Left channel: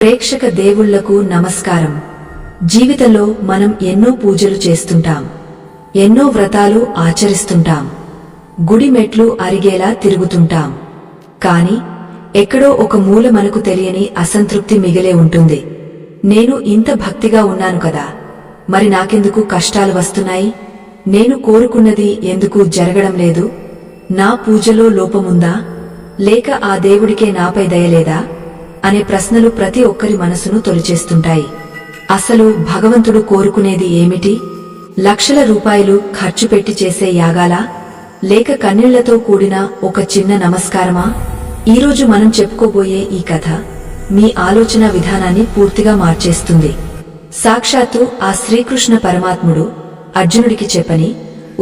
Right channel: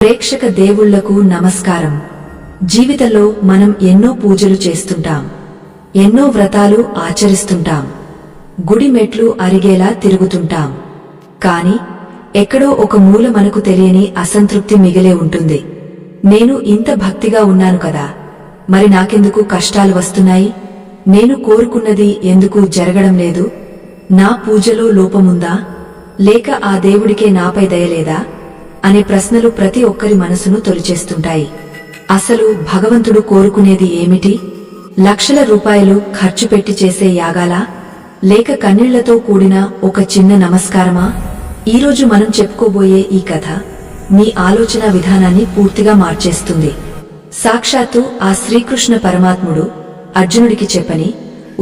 ప్రేక్షక దేవుళ్లకు నమస్కారం. జీవితంలో మనం ఎన్నో పూజలు చేస్తుంటాం, ఎన్నో వ్రతాలు ఆచరిస్తుంటాం, గుడి మెట్లు అరిగేలా తిరుగుతుంటాం. కాని ఎక్కడో ఒక మూల మనకు తెలియని అసంతృప్తి మిగిలే ఉంటుంది. నేను ఇంత భక్తిగా ఉన్నాను కదా, మరి నాకెందుకు కష్టాలు వస్తున్నాయి? నేను కోరుకున్నది ఎందుకు జరగడం లేదు? నా పూజలో లోపముందా, లేక ఆ దేవుడికే నాపై దయలేదా అనే ప్రశ్నలు ప్రతి ఒక్కరి మనసును తొలిచేస్తుంటాయి. అసలు భగవంతుడు కోరుకునేది ఏమిటి? లక్షల రూపాయలు ఖర్చు పెట్టి చేసే యాగాలా, లేక కన్నీళ్లతో కూడిన ఒక చిన్న నమస్కారమా? ఈరోజు మనం చెప్పుకోబోయే ఈ కథ మీ ఆలోచన విధానాన్ని పూర్తిగా మార్చేస్తుంది. సాక్షాత్తు ఆ శ్రీకృష్ణ పరమాత్ముడు అర్జునుడికి చెప్పని,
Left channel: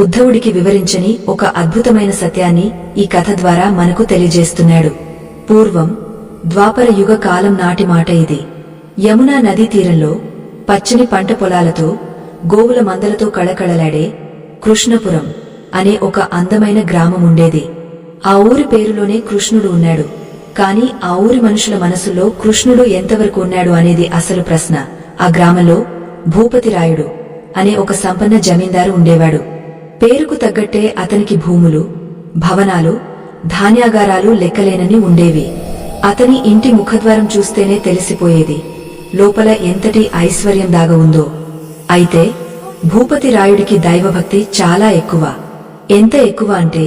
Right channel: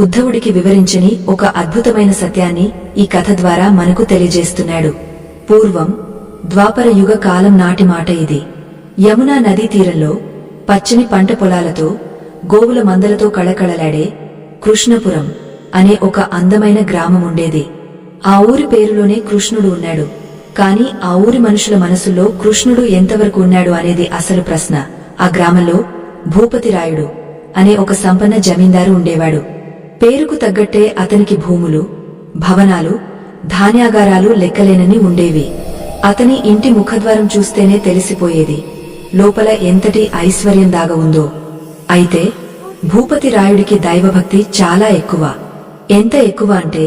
ఉద్ధవుడికి వివరించని ఒక అద్భుతమైన సత్యాన్ని ఈ కథ ద్వారా మనకు తెలియజేస్తున్నాడు. పూర్వం ద్వాపర యుగ కాలం నాటి మాట ఇది. యమునా నదీ తీరంలో పచ్చని పంట పొలాలతో, గోవుల మందలతో కళకళలాడే కృష్ణపురం అనే ఒక అందమైన గ్రామముండేది. ఆ ఊరి పేరులోనే కృష్ణుడు ఉన్నాడు. కాని ఆ ఊరి మనుషుల మనసుల్లో కృష్ణుడు ఎంతవరకు ఉన్నాడు అనేది అసలు ప్రశ్న. ఆ గ్రామంలో భూపతిరాయుడు అనే ఒక సంపన్న జమీందారు ఉండేవాడు. పేరుకు తగ్గట్టే అతనికి భూములు, భవనాలు, ధాన్యాగారాలు లెక్కలేనని ఉండేవి. అతని ఇంటి ముఖద్వారం చూస్తేనే తెలిసిపోయేది లోపల ఎంతటి ఐశ్వర్యం దాగ ఉందో. అయితే భూపతిరాయుడికి దైవభక్తి చాలా ఎక్కువ. ఎంత ఎక్కువ అంటే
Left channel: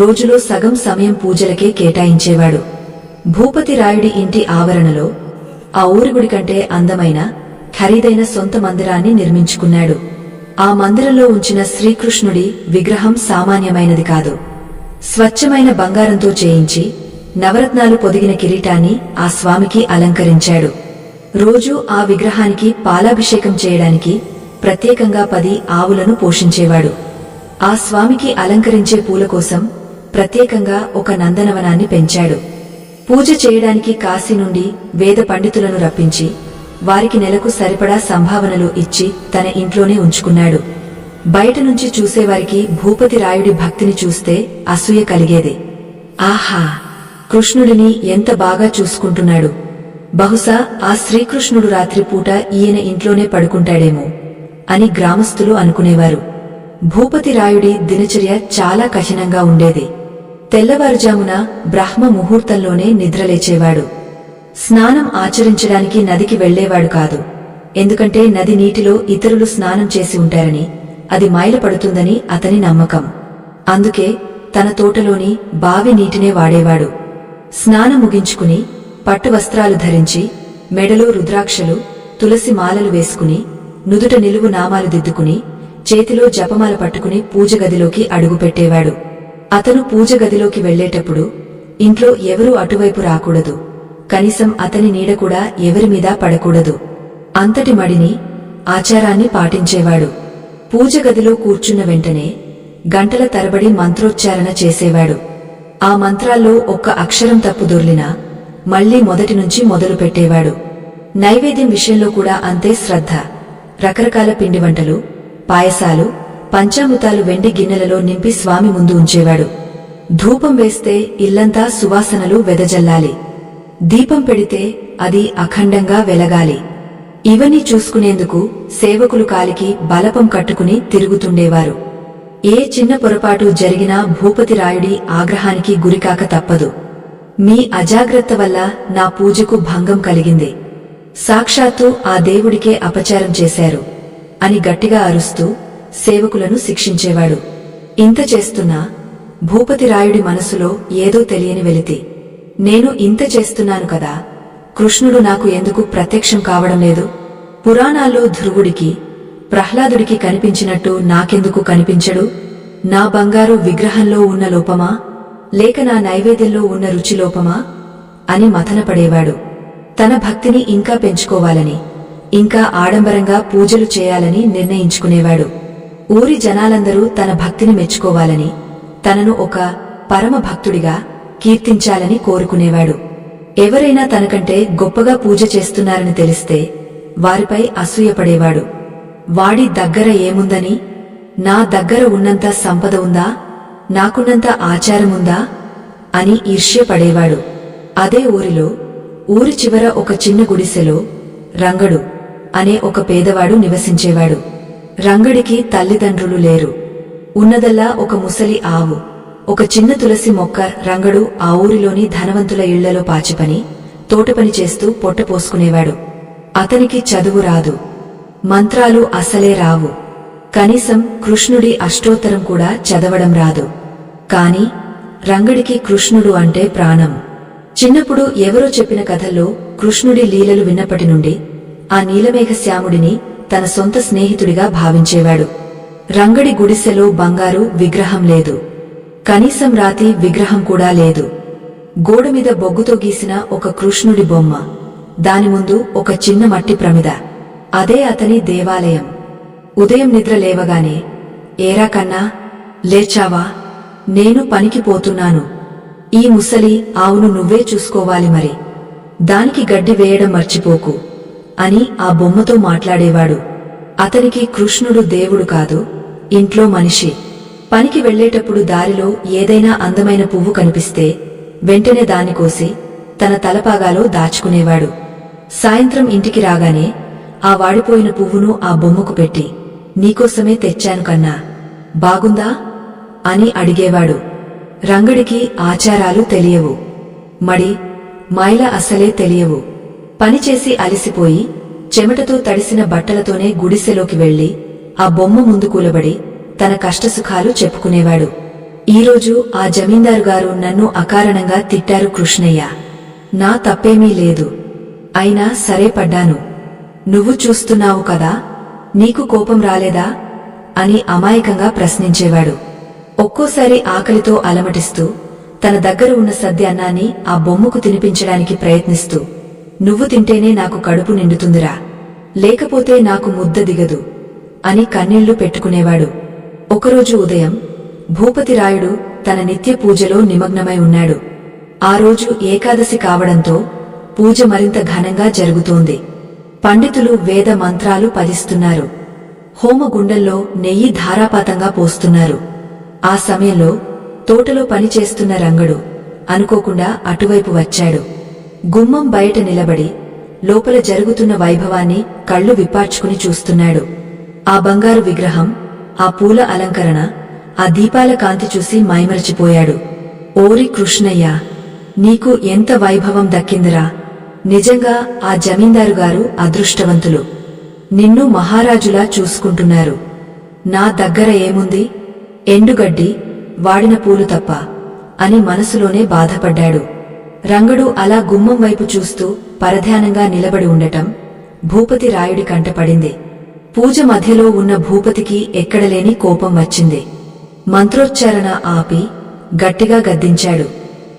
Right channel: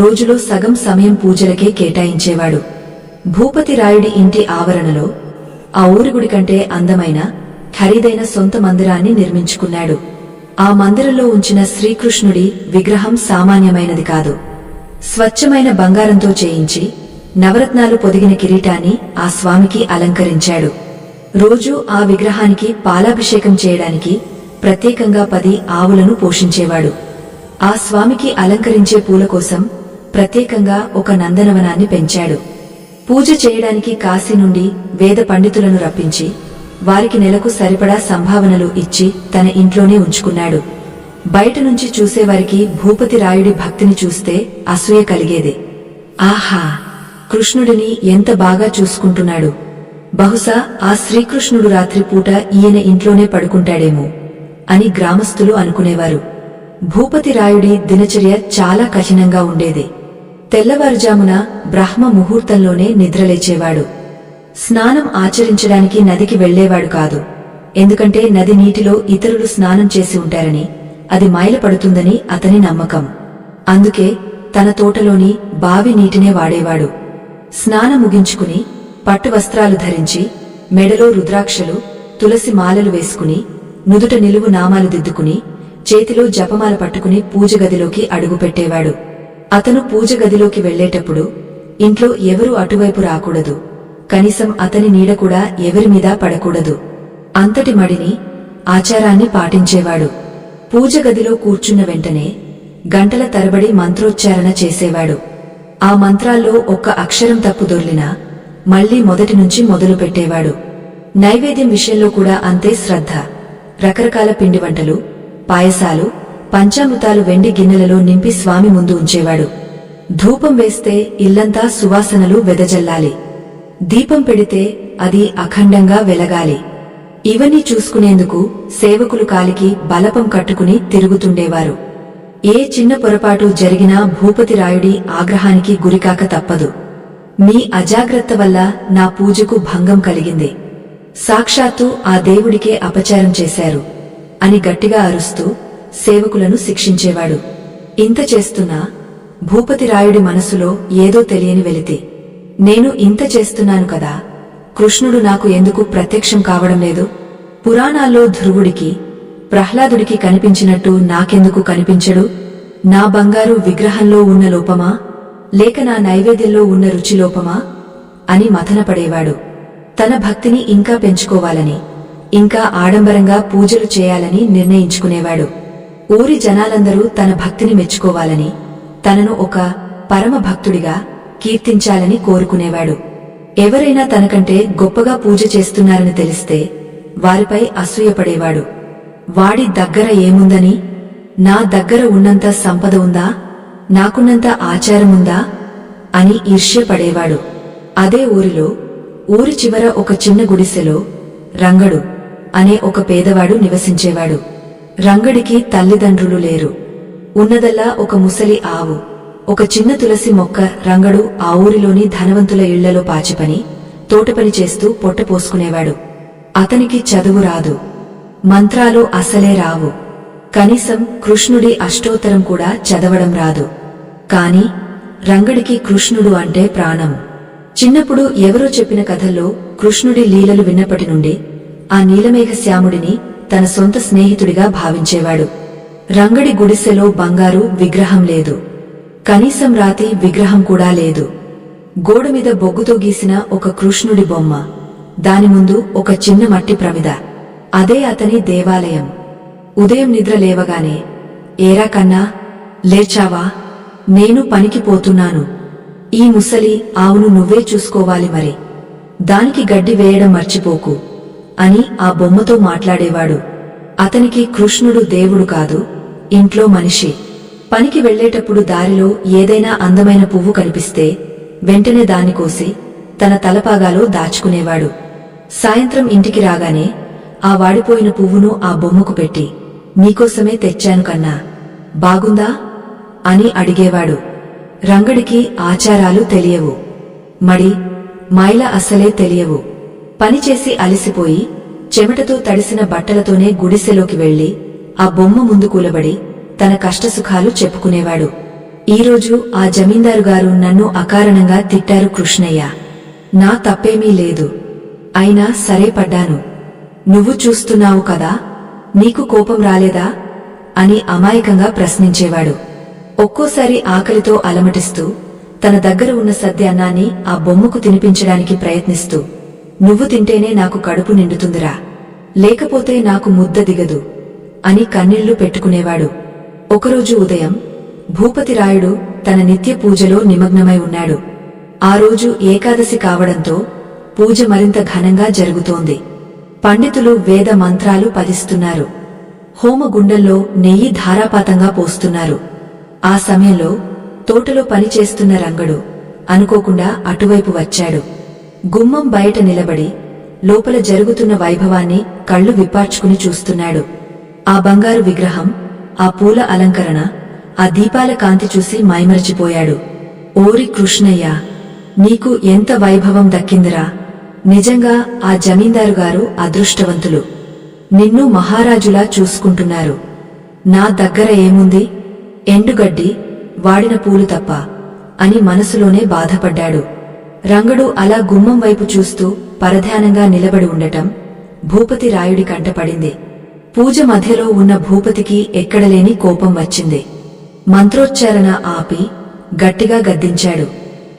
రోజులో సగం సమయం పూజలకే కేటాయించేవాడు. భూపతిరాయుడి ఇంటి ఆవరణలో ఆ ఊరి గుడి కంటే అందమైన, ఖరీదైన సొంత మందిరాన్ని నిర్మించుకున్నాడు. ఆ మందిరంలో ఉంచిన శ్రీకృష్ణుడి విగ్రహం సామాన్యమైనది కాదు. స్వచ్ఛమైన బంగారంతో చేయించి నవరత్నాలు పొదిగిన కిరీటాన్ని ఆ స్వామికి అలంకరించాడు. రోజూ ఆ విగ్రహానికి పాలాభిషేకం చేయడానికి ప్రత్యేకంగా 10 ఆవులను పోషించేవాడు. ఆ స్వామికి అలంకరించే పూల కోసం ప్రత్యేకంగా ఒక నందనవనాన్ని పెంచాడు. పూజ చేయడానికి కాశీ నుండి వేద పండితులను రప్పించి వారికి నెలకు సరిపడా సంభావనలు ఇచ్చి తన ఇంట్లోనే ఉంచుకున్నాడు. బయట నుంచి చూసేవారికి భూపతిరాయుడి భక్తిని చూస్తే అసూయ కలిగేది. ఆహా, కృష్ణుడిని ఎంత బాగా చూసుకుంటున్నాడు! బహుశా ఆ శ్రీకృష్ణుడు రాత్రిపూట ఈయన ఇంట్లోనే పడుకుంటాడేమో అని గ్రామస్తులు అనుకునేవారు. భూపతిరాయుడి దినచర్య చాలా కఠినంగా ఉండేది. తెల్లవారుజామున బ్రహ్మ ముహూర్తంలోనే నిద్రలేచేవాడు. స్నానం ఆచరించడానికి నదికి వెళ్లేవాడు కాదు. ఎందుకంటే నది నీటిలో ఇతరులు స్నానం చేసి ఉంటారని, అది మైలపడుతుందని అతని నమ్మకం. అందుకే తన తోటలోని బావి నీటినే వాడేవాడు. స్నానం ముగించుకుని పట్టు వస్త్రాలు ధరించి, మెడలో రుద్రాక్షలు, తులసి మాలలు వేసుకుని, నుదుట నిలువు నామాలు దిద్దుకుని, చేతిలో జపమాల పట్టుకుని పూజగదిలోకి అడుగుపెట్టేవాడు. అతను పూజగదిలోకి వెళ్లేటప్పుడు ఇంట్లో ఎవరూ అటువైపు రాకూడదు. కనీసం అతని నీడ కూడా ఎవరిమీదా పడకూడదు. అంతటి మడిని, ఆచారాన్ని పాటించేవాడు. పూజగదిలో కూర్చున్న వెంటనే గంటల తరబడి మంత్రోచ్చారణ చేసేవాడు. ఆ మంత్రాల్లో ఒక్క అక్షరం తప్పు దొర్లినా మళ్లీ మొదటి నుంచి మొదలు పెట్టేవాడు. నైవేద్యం విషయంలో కూడా అంతే శ్రద్ధ. రకరకాల పిండి వంటలు, పాయసాలు, పంచామృతాలు వెండి గిన్నెలలో నింపి స్వామి ముందు ఉంచేవాడు. ధూపం వేస్తే ఇల్లంతా సువాసనలు వెదజల్లాలి. దీపం పెడితే అది అఖండంగా వెలగాలి. ఇవన్నీ చూసుకునేందుకు సేవకులు కాలికి బలపం కట్టుకుని తిరుగుతుండేవారు. ఏ చిన్న పొరపాటు జరిగినా భూపతిరాయుడి ఆగ్రహానికి గురికాక తప్పదు. మీ అజాగ్రత్త వల్ల నా పూజకు భంగం కలిగింది. సాక్షాత్తు ఆ దేవుడికే అపచారం చేశారు అని గట్టిగా అరుస్తూ సేవకులను శిక్షించేవాడు. ఇంత చేస్తున్నా భూపతిరాయుడి మనసులో ఏదో తెలియని వెలితి. నేను ఇంత చేస్తున్నాను కదా, కృష్ణుడు నాకు ఎందుకు ప్రత్యక్షం కావడం లేదు? పురాణాల్లో ధ్రువుడికి, ప్రహ్లాదుడికి కనిపించినట్టు నాకెందుకు కనిపించడు? నా బంగారు విగ్రహంలో ఉన్న లోపమా, లేక నా నైవేద్యంలో ఉన్న రుచి లోపమా అని మథనపడేవాడు. తన భక్తిని ఇంకా పెంచుకోవాలని, ఇంకా ఆడంబరంగా పూజలు చేయాలని నిర్ణయించుకునేవాడు. ఊరి జనాలందరూ తన భక్తిని మెచ్చుకోవాలని, తనను ఒక పరమ భక్తుడిగా కీర్తించాలని కోరుకునేవాడు. ఎవరైనా తనకంటే గొప్పగా పూజ చేస్తున్నారని తెలిస్తే వారిపై అసూయపడేవాడు. వాడి దగ్గర ఏముందని, నా దగ్గర ఉన్నంత సంపద ఉందా, నాకున్నంత ఆచారముందా అని ఈర్ష్యపడేవాడు. అదే ఊరిలో ఊరి చివర ఒక చిన్న గుడిసెలో రంగడు అనే ఒక పేదవాడు నివసించేవాడు. రంగడికి తల్లిదండ్రులు లేరు. ఉన్నదల్లా ఒక ముసలి ఆవు, ఒక చిన్న తులసి మొక్క. రంగడు ఆ ఊరిలోని ధనవంతుల ఇళ్లలో పాచిపని, తోటపని చేస్తూ పొట్టపోసుకునేవాడు. అతనికి చదువు రాదు, మంత్రాలు అసలే రావు, కనీసం కృష్ణుడి అష్టోత్తరం కూడా చదవడం రాదు. కాని రంగడికి కృష్ణుడు అంటే ప్రాణం. చిన్నప్పుడు ఎవరో చెప్పిన కథల్లో కృష్ణుడి లీలలు విన్నప్పటి నుండి ఆ నీలమేఘశ్యాముడిని తన సొంత స్నేహితుడిగా భావించేవాడు. రంగడి గుడిసెలో బంగారు విగ్రహం లేదు, కనీసం రాతి విగ్రహం కూడా లేదు. గోడమీద బొగ్గుతో గీసిన ఒక కృష్ణుడి బొమ్మ, దాని ముందు ఒక చిన్న మట్టి ప్రమిద. అదే అతని దేవాలయం. ఉదయం నిద్ర లేవగానే, ఏరా కన్నా, లేచావా? నేను పనికి పోతున్నాను. ఈ ముసలి ఆవును నువ్వే చూసుకోవాలి మరి. దానికి గడ్డి వేయడం మర్చిపోకు అని ఆ బొమ్మతో మాట్లాడేవాడు. అతనికి కృష్ణుడు దేవుడు కాదు, ఇంట్లో మనిషి. పనికి వెళ్లేటప్పుడు దారిలో ఏదైనా అందమైన పువ్వు కనిపిస్తే వెంటనే దాన్ని కోసి తన తలపాగాలో దాచుకునేవాడు. సాయంత్రం ఇంటికి రాగానే ఆ వాడిపోయిన పువ్వును ఆ బొమ్మకు పెట్టి, నీకోసమే తెచ్చాను కన్నా, బాగుందా అని అడిగేవాడు. రంగడికి ఆచారాలు తెలియవు, మడి మైల అసలే తెలియవు. పనిచేసి అలిసిపోయి చెమటతో తడిసిన బట్టలతోనే గుడిసెలోకి వెళ్లి ఆ బొమ్మ ముందు కూలబడి తన కష్టసుఖాలు చెప్పుకునేవాడు. ఈరోజు ఆ జమీందారుగారు నన్ను అకారణంగా తిట్టారు కృష్ణయ్య. నా తప్పేమీ లేదు, అయినా సరే పడ్డాను. నువ్వు చూస్తున్నావు కదా, నీకు కోపం రాలేదా అని అమాయకంగా ప్రశ్నించేవాడు. ఒక్కోసారి ఆకలితో అలమటిస్తూ తన దగ్గర ఉన్న సద్ది అన్నాన్ని ఆ బొమ్మకు తినిపించడానికి ప్రయత్నిస్తూ, నువ్వు తింటేనే నాకు కడుపు నిండుతుందిరా, లేకపోతే నాకు ముద్ద దిగదు అని కన్నీళ్లు పెట్టుకునేవాడు. ఒకరోజు ఉదయం భూపతిరాయుడు తన నిత్య పూజలో నిమగ్నమై ఉన్నాడు. ఆ రోజు ఏకాదశి కావడంతో పూజ మరింత ఘనంగా జరుగుతోంది. పండితులు వేద మంత్రాలు పఠిస్తున్నారు. హోమగుండంలో నెయ్యి ధారాపాతంగా పోస్తున్నారు. ఆ సమయంలో తోటలో పనిచేస్తున్న రంగడు అనుకోకుండా అటువైపు వచ్చాడు. గుమ్మం బయట నిలబడి లోపల జరుగుతున్న వైభవాన్ని కళ్ళు విప్పార్చుకుని చూస్తున్నాడు. ఆ బంగారు విగ్రహం, ఆ పూల అలంకరణ, ఆ దీపాల కాంతి చూసి మైమరచిపోయాడు. ఓరి కృష్ణయ్య, నీకు ఎంత వైభవం దక్కిందిరా! నిజంగా ఆ జమీందారుగారు అదృష్టవంతులు. నిన్ను మహారాజులా చూసుకుంటున్నారు. నా దగ్గర ఏముంది, ఎండుగడ్డి, వాడిన పూలు తప్ప అని మనసులోనే బాధపడ్డాడు. రంగడు అలా గుమ్మం వైపు చూస్తూ పరధ్యానంగా నిలబడి ఉండటం భూపతి రాయుడి కంటపడింది. పూజ మధ్యలో ఉన్న భూపతికి ఎక్కడలేని కోపం వచ్చింది. మంత్రోచ్చారణ ఆపి గట్టిగా గద్దించాడు.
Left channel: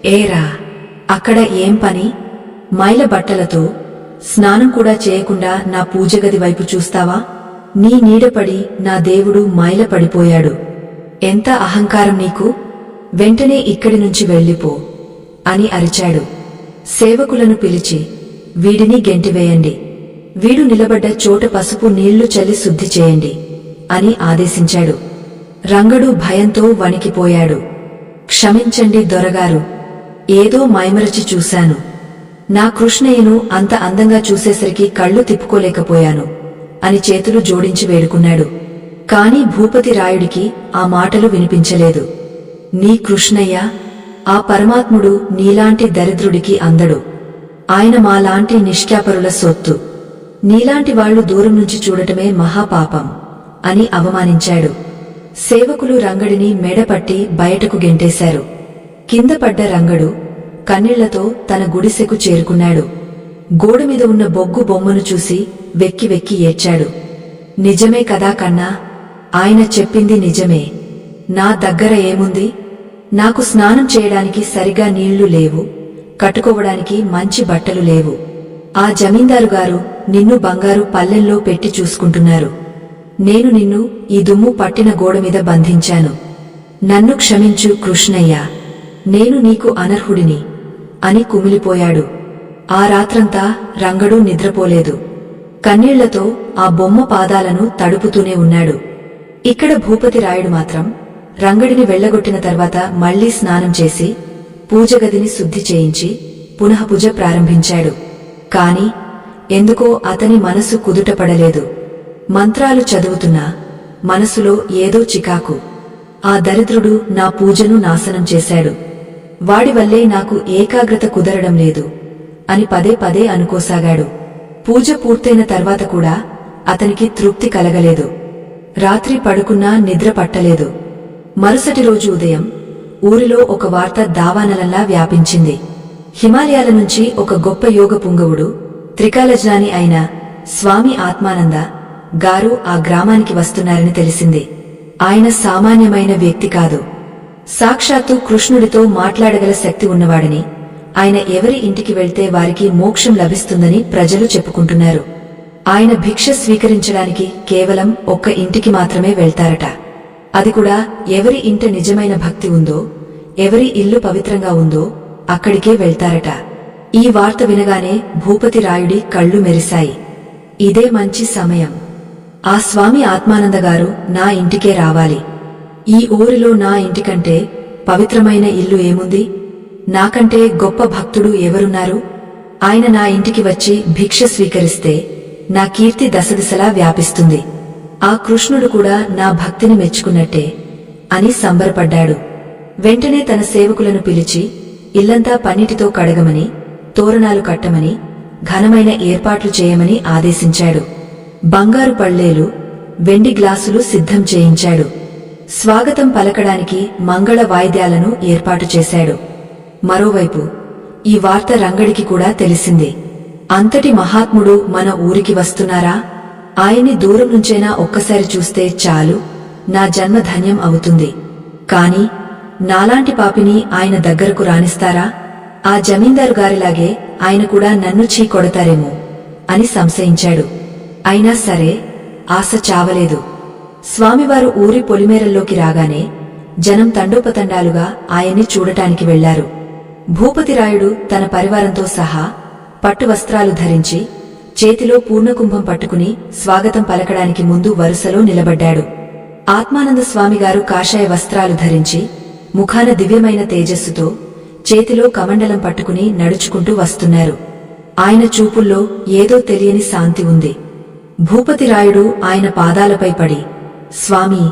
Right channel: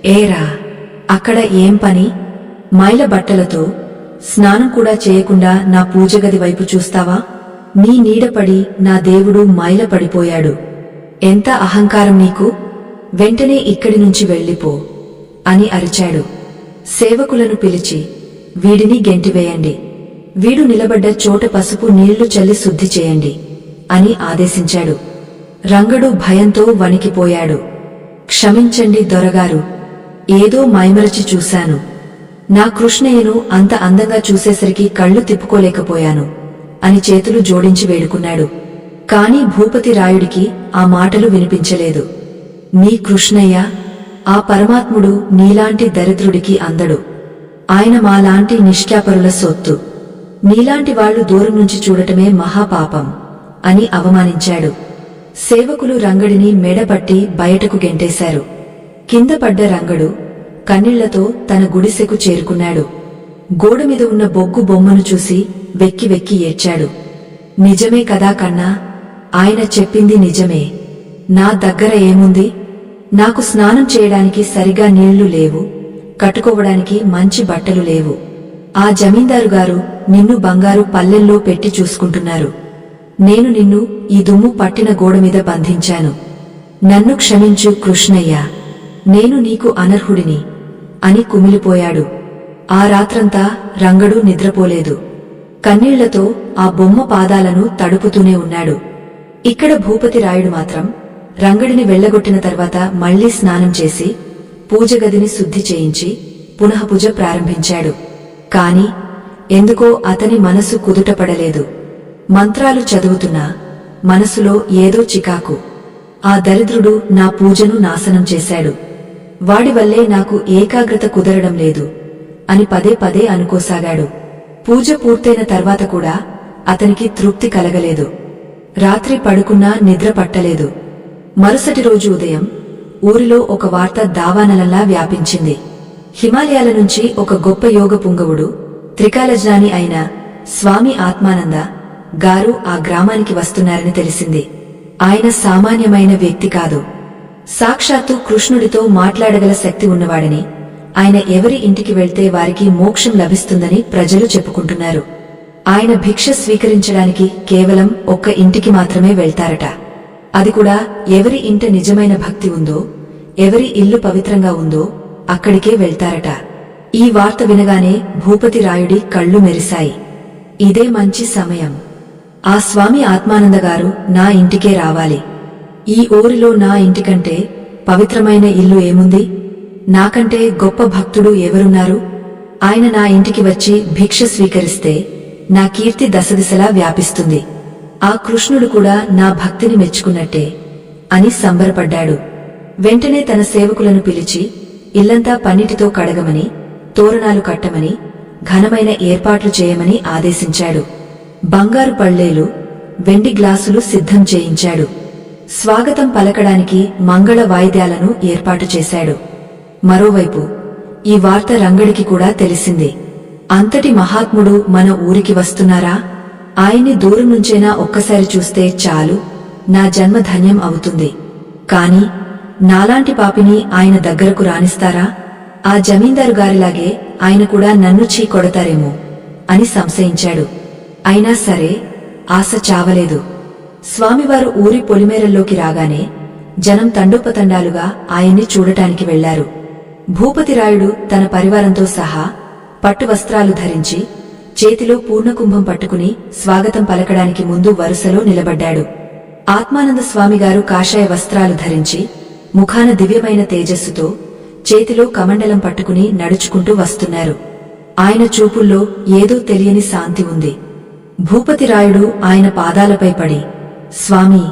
ఏరా, అక్కడ ఏం పని? మైల బట్టలతో స్నానం కూడా చేయకుండా నా పూజగది వైపు చూస్తావా? నీ నీడపడి నా దేవుడు మైల పడిపోయాడు. ఎంత అహంకారం నీకు! వెంటనే ఇక్కడి నుంచి వెళ్ళిపో అని అరిచాడు. సేవకులను పిలిచి, వీడిని గెంటివేయండి, వీడు నిలబడ్డ చోట పసుపు నీళ్లు చల్లి శుద్ధి చేయండి అని ఆదేశించాడు. రంగడు భయంతో వణికిపోయాడు. క్షమించండి దొరగారు, ఏదో మైమరచి చూశాను. నా కృష్ణయ్యను అంత అందంగా చూసేసరికి కళ్ళు తిప్పుకోలేకపోయాను అని చేతులు జోడించి వేడుకున్నాడు. కాని భూపతి రాయుడికి ఆ మాటలు వినిపించలేదు. నీ కృష్ణయ్య, ఆ పరమాత్ముడు నీలాంటి దరిద్రుడికి అందడు. ఆయన మాలాంటి నిష్ఠాపరుల సొత్తు. నీలాంటి వాళ్లు దూరం నుంచి చూడటమే మహాపాపం అని అవమానించాడు. సేవకులు రంగడిని మెడపట్టి బయటకు గెంటేశారు. కింద పడ్డ రంగడు కన్నీళ్లతో తన గుడిసెకు చేరుకున్నాడు. గోడమీద ఉన్న బొగ్గు బొమ్మను చూసి వెక్కి వెక్కి ఏడ్చాడు. నిజమే కదా కన్నా, ఆయన చెప్పింది నిజమే. నా దగ్గర ఏముంది? నాకు స్నానం చేయడానికి సరిగా నీళ్లు లేవు, కట్టుకోవడానికి మంచి బట్టలు లేవు. ఆ జమీందారుగారు నిన్ను బంగారు పల్లెల్లో పెట్టి చూసుకుంటున్నారు. నేను నిన్ను ఈ దుమ్ము పట్టిన గోడమీద బంధించాను. నన్ను క్షమించు కృష్ణయ్య, నేను నీకు అనర్హుడిని అని కుమిలిపోయాడు. ఆ రాత్రంతా రంగడు నిద్రపోలేదు. కన్నీళ్లతో ఆ బొమ్మ పాదాలను తడుపుతూనే ఉన్నాడు. ఇక్కడ భూపతి రాయుడు మాత్రం రంగడిని వెళ్లగొట్టిన తర్వాత మళ్లీ స్నానం చేసి పూజగదిని శుద్ధి చేయించి పునఃపూజ ప్రారంభించాడు. కాని ఎందుకో అతని మనసు కుదుటపడలేదు. మంత్రాలు చదువుతున్నా మనసులో ఏదో చికాకు. ఆ దరిద్రుడు నా పూజను నాశనం చేశాడు. వాడివల్లే నాకు ఏకాగ్రత కుదరడం లేదు అని పదే పదే అనుకోసాగాడు. పూజ పూర్తయిన తర్వాత కూడా అతనికి తృప్తి కలగలేదు. రాత్రి పడుకున్నా నిద్ర పట్టలేదు. మరుసటి రోజు ఉదయం ఊరిలో ఒక వార్త దావానలంలా వ్యాపించింది. హిమాలయాల నుంచి ఒక గొప్ప యోగ పుంగవుడు, త్రికాలజ్ఞాని అయిన స్వామి ఆత్మానంద గారు ఆ గ్రామానికి వస్తున్నారని తెలిసింది. ఆయన సామాన్యమైన వ్యక్తి కాదు. సాక్షాత్తు కృష్ణుడితో మాట్లాడగల శక్తి ఉన్నవాడని, ఆయన ఎవరి ఇంటికి వెళ్తే వారికి మోక్షం లభిస్తుందని ప్రజలు చెప్పుకుంటున్నారు. ఆయన భిక్ష స్వీకరించడానికి కేవలం ఒక్క ఇంటికి మాత్రమే వెళ్తారట. అది కూడా ఎవరి ఇంట నిజమైన భక్తి ఉందో, ఎవరి ఇల్లు పవిత్రంగా ఉందో అక్కడికే వెళ్తారట. ఈ వార్త వినగానే భూపతి రాయుడి కళ్ళు మెరిశాయి. ఇదే మంచి సమయం. ఆ స్వామి ఆత్మానందగారు నా ఇంటికే రావాలి. ఈ ఊరిలో నా ఇంటికంటే పవిత్రమైన ఇల్లు ఏముంది? నాకంటే గొప్ప భక్తుడు ఎవరున్నారు? ఆయన నా ఇంటికి వచ్చి భిక్ష స్వీకరిస్తే నా కీర్తి దశదిశలా వ్యాపిస్తుంది. ఆ కృష్ణుడు కూడా నా భక్తిని మెచ్చుకున్నట్టే అని సంబరపడ్డాడు. వెంటనే తన సేవకులను పిలిచి ఇల్లంతా పన్నీటితో కడగమని, తోరణాలు కట్టమని, ఘనమైన ఏర్పాట్లు చేయమని ఆదేశించాడు. బంగారు పళ్లేలు, వెండి గ్లాసులు సిద్ధం చేయించాడు. స్వాగతం పలకడానికి మంగళ వాయిద్యాలను ఏర్పాటు చేశాడు. మరోవైపు ఈ వార్త రంగడికి కూడా తెలిసింది. అంతటి మహాత్ముడు మన ఊరికి వస్తున్నారా? ఆయన్ని దూరం నుంచైనా ఒక్కసారి చూస్తే చాలు, నా జన్మ ధన్యం అవుతుంది. కాని నాలాంటి పాపిని ఆయన దగ్గరకు రానిస్తారా? ఆ జమీందారు గారిలాగే ఆయన కూడా నన్ను చీ కొడతారేమో అని సంశయించాడు. అయినా సరే ఆశ చావలేదు. స్వామివారు ఊరి పొలిమేరల్లోకి రాగానే జనం తండోపతండాలుగా ఆయన్ని చూడటానికి వెళ్లారు. భూపతిరాయుడు తన పరివారంతో సహా పట్టు వస్త్రాలు ధరించి చేతిలో పూర్ణకుంభం పట్టుకుని స్వాగతం పలకడానికి ముందు వరుసలో నిలబడ్డాడు. ఆత్మానంద స్వామిగారు కాషాయ వస్త్రాలు ధరించి ముఖాన దివ్యమైన తేజస్సుతో చేతిలో కమండలం పట్టుకుని నడుచుకుంటూ వస్తున్నారు. ఆయన చూపుల్లో ఏదో తెలియని శాంతి ఉంది. భూపతిరాయుడు ఆయన పాదాలపై పడి, స్వామీ,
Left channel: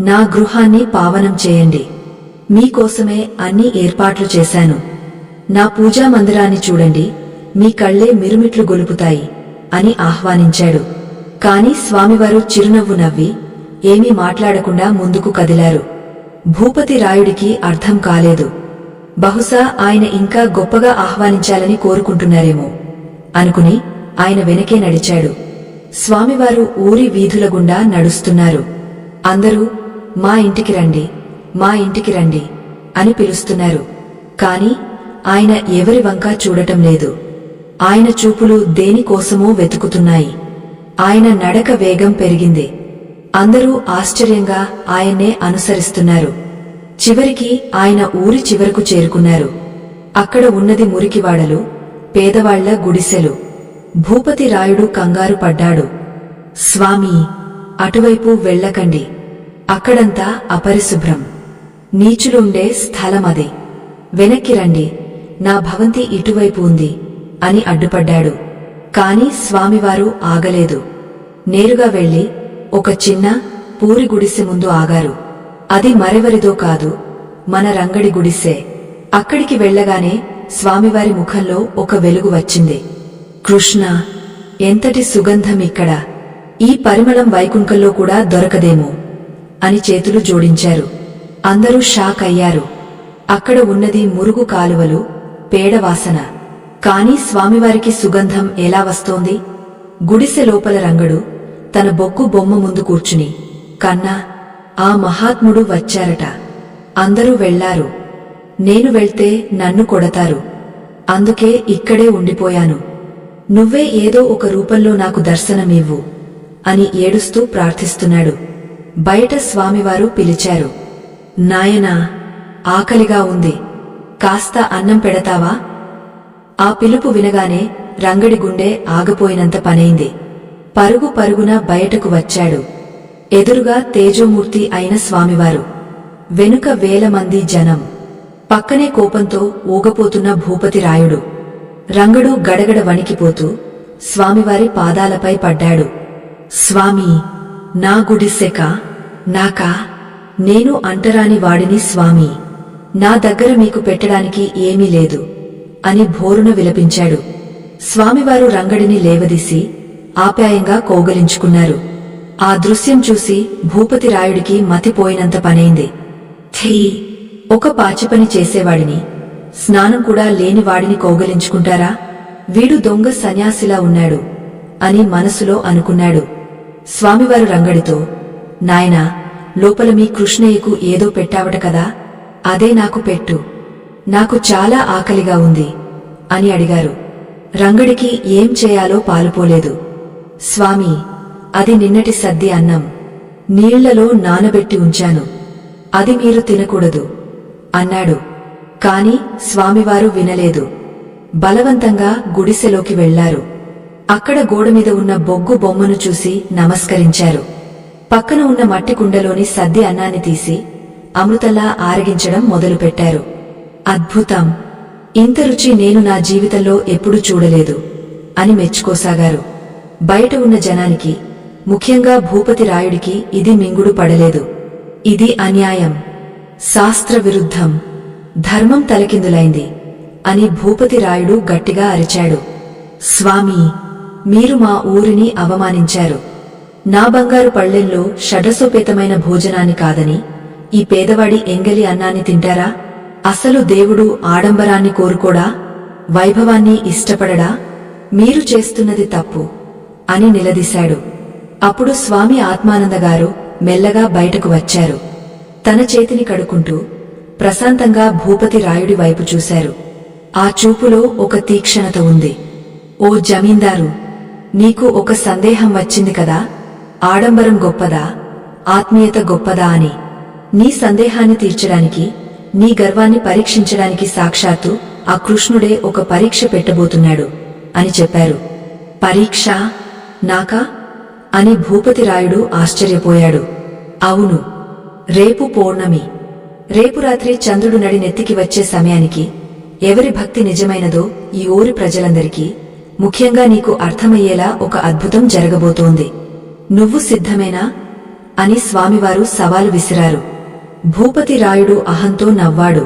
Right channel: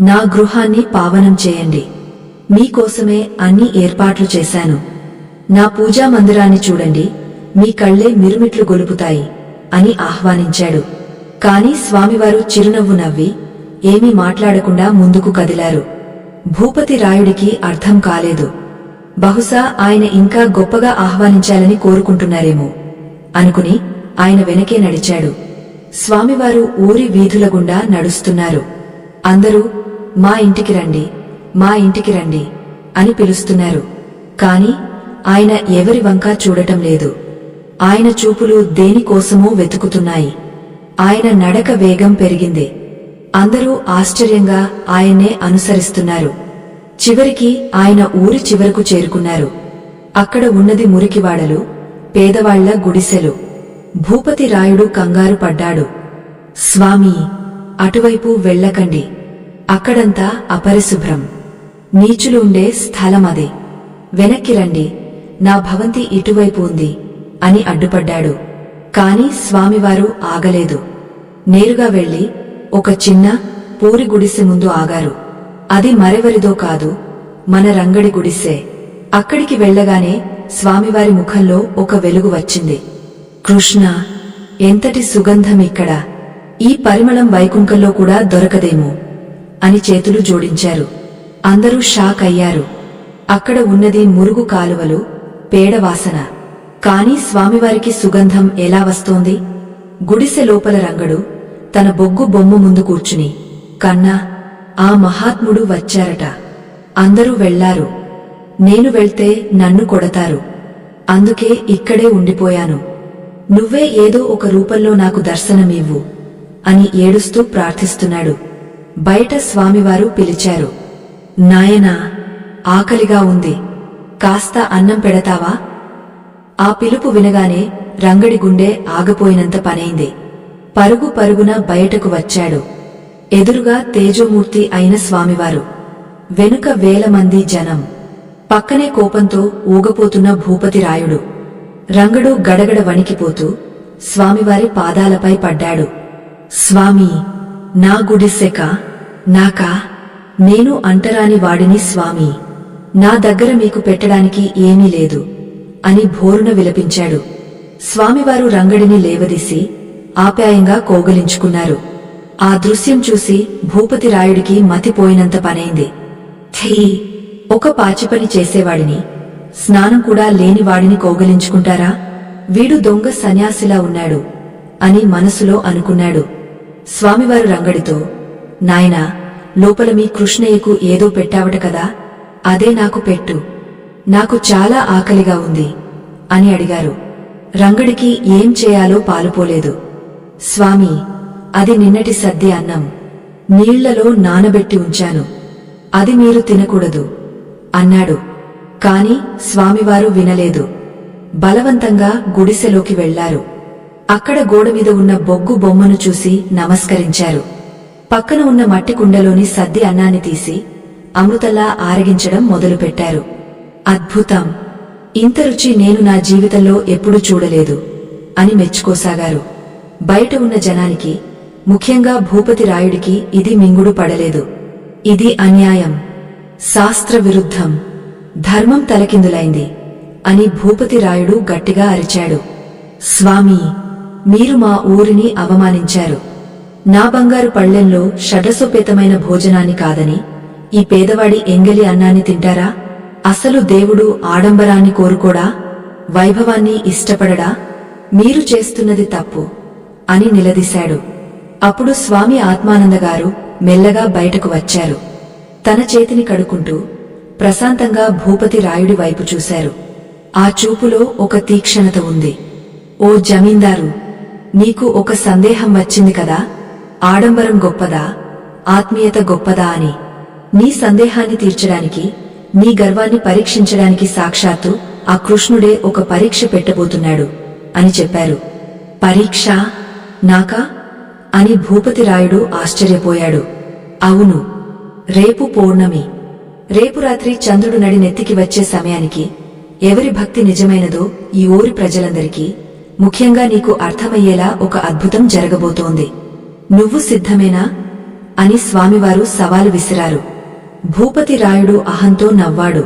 నా గృహాన్ని పావనం చేయండి. మీకోసమే అన్ని ఏర్పాట్లు చేశాను. నా పూజా మందిరాన్ని చూడండి, మీ కళ్లే మిరుమిట్లు గొలుపుతాయి అని ఆహ్వానించాడు. కాని స్వామివారు చిరునవ్వు నవ్వి ఏమీ మాట్లాడకుండా ముందుకు కదిలారు. భూపతి రాయుడికి అర్థం కాలేదు. బహుశా ఆయన ఇంకా గొప్పగా ఆహ్వానించాలని కోరుకుంటున్నారేమో అనుకుని ఆయన వెనకే నడిచాడు. స్వామివారు ఊరి వీధుల గుండా నడుస్తున్నారు. అందరూ మా ఇంటికి రండి, మా ఇంటికి రండి అని పిలుస్తున్నారు. కాని ఆయన ఎవరి వంకా చూడటం లేదు. ఆయన చూపులు దేనికోసమో వెతుకుతున్నాయి. ఆయన నడక వేగం పెరిగింది. అందరూ ఆశ్చర్యంగా ఆయన్నే అనుసరిస్తున్నారు. చివరికి ఆయన ఊరి చివరకు చేరుకున్నారు. అక్కడ ఉన్నది మురికివాడలు, పేదవాళ్ల గుడిసెలు. భూపతి రాయుడు కంగారు పడ్డాడు. స్వామీ, అటువైపు వెళ్ళకండి. అక్కడంతా అపరిశుభ్రం, నీచులుండే స్థలమది. వెనక్కి రండి, నా భవంతి ఇటువైపు ఉంది అని అడ్డుపడ్డాడు. కాని స్వామివారు ఆగలేదు. నేరుగా వెళ్లి ఒక చిన్న పూరి గుడిసె ముందు ఆగారు. అది మరెవరిదో కాదు, మన రంగడి గుడిసే. అక్కడికి వెళ్లగానే స్వామివారి ముఖంలో ఒక వెలుగు వచ్చింది. కృష్ణ, ఎంతటి సుగంధమిక్కడ! ఈ పరిమళం వైకుంఠంలో కూడా దొరకదేమో అని చేతులు జోడించారు. అందరూ షాక్ అయ్యారు. అక్కడ ఉన్నది మురుగు కాలువలు, పేడవాసన. కాని స్వామివారికి సుగంధం ఎలా వస్తోంది? గుడిసె లోపల రంగడు తన బొగ్గు బొమ్మ ముందు కూర్చుని, కన్నా, ఆ మహాత్ముడు వచ్చారట. అందరూ వెళ్లారు. నేను వెళ్తే నన్ను కొడతారు. అందుకే ఇక్కడే ఉండిపోయాను. నువ్వే ఏదో ఒక రూపంలో నాకు దర్శనమివ్వు అని ఏడుస్తూ ప్రార్థిస్తున్నాడు. బయట స్వామివారు పిలిచారు. నాయనా, ఆకలిగా ఉంది, కాస్త అన్నం పెడతావా? ఆ పిలుపు వినగానే రంగడి గుండె ఆగిపోయినంత పనైంది. పరుగు పరుగున బయటకు వచ్చాడు. ఎదురుగా తేజోమూర్తి అయిన స్వామివారు, వెనుక వేల మంది జనం, పక్కనే కోపంతో ఊగపోతున్న భూపతి రాయుడు. రంగడు గడగడ వణికిపోతూ స్వామివారి పాదాలపై పడ్డాడు. స్వామీ, నా గుడిసెక నాకా? నేను అంటరాని వాడిని స్వామీ. నా దగ్గర మీకు పెట్టడానికి ఏమీ లేదు అని భోరున విలపించాడు. స్వామివారు రంగడిని లేవదీసి ఆప్యాయంగా కౌగలించుకున్నారు. ఆ దృశ్యం చూసి భూపతిరాయుడికి మతిపోయినంత పనైంది. థీ, ఒక పాచిపని చేసేవాడిని, స్నానం కూడా లేనివాడిని కౌగలించుకుంటారా? వీడు దొంగ సన్యాసిలా ఉన్నాడు అని మనసులో అనుకున్నాడు. స్వామివారు రంగడితో, నాయనా, లోపల మీ కృష్ణయ్యకు ఏదో పెట్టావట కదా, అదే నాకు పెట్టు, నాకు చాలా ఆకలిగా ఉంది అని అడిగారు. రంగడికి ఏం చేయాలో పాలుపోలేదు. స్వామీ, అది నిన్నటి సద్ది అన్నం, నీళ్లలో నానబెట్టి ఉంచాను, అది మీరు తినకూడదు అన్నాడు. కాని స్వామివారు వినలేదు. బలవంతంగా గుడిసెలోకి వెళ్లారు. అక్కడ గోడమీద ఉన్న బొగ్గు బొమ్మను చూసి నమస్కరించారు. పక్కన ఉన్న మట్టి కుండలోని సద్ది అన్నాన్ని తీసి అమృతంలా ఆరగించడం మొదలుపెట్టారు. అద్భుతం! ఇంత రుచి నేను నా జీవితంలో ఎప్పుడూ చూడలేదు అని మెచ్చుకోసాగారు. బయట ఉన్న జనానికి, ముఖ్యంగా భూపతిరాయుడికి ఇది మింగుడు పడలేదు. ఇది అన్యాయం, శాస్త్ర విరుద్ధం, ధర్మం తలకిందులైంది అని భూపతిరాయుడు గట్టిగా అరిచాడు. స్వామీ, మీరు మా ఊరిని అవమానించారు. నా బంగారు పళ్ళెంలో షడ్రసోపేతమైన భోజనాన్ని కాదని ఈ పేదవాడి ఎంగలి అన్నాన్ని తింటారా? అసలు దేవుడు ఆడంబరాన్ని కోరుకోడా? వైభవాన్ని ఇష్టపడడా? మీరు చేస్తున్నది తప్పు అని నిలదీశాడు. అప్పుడు స్వామి ఆత్మానందగారు మెల్లగా బయటకు వచ్చారు. తన చేతిని కడుక్కుంటూ ప్రశాంతంగా భూపతిరాయుడి వైపు చూశారు. ఆ చూపులో ఒక తీక్షణత ఉంది. ఓ జమీందారు, నీకు ఒక సందేహం వచ్చింది కదా, ఆడంబరం గొప్పదా, ఆత్మీయత గొప్పదా అని. నీ సందేహాన్ని తీర్చడానికి, నీ గర్వాన్ని పరీక్షించడానికి సాక్షాత్తు ఆ కృష్ణుడే ఒక పరీక్ష పెట్టబోతున్నాడు అని చెప్పారు. పరీక్ష నాకా అని భూపతిరాయుడు ఆశ్చర్యపోయాడు. అవును, రేపు పౌర్ణమి. రేపు రాత్రి చంద్రుడు నడి నెత్తికి వచ్చే సమయానికి ఎవరి భక్తి నిజమైనదో ఈ ఊరి ప్రజలందరికీ, ముఖ్యంగా నీకు అర్థమయ్యేలా ఒక అద్భుతం జరగబోతోంది. నువ్వు సిద్ధమేనా అని స్వామివారు సవాలు విసిరారు. భూపతిరాయుడు అహంతో నవ్వాడు.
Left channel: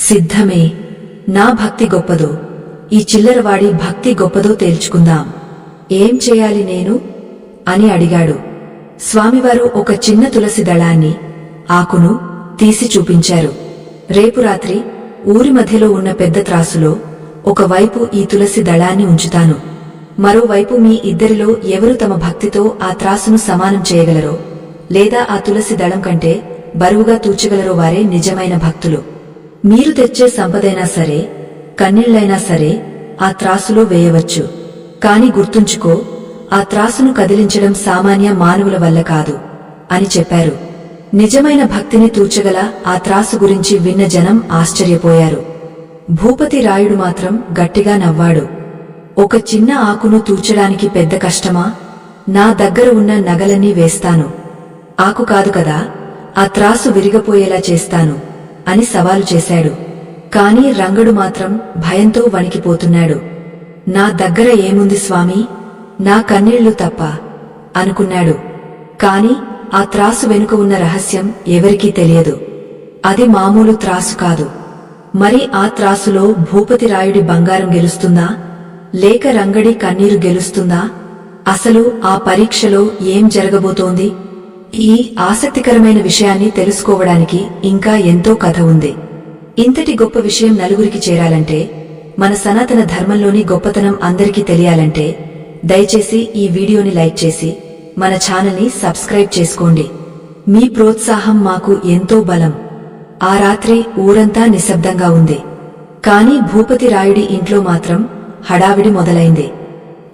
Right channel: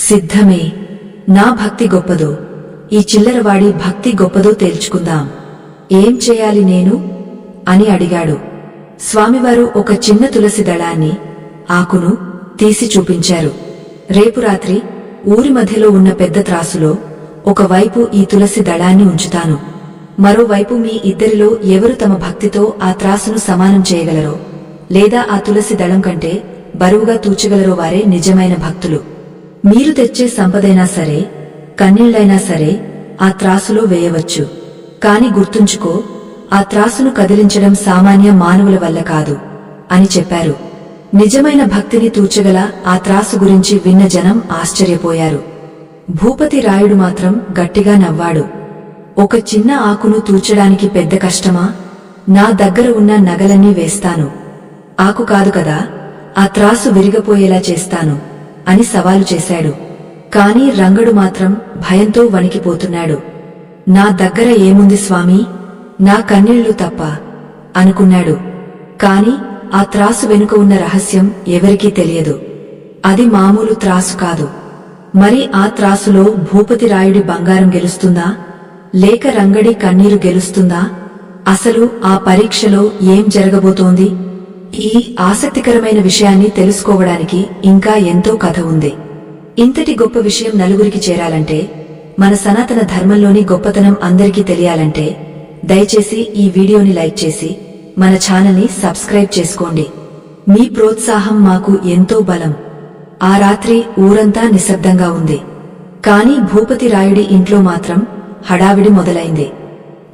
సిద్ధమే. నా భక్తి గొప్పదో, ఈ చిల్లరవాడి భక్తి గొప్పదో తేల్చుకుందాం. ఏం చేయాలి నేను అని అడిగాడు. స్వామివారు ఒక చిన్న తులసి దళాన్ని, ఆకును తీసి చూపించారు. రేపు రాత్రి ఊరి మధ్యలో ఉన్న పెద్ద త్రాసులో ఒకవైపు ఈ తులసి దళాన్ని ఉంచుతాను. మరోవైపు మీ ఇద్దరిలో ఎవరు తమ భక్తితో ఆ త్రాసును సమానం చేయగలరో, లేదా ఆ తులసి దళం కంటే బరువుగా తూచగలరో వారే నిజమైన భక్తులు. మీరు తెచ్చే సంపదైనా సరే, కన్నీళ్లైనా సరే ఆ త్రాసులో వేయవచ్చు. కాని గుర్తుంచుకో, ఆ త్రాసును కదిలించడం సామాన్య మానవుల వల్ల కాదు అని చెప్పారు. నిజమైన భక్తిని తూచగల ఆ త్రాసు గురించి విన్న జనం ఆశ్చర్యపోయారు. భూపతిరాయుడు మాత్రం గట్టిగా నవ్వాడు. ఒక చిన్న ఆకును తూచడానికి పెద్ద కష్టమా? నా దగ్గర ఉన్న నగలన్నీ వేస్తాను. ఆకు కాదు కదా, ఆ త్రాసు విరిగపోయేలా చేస్తాను అని సవాలు చేశాడు. కాని రంగడు మాత్రం భయంతో వణికిపోతున్నాడు. నా దగ్గర ఏముంది స్వామీ, నా కన్నీళ్లు తప్ప అనుకున్నాడు. కాని ఆ త్రాసు వెనుక ఉన్న రహస్యం ఎవరికీ తెలియదు. అది మామూలు త్రాసు కాదు. మరి ఆ త్రాసులో భూపతిరాయుడి బంగారం గెలుస్తుందా, లేక రంగడి కన్నీరు గెలుస్తుందా? అసలు ఆ పరీక్షలో ఏం జరగబోతోంది? ఈ ఆసక్తికరమైన విషయాన్ని తెలుసుకోవడానికి ఇంకా ఎంతో కథ ఉంది. ఇంతటి గొప్ప విషయం నలుగురికి చేరాలంటే, మన సనాతన ధర్మంలోని గొప్పతనం అందరికీ తెలియాలంటే, దయచేసి ఈ వీడియోని లైక్ చేసి మన ఛానల్ని సబ్స్క్రైబ్ చేసుకోండి. మీ ప్రోత్సాహం మాకు ఎంతో బలం. ఆ రాత్రి ఊరంతా నిశ్శబ్దంగా ఉంది. కాని భూపతిరాయుడి ఇంట్లో మాత్రం హడావిడి మొదలైంది.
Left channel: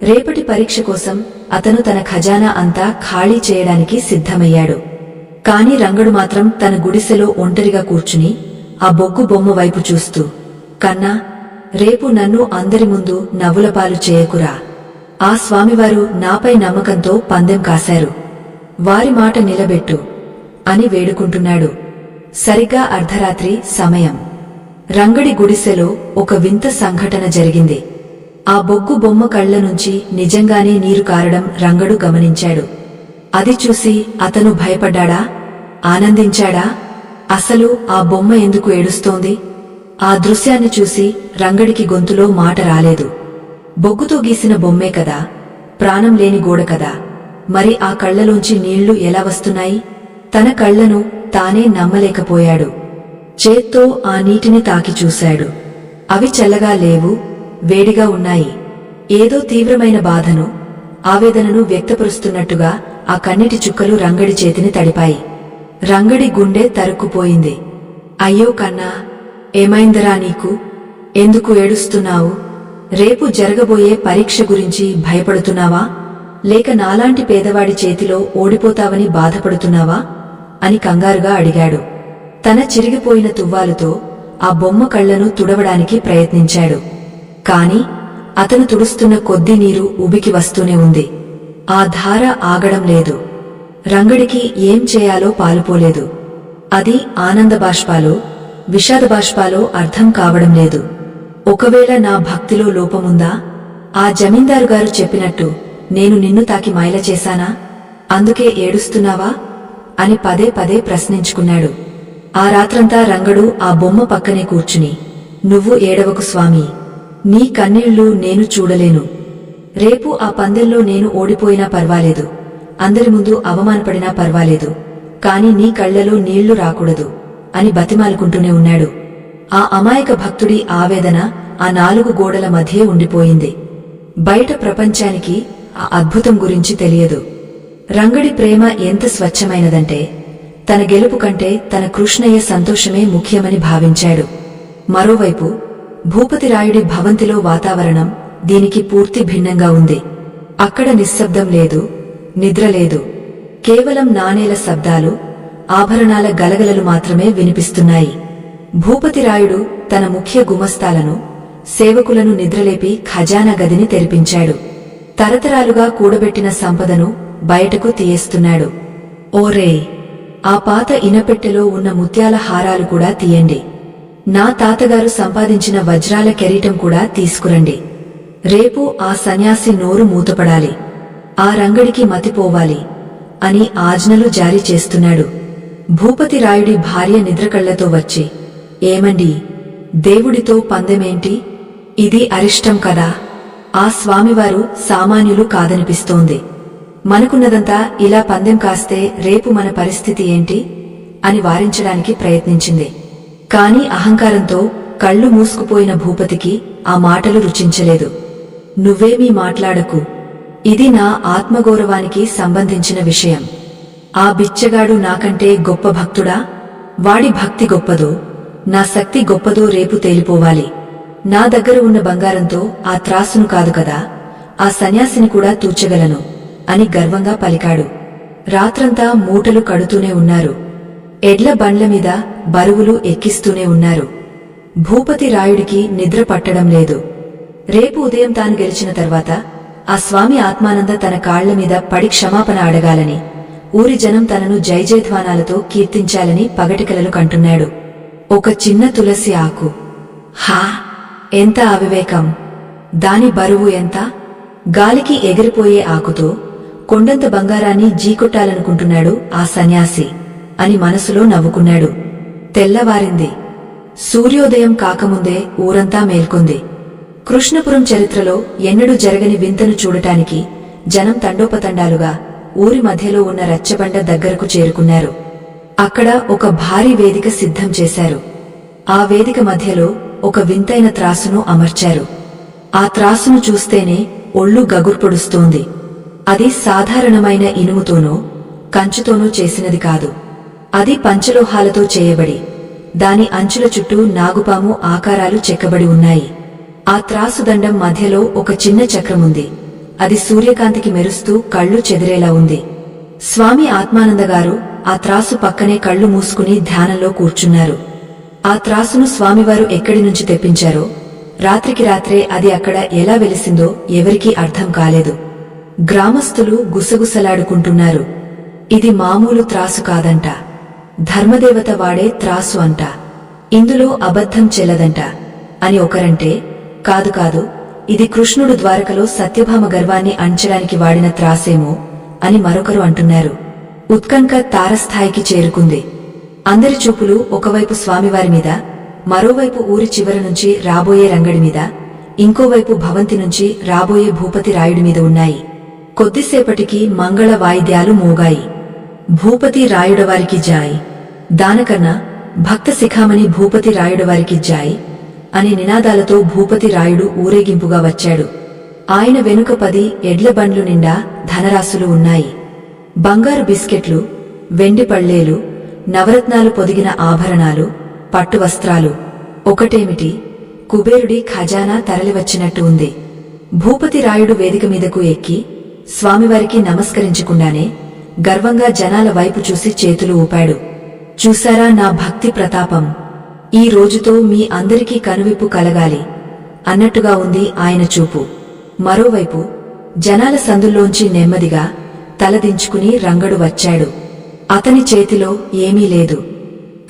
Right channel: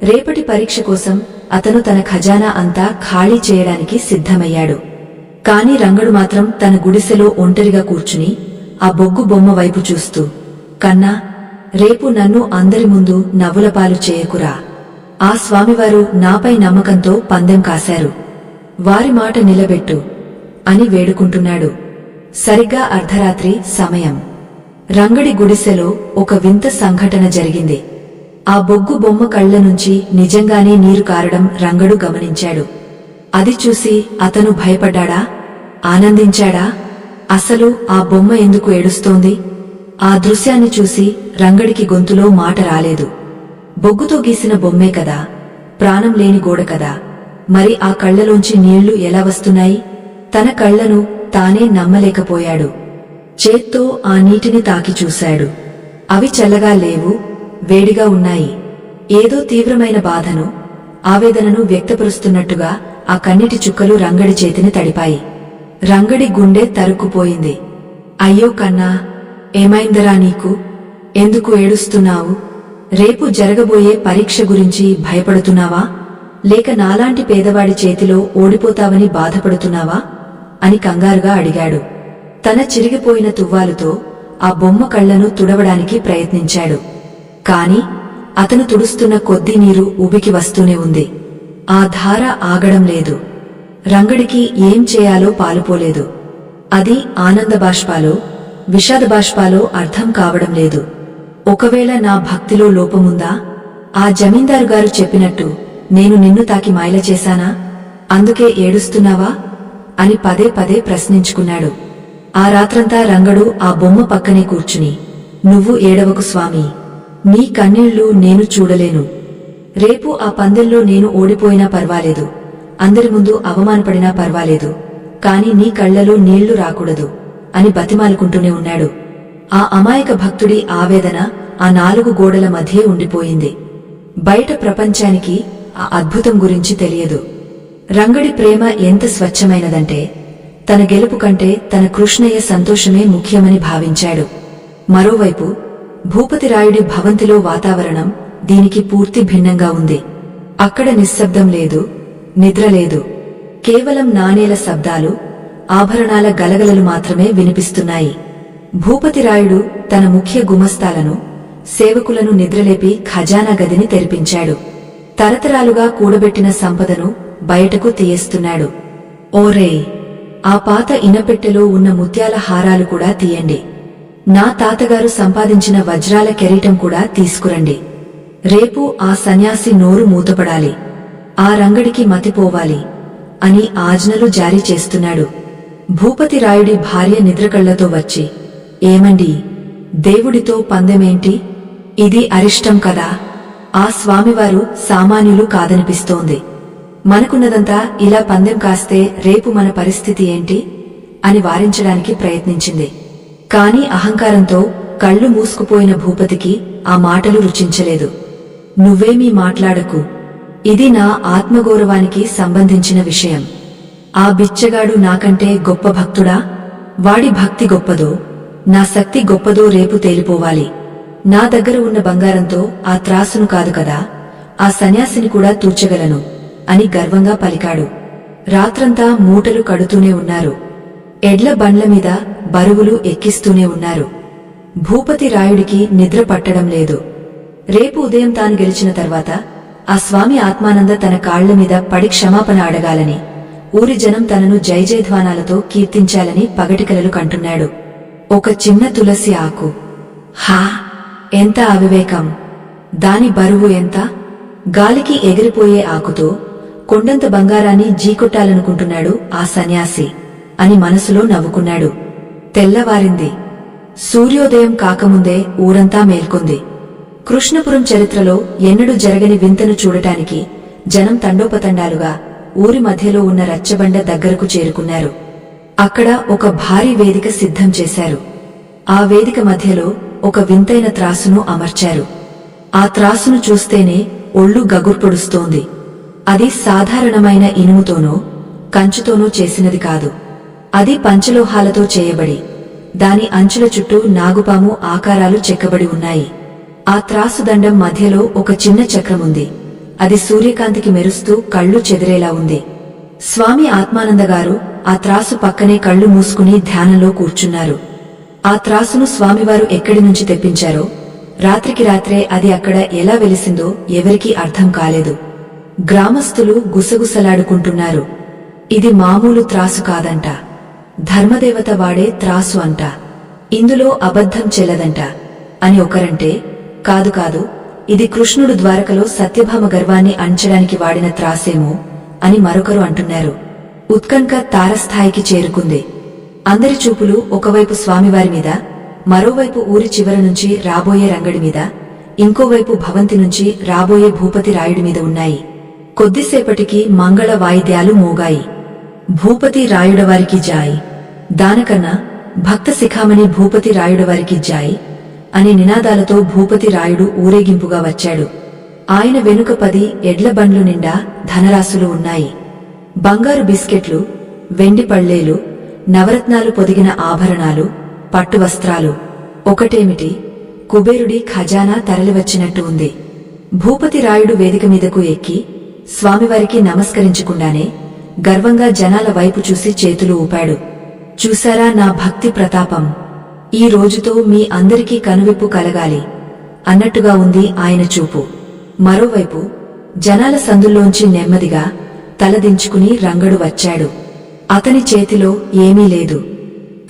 రేపటి పరీక్ష కోసం అతను తన ఖజానా అంతా ఖాళీ చేయడానికి సిద్ధమయ్యాడు. కాని రంగడు మాత్రం తన గుడిసెలో ఒంటరిగా కూర్చుని ఆ బొగ్గు బొమ్మ వైపు చూస్తూ, కన్నా, రేపు నన్ను అందరి ముందు నవ్వులపాలు చేయకురా. ఆ స్వామివారు నాపై నమ్మకంతో పందెం కాశారు. వారి మాట నిలబెట్టు అని వేడుకుంటున్నాడు. సరిగ్గా అర్ధరాత్రి సమయం. రంగడి గుడిసెలో ఒక వింత సంఘటన జరిగింది. ఆ బొగ్గు బొమ్మ కళ్ల నుంచి నిజంగానే నీరు కారడం రంగడు గమనించాడు. అది చూసి అతను భయపడ్డాడా, ఆనందించాడా? అసలు ఆ బొమ్మ ఎందుకు ఏడుస్తోంది? ఆ దృశ్యాన్ని చూసి రంగడికి గొంతులో మాట రాలేదు. బొగ్గుతో గీసిన బొమ్మే కదా, ప్రాణం లేని గోడ కదా, మరి ఆ కళ్లలోంచి నీళ్లు ఎలా వస్తున్నాయి? తన కళ్లను తానే నమ్మలేకపోయాడు. చేత్తో ఆ నీటిని తాకి చూశాడు. అవి చల్లగా లేవు, వేడిగా ఉన్నాయి. ఏదో తీవ్రమైన బాధను, ఆవేదనను వ్యక్తపరుస్తున్నట్టుగా ఆ కన్నీటి చుక్కలు రంగడి చేతిని తడిపాయి. రంగడి గుండె తరుక్కుపోయింది. అయ్యో కన్నా, ఏమైందరా నీకు? ఎందుకు ఏడుస్తున్నావు? రేపు జరగబోయే పరీక్ష గురించి భయపడుతున్నావా? లేక నాలాంటి పేదవాడి చేతిలో ఓడిపోతావని బాధపడుతున్నావా అని కంగారుగా అడిగాడు. తన చిరిగిపోయిన తువ్వాలుతో ఆ బొమ్మ కళ్లను తుడవడానికి ప్రయత్నించాడు. కాని అతను తుడుస్తున్న కొద్దీ నీరు ఉబికి వస్తూనే ఉంది. ఆ ధార ఆగడం లేదు. రంగడికి ఏం చేయాలో పాలుపోలేదు. అది ఆనందబాష్పాలో, విషాదబాష్పాలో అర్థం కావడం లేదు. ఒకవేళ నా భక్తిలో లోపముందా? ఆ జమీందారుగారు చెప్పినట్టు నేను నిన్ను తాకి మాయల చేశానా? అందుకే ఏడుస్తున్నావా అని పదే పదే ప్రశ్నించుకున్నాడు. ఆ రాత్రంతా రంగడు ఆ బొమ్మ పక్కనే కూర్చుని, నువ్వు ఏడవకు స్వామీ, నీ కన్నీళ్లు నేను చూడలేను. రేపు ఆ పందెంలో నేను ఓడిపోయినా పర్వాలేదు, అందరి ముందు అవమానపడినా పర్వాలేదు, కాని నీ కళ్లలో నీళ్లు రాకూడదు అని బతిమాలుకుంటూనే ఉన్నాడు. ఆ అమాయక భక్తుడి ఆవేదన ఆ 4 గోడల మధ్యే ఉండిపోయింది. బయట ప్రపంచానికి ఆ అద్భుతం గురించి తెలియదు. రంగడి ప్రేమ ఎంత స్వచ్ఛమైనదంటే తన గెలుపు కంటే తన కృష్ణయ్య సంతోషమే ముఖ్యమని భావించాడు. మరోవైపు భూపతిరాయుడి భవంతిలో వాతావరణం దీనికి పూర్తి భిన్నంగా ఉంది. అక్కడ నిశ్శబ్దం లేదు, నిద్రలేదు. కేవలం నాణేల శబ్దాలు, ఆభరణాల గలగలలు మాత్రమే వినిపిస్తున్నాయి. భూపతిరాయుడు తన ముఖ్య గుమస్తాలను, సేవకులను నిద్రలేపి ఖజానా గదిని తెరిపించాడు. తరతరాలుగా కూడబెట్టిన సంపదను బయటకు తీయేస్తున్నాడు. ఓరే, ఆ పాత ఇనపెట్టెలో ఉన్న ముత్యాల హారాలు కూడా తీయండి. నా తాతగారు సంపాదించిన వజ్రాల కెరీటం కూడా తీసుకురండి. రేపు ఆ సన్యాసి నోరు మూతపడాలి, ఆ రంగడికి మతిపోవాలి అని ఆజ్ఞలు జారీ చేస్తున్నాడు. భూపతిరాయుడి భార్య నిద్రకళ్లతో వచ్చి, ఏమండీ, దేవుడితో పందెమేంటి? ఇది అరిష్టం కదా. ఆ స్వామివారు సామాన్యులు కాదనిపిస్తోంది. మనకున్నదంతా ఇలా పందెం కాస్తే రేపు మన పరిస్థితి ఏంటి అని వారించడానికి ప్రయత్నించింది. కాని అహంకారంతో కళ్ళు మూసుకుపోయిన భూపతికి ఆ మాటలు రుచించలేదు. నువ్వేమీ మాట్లాడకు, ఇది నా ఆత్మగౌరవానికి సంబంధించిన విషయం. ఆ బిచ్చగాడు నాకంటే గొప్ప భక్తుడా? వాడి భక్తి గొప్పదో, నా శక్తి గొప్పదో రేపు తేలిపోవాలి. నా దగ్గర ఉన్న బంగారంతో ఆ త్రాసును కాదు కదా, ఆ సన్యాసిని కూడా తూచగలను అని గర్వంగా పలికాడు. రాత్రంతా మూటలు కడుతూనే ఉన్నారు. ఎడ్ల బండ్ల మీద బరువులు ఎక్కిస్తూనే ఉన్నారు. భూపతి రాయుడికి నిద్ర పట్టడం లేదు. రేపు ఉదయం తాను గెలిచిన తర్వాత ఆ స్వామి ఆత్మానంద తన కాళ్ల మీద పడి క్షమాపణ అడగాలని, ఊరి జనం తనను జయజయధ్వానాలతో కీర్తించాలని పగటికలలు కంటున్నాడు. ఒక చిన్న తులసి ఆకు, హా, ఎంత అవివేకం! దాని బరువు ఎంత? గాలికి ఎగిరిపోయే ఆకుతో కొండంత బంగారాన్ని జీకొట్టాలనుకుంటున్నాడు ఆ సన్యాసి అని మనసులో నవ్వుకున్నాడు. తెల్లవారింది. సూర్యోదయం కాకముందే ఊరంతా మేల్కొంది. కృష్ణపురం చరిత్రలో ఎన్నడూ జరగని వింతను చూడటానికి జనం తండోపతండాలుగా ఊరి మధ్యలో ఉన్న రచ్చబండ దగ్గరకు చేరుకున్నారు. అక్కడ ఒక భారీ వేదిక సిద్ధం చేశారు. ఆ వేదిక మధ్యలో ఒక వింతైన త్రాసును అమర్చారు. ఆ త్రాసును చూస్తేనే ఒళ్ళు గగుర్పొడుస్తోంది. అది సాధారణమైన ఇనుముతోనో కంచుతోనో చేసినది కాదు. అది పంచలోహాలతో చేయబడి దాని అంచుల చుట్టూ నాగుపాము ఆకారాలు చెక్కబడి ఉన్నాయి. ఆ త్రాసుదండం మధ్యలో ఒక చిన్న చక్రముంది. అది సూర్యకాంతికి మెరుస్తూ కళ్ళు చెదిరేలా ఉంది. స్వామి ఆత్మానందగారు ఆ త్రాసు పక్కనే కళ్ళు మూసుకుని ధ్యానంలో కూర్చున్నారు. ఆ త్రాసును స్వామివారు ఎక్కడి నుంచి తెప్పించారో, రాత్రికి రాత్రే అది అక్కడ ఎలా వెలిసిందో ఎవరికీ అర్థం కాలేదు. గ్రామస్తులు గుసగుసలాడుకుంటున్నారు. ఇది మామూలు త్రాసు కాదంట, ధర్మదేవత వాడే త్రాసు అంట, ఇందులో అబద్ధం చెల్లదంట అని ఒకరంటే, కాదు కాదు, ఇది కృష్ణుడు ద్వారకలో సత్యభామ గర్వాన్ని అణచడానికి వాడిన త్రాసేమో అని మరొకరు అంటున్నారు. ఉత్కంఠ తారస్థాయికి చేరుకుంది. అందరి చూపులు ఒకవైపు స్వామివారి మీద, మరోవైపు ఊరి చివర నుంచి రాబోయే రంగడి మీద, ఇంకోవైపు భవంతి నుంచి రాబోయే భూపతి రాయుడి మీద ఉన్నాయి. కొద్దిసేపటికి మంగళ వాయిద్యాలు మోగాయి. భూపతి రాయుడవారికి జాయ్, దానకన్నా భక్త శిఖామణి భూపతి రాయుడవారికి జాయ్ అనే నినాదాలతో భూపతి రాయుడు ఊరేగింపుగా వచ్చాడు. ఆయన వెనుక 10 ఎడ్ల బండ్లు నిండా ధనరాశులు ఉన్నాయి. బంగారు బిస్కెట్లు, వెండి పళ్లేలు, నవరత్నాలు పొదిగిన ఆభరణాలు, పట్టు వస్త్రాలు. ఒకటేమిటి, కుబేరుడి ఖజానా తరలివచ్చినట్టు ఉంది. భూపతి రాయుడు వేదిక మీదకు ఎక్కి స్వామివారికి నమస్కరించకుండానే గర్వంగా జనాల వైపు చూసి చేతులు ఊపాడు. చూశారా నా భక్తి ప్రతాపం, ఈ రోజుతో మీ అందరికీ కనువిప్పు కలగాలి అన్నట్టుగా ఉంది ఆయన చూపు. మరోవైపు జనాల సందుల్లోంచి నెమ్మదిగా తలదించుకుని రంగడు వచ్చాడు. అతని చేతిలో ఏమీ లేదు,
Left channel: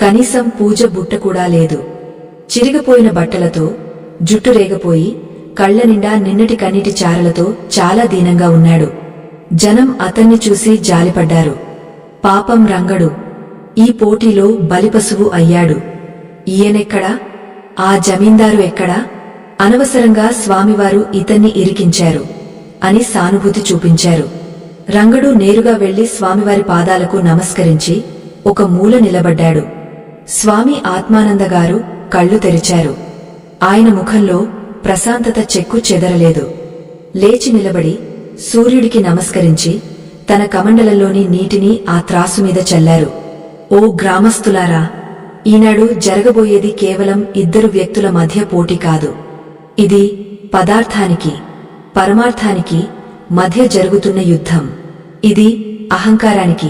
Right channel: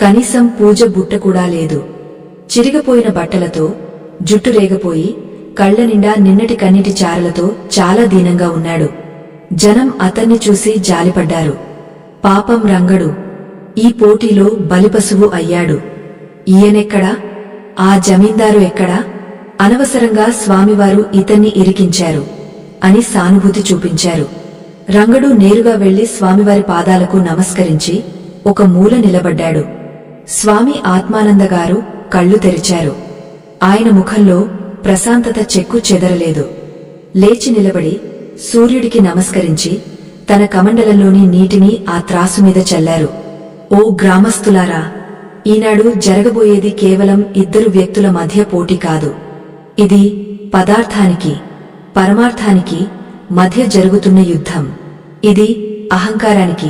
కనీసం పూజ బుట్ట కూడా లేదు. చిరిగిపోయిన బట్టలతో, జుట్టు రేగపోయి, కళ్ల నిండా నిన్నటి కన్నీటి చారలతో చాలా దీనంగా ఉన్నాడు. జనం అతన్ని చూసి జాలిపడ్డారు. పాపం రంగడు ఈ పోటీలో బలిపశువు అయ్యాడు. ఈయనెక్కడా, ఆ జమీందారు ఎక్కడా? అనవసరంగా స్వామివారు ఇతన్ని ఇరికించారు అని సానుభూతి చూపించారు. రంగడు నేరుగా వెళ్లి స్వామివారి పాదాలకు నమస్కరించి ఒక మూల నిలబడ్డాడు. స్వామి ఆత్మానందగారు కళ్ళు తెరిచారు. ఆయన ముఖంలో ప్రశాంతత చెక్కు చెదరలేదు. లేచి నిలబడి సూర్యుడికి నమస్కరించి తన కమండలంలోని నీటిని ఆ త్రాసుమీద చల్లారు. ఓ గ్రామస్తులారా, ఈనాడు జరగబోయేది కేవలం 2 వ్యక్తుల మధ్య పోటీ కాదు. ఇది పదార్థానికి, పరమార్థానికి మధ్య జరుగుతున్న యుద్ధం. ఇది అహంకారానికి,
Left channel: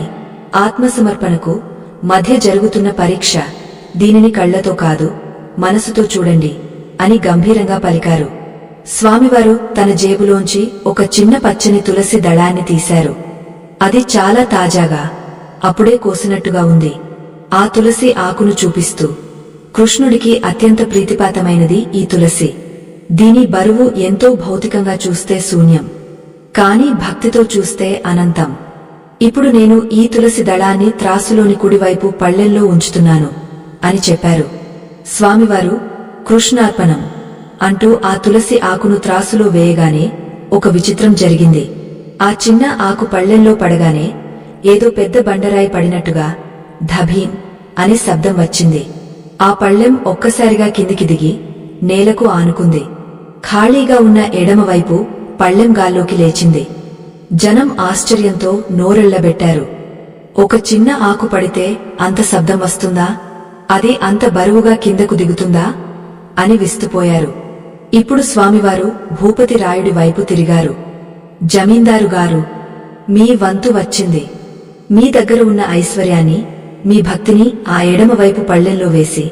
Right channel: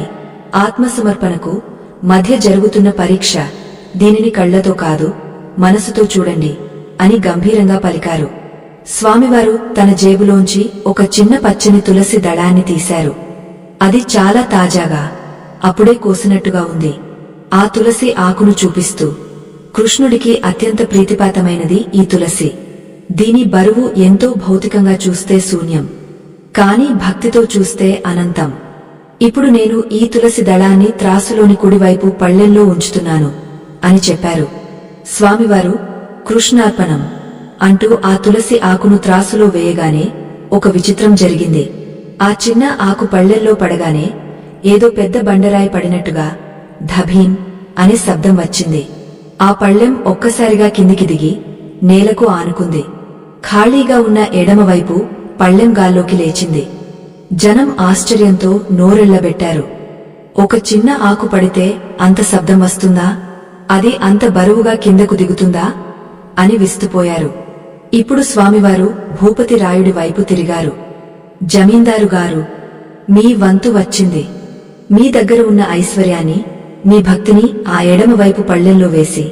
ఆత్మసమర్పణకు మధ్య జరుగుతున్న పరీక్ష. దీనిని కళ్లతో కాదు, మనసుతో చూడండి అని గంభీరంగా పలికారు. స్వామివారు తన జేబులోంచి ఒక చిన్న పచ్చని తులసి దళాన్ని తీశారు. అది చాలా తాజాగా, అప్పుడే కోసినట్టుగా ఉంది. ఆ తులసి ఆకును చూపిస్తూ, కృష్ణుడికి అత్యంత ప్రీతిపాతమైనది ఈ తులసి. దీని బరువు ఎంతో భౌతికంగా చూస్తే శూన్యం, కాని భక్తితో చూస్తే అనంతం. ఇప్పుడు నేను ఈ తులసి దళాన్ని త్రాసులోని కుడివైపు పళ్ళెంలో ఉంచుతున్నాను అని చెప్పారు. స్వామివారు కృష్ణార్పణం అంటూ ఆ తులసి ఆకును త్రాసులో వేయగానే ఒక విచిత్రం జరిగింది. ఆ చిన్న ఆకు పళ్ళెంలో పడగానే ఏదో పెద్ద బండరాయి పడినట్టుగా ధభీం అనే శబ్దం వచ్చింది. ఆ పళ్ళెం ఒక్కసారిగా కిందికి దిగి నేలకు ఆనుకుంది. ఖాళీగా ఉన్న ఎడమవైపు పళ్ళెం గాల్లోకి లేచింది. జనం ఆశ్చర్యంతో నోరెళ్లబెట్టారు. ఒక చిన్న ఆకు పడితే అంత శబ్దం వస్తుందా? అది అంత బరువుగా కిందకు దిగుతుందా అని విస్తుపోయారు. ఇప్పుడు స్వామివారు భూపతి రాయుడి వైపు తిరిగారు. జమీందారుగారు, మీ వంతు వచ్చింది. మీ దగ్గర ఉన్న ఐశ్వర్యాన్ని, మీ భక్తిని ఆ ఎడమవైపు పళ్ళెంలో వేసి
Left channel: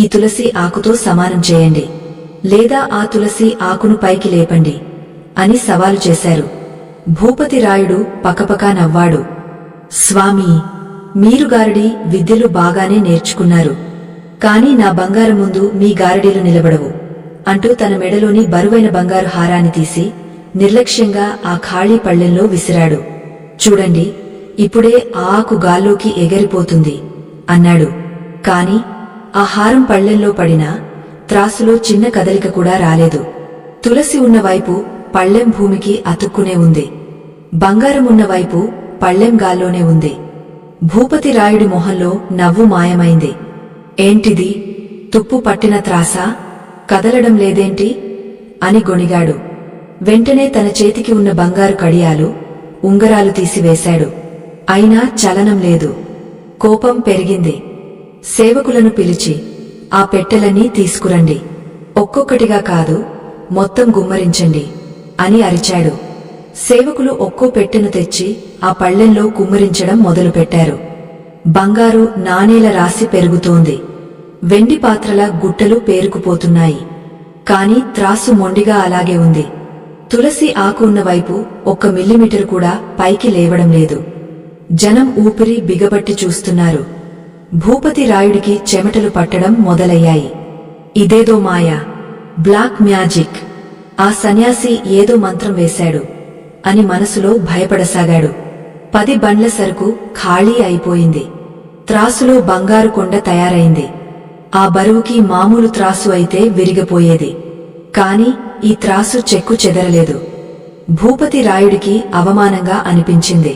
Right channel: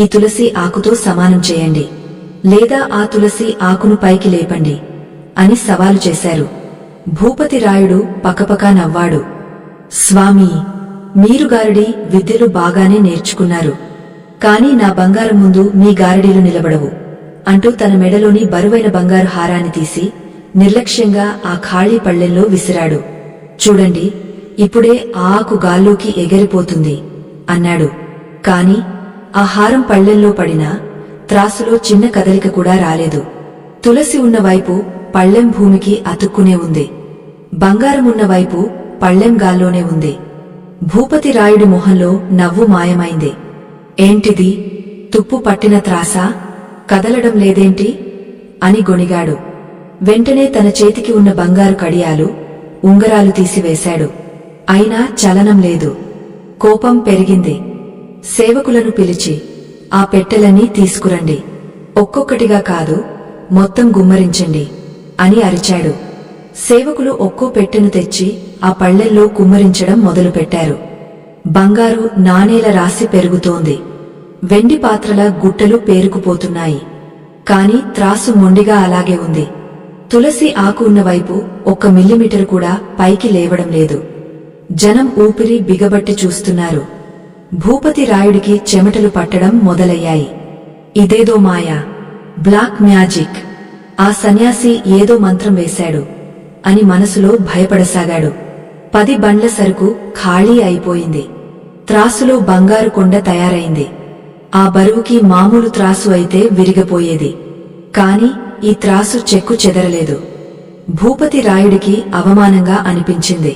ఈ తులసి ఆకుతో సమానం చేయండి, లేదా ఆ తులసి ఆకును పైకి లేపండి అని సవాలు చేశారు. భూపతి రాయుడు పకపకా నవ్వాడు. స్వామీ, మీరు గారడీ విద్యలు బాగానే నేర్చుకున్నారు, కాని నా బంగారం ముందు మీ గారడీలు నిలబడవు అంటూ తన మెడలోని బరువైన బంగారు హారాన్ని తీసి నిర్లక్ష్యంగా ఆ ఖాళీ పళ్ళెంలో విసిరాడు. చూడండి, ఇప్పుడే ఆ ఆకు గాల్లోకి ఎగిరిపోతుంది అన్నాడు. కాని ఆ హారం పళ్ళెంలో పడినా త్రాసులో చిన్న కదలిక కూడా రాలేదు. తులసి ఉన్నవైపు పళ్ళెం భూమికి అతుక్కునే ఉంది. బంగారమున్న వైపు పళ్ళెం గాల్లోనే ఉంది. భూపతి రాయుడి మొహంలో నవ్వు మాయమైంది. ఏంటిది, తుప్పు పట్టిన త్రాసా? కదలడం లేదేంటి అని గొణిగాడు. వెంటనే తన చేతికి ఉన్న బంగారు కడియాలు, ఉంగరాలు తీసివేశాడు. అయినా చలనం లేదు. కోపం పెరిగింది. సేవకులను పిలిచి ఆ పెట్టెలన్నీ తీసుకురండి, ఒక్కొక్కటిగా కాదు, మొత్తం గుమ్మరించండి అని అరిచాడు. సేవకులు ఒక్కో పెట్టెను తెచ్చి ఆ పళ్ళెంలో కుమ్మరించడం మొదలుపెట్టారు. బంగారు నాణేల రాశి పెరుగుతోంది. వెండి పాత్రల గుట్టలు పేరుకుపోతున్నాయి. కాని త్రాసు మొండిగా అలాగే ఉంది. తులసి ఆకు ఉన్నవైపు 1 మిల్లీమీటరు కూడా పైకి లేవడం లేదు. జనం ఊపిరి బిగబట్టి చూస్తున్నారు. భూపతి రాయుడికి చెమటలు పట్టడం మొదలయ్యాయి. ఇదేదో మాయా, బ్లాక్ మ్యాజిక్ ఆ సన్యాసి ఏదో మంత్రం వేశాడు అని మనసులో భయపడసాగాడు. 10 బండ్ల సరుకు ఖాళీ అయిపోయింది. త్రాసులో బంగారు కొండ తయారైంది. ఆ బరువుకి మామూలు త్రాసు అయితే విరిగిపోయేది. కాని ఈ త్రాసు చెక్కు చెదరలేదు. భూపతి రాయుడికి అవమానంగా అనిపించింది.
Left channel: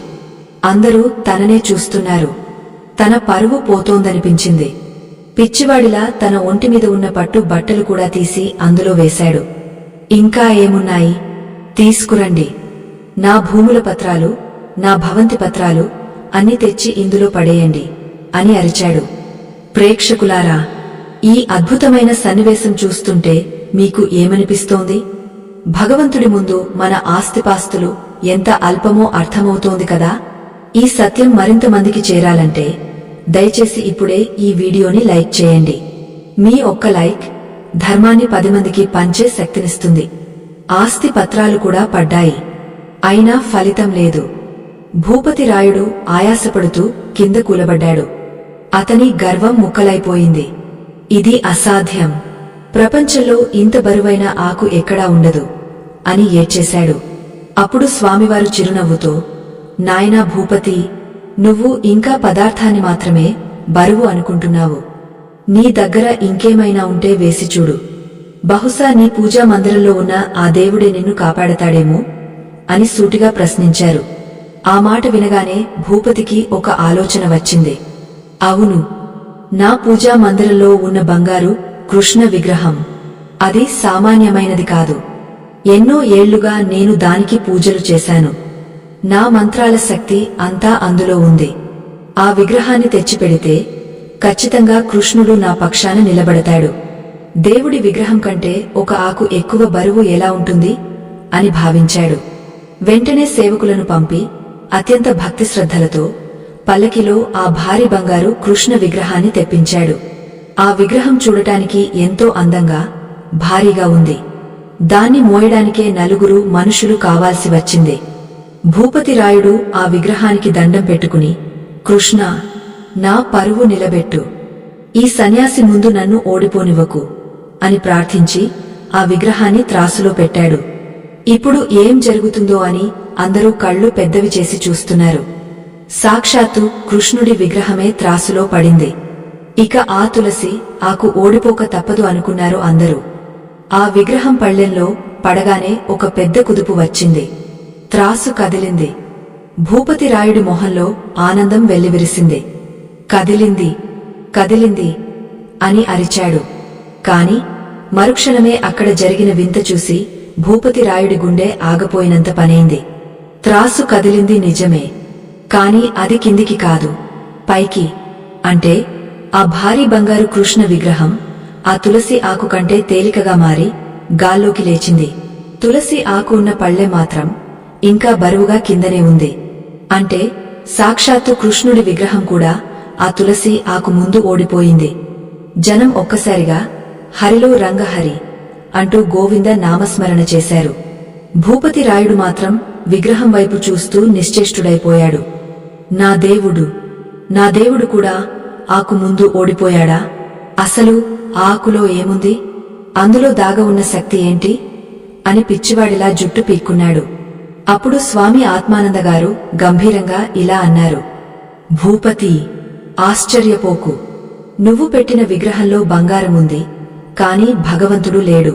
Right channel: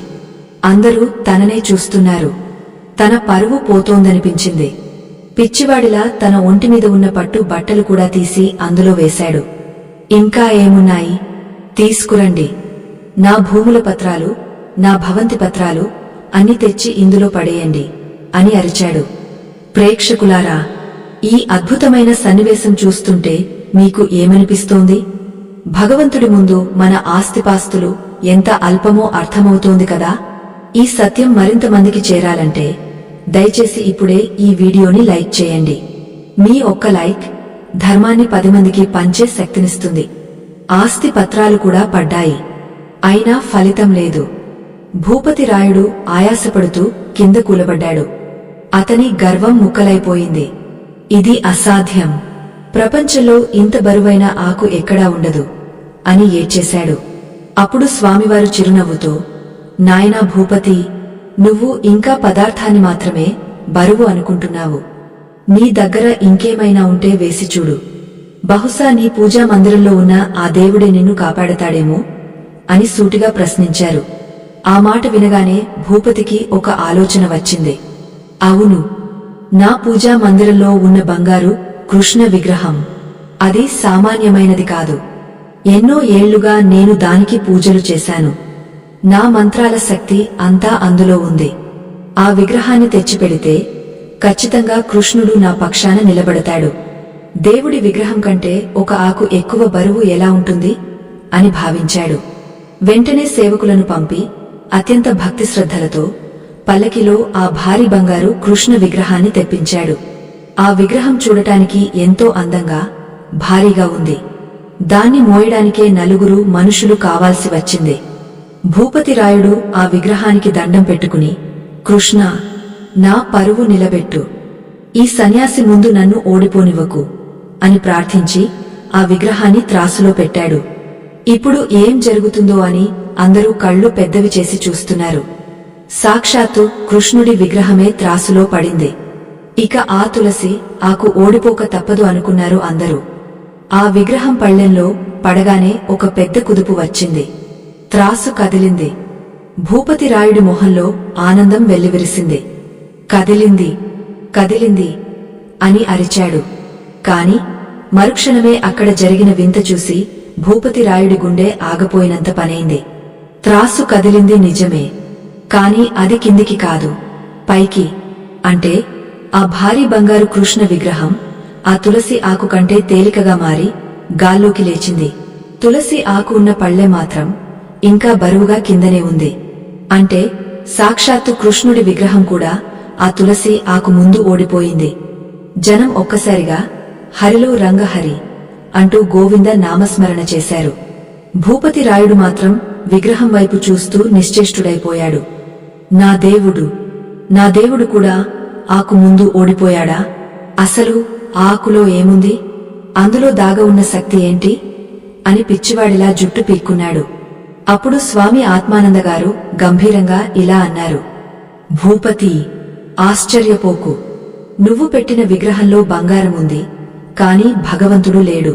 అందరూ తననే చూస్తున్నారు. తన పరువు పోతోందనిపించింది. పిచ్చివాడిలా తన ఒంటిమీద ఉన్న పట్టు బట్టలు కూడా తీసి అందులో వేశాడు. ఇంకా ఏమున్నాయి? తీసుకురండి. నా భూముల పత్రాలు, నా భవంతి పత్రాలు అన్ని తెచ్చి ఇందులో పడేయండి అని అరిచాడు. ప్రేక్షకులారా, ఈ అద్భుతమైన సన్నివేశం చూస్తుంటే మీకు ఏమనిపిస్తోంది? భగవంతుడి ముందు మన ఆస్తిపాస్తులు ఎంత అల్పమో అర్థమవుతోంది కదా. ఈ సత్యం మరింత మందికి చేరాలంటే దయచేసి ఇప్పుడే ఈ వీడియోని లైక్ చేయండి. మీ ఒక్క లైక్ ధర్మాన్ని 10 మందికి పంచే శక్తినిస్తుంది. ఆస్తి పత్రాలు కూడా పడ్డాయి. అయినా ఫలితం లేదు. భూపతి రాయుడు ఆయాసపడుతూ కింద కూలబడ్డాడు. అతని గర్వం ముక్కలైపోయింది. ఇది అసాధ్యం. ప్రపంచంలో ఇంత బరువైన ఆకు ఎక్కడా ఉండదు అని ఏడ్చేశాడు. అప్పుడు స్వామివారు చిరునవ్వుతో, నాయనా భూపతి, నువ్వు ఇంకా పదార్థాన్ని మాత్రమే బరువు అనుకుంటున్నావు. నీ దగ్గర ఇంకేమైనా ఉంటే వేసి చూడు. బహుశా నీ పూజా మందిరంలో ఉన్న ఆ దేవుడే నిన్ను కాపాడతాడేమో అని సూటిగా ప్రశ్నించారు. ఆ మాట వినగానే భూపతికి ఒక ఆలోచన వచ్చింది. అవును, నా పూజా మందిరంలో ఉన్న బంగారు కృష్ణ విగ్రహం అది సామాన్యమైనది కాదు. ఎన్నో ఏళ్లుగా నేను దానికి పూజలు చేశాను. నా మంత్రాల శక్తి అంతా అందులో ఉంది. ఆ విగ్రహాన్ని తెచ్చిపెడితే ఖచ్చితంగా కృష్ణుడు నా పక్షాన నిలబడతాడు. దేవుడి విగ్రహం కంటే ఒక ఆకు ఎక్కువ బరువు ఎలా ఉంటుంది అని భావించాడు. వెంటనే సేవకులను పంపి అత్యంత భక్తి శ్రద్ధలతో పల్లకిలో ఆ భారీ బంగారు కృష్ణ విగ్రహాన్ని తెప్పించాడు. ఆ విగ్రహం చూడటానికి ఎంతో అందంగా, భారీగా ఉంది. దాన్ని మోయడానికే 4 మనుషులు కావాల్సి వచ్చింది. భూపతి రాయుడు ఆ విగ్రహానికి దండం పెట్టుకుని, కృష్ణ, నా పరువు నిలబెట్టు. ఈ సన్యాసి ముందు నన్ను ఓడిపోనివ్వకు అని ప్రార్థించి ఆ విగ్రహాన్ని త్రాసులో పెట్టాడు. ఇప్పుడు ఏం జరుగుతుందో అని అందరూ కళ్ళు పెద్దవి చేసి చూస్తున్నారు. సాక్షాత్తు కృష్ణుడి విగ్రహమే త్రాసులో పడింది. ఇక ఆ తులసి ఆకు ఓడిపోక తప్పదు అనుకున్నారు అందరూ. ఆ విగ్రహం పళ్ళెంలో పడగానే ఒక పెద్ద కుదుపు వచ్చింది. త్రాసు కదిలింది. భూపతి రాయుడి మొహంలో ఆనందం వెల్లివిరిసింది. కదిలింది, కదిలింది అని అరిచాడు. కాని మరుక్షణమే అక్కడ జరిగిన వింత చూసి భూపతి రాయుడి గుండె ఆగపోయినంత పనైంది. త్రాసు కదిలింది నిజమే, కాని అది కిందికి కాదు, పైకి. అంటే ఆ భారీ బంగారు కృష్ణ విగ్రహం ఆ తులసి ఆకు కంటే తేలికగా మారి గాల్లోకి లేచింది. తులసి ఆకు ఉన్న పళ్ళె మాత్రం ఇంకా బరువుగా కిందనే ఉంది. అంటే సాక్షాత్తు కృష్ణుడి విగ్రహం కూడా ఆ తులసి ఆకు ముందు ఓడిపోయింది. జనం ఒక్కసారిగా హరిలో రంగహరి అంటూ గోవింద నామస్మరణ చేశారు. భూపతి రాయుడు మాత్రం విగ్రహం వైపు చూస్తూ నిశ్చేష్టుడైపోయాడు. నా దేవుడు, నా దేవుడు కూడా ఆకు ముందు ఓడిపోయాడా? అసలు ఆ ఆకులో ఏముంది? అందులో దాగ ఉన్న శక్తి ఏంటి అని పిచ్చివాడిలా జుట్టు పీక్కున్నాడు. అప్పుడు స్వామి ఆత్మానందగారు గంభీరంగా ఇలా అన్నారు. భూపతి, ఆశ్చర్యపోకు. నువ్వు పెట్టిన విగ్రహంలో బంగారముంది, కాని భగవంతుడు లేడు.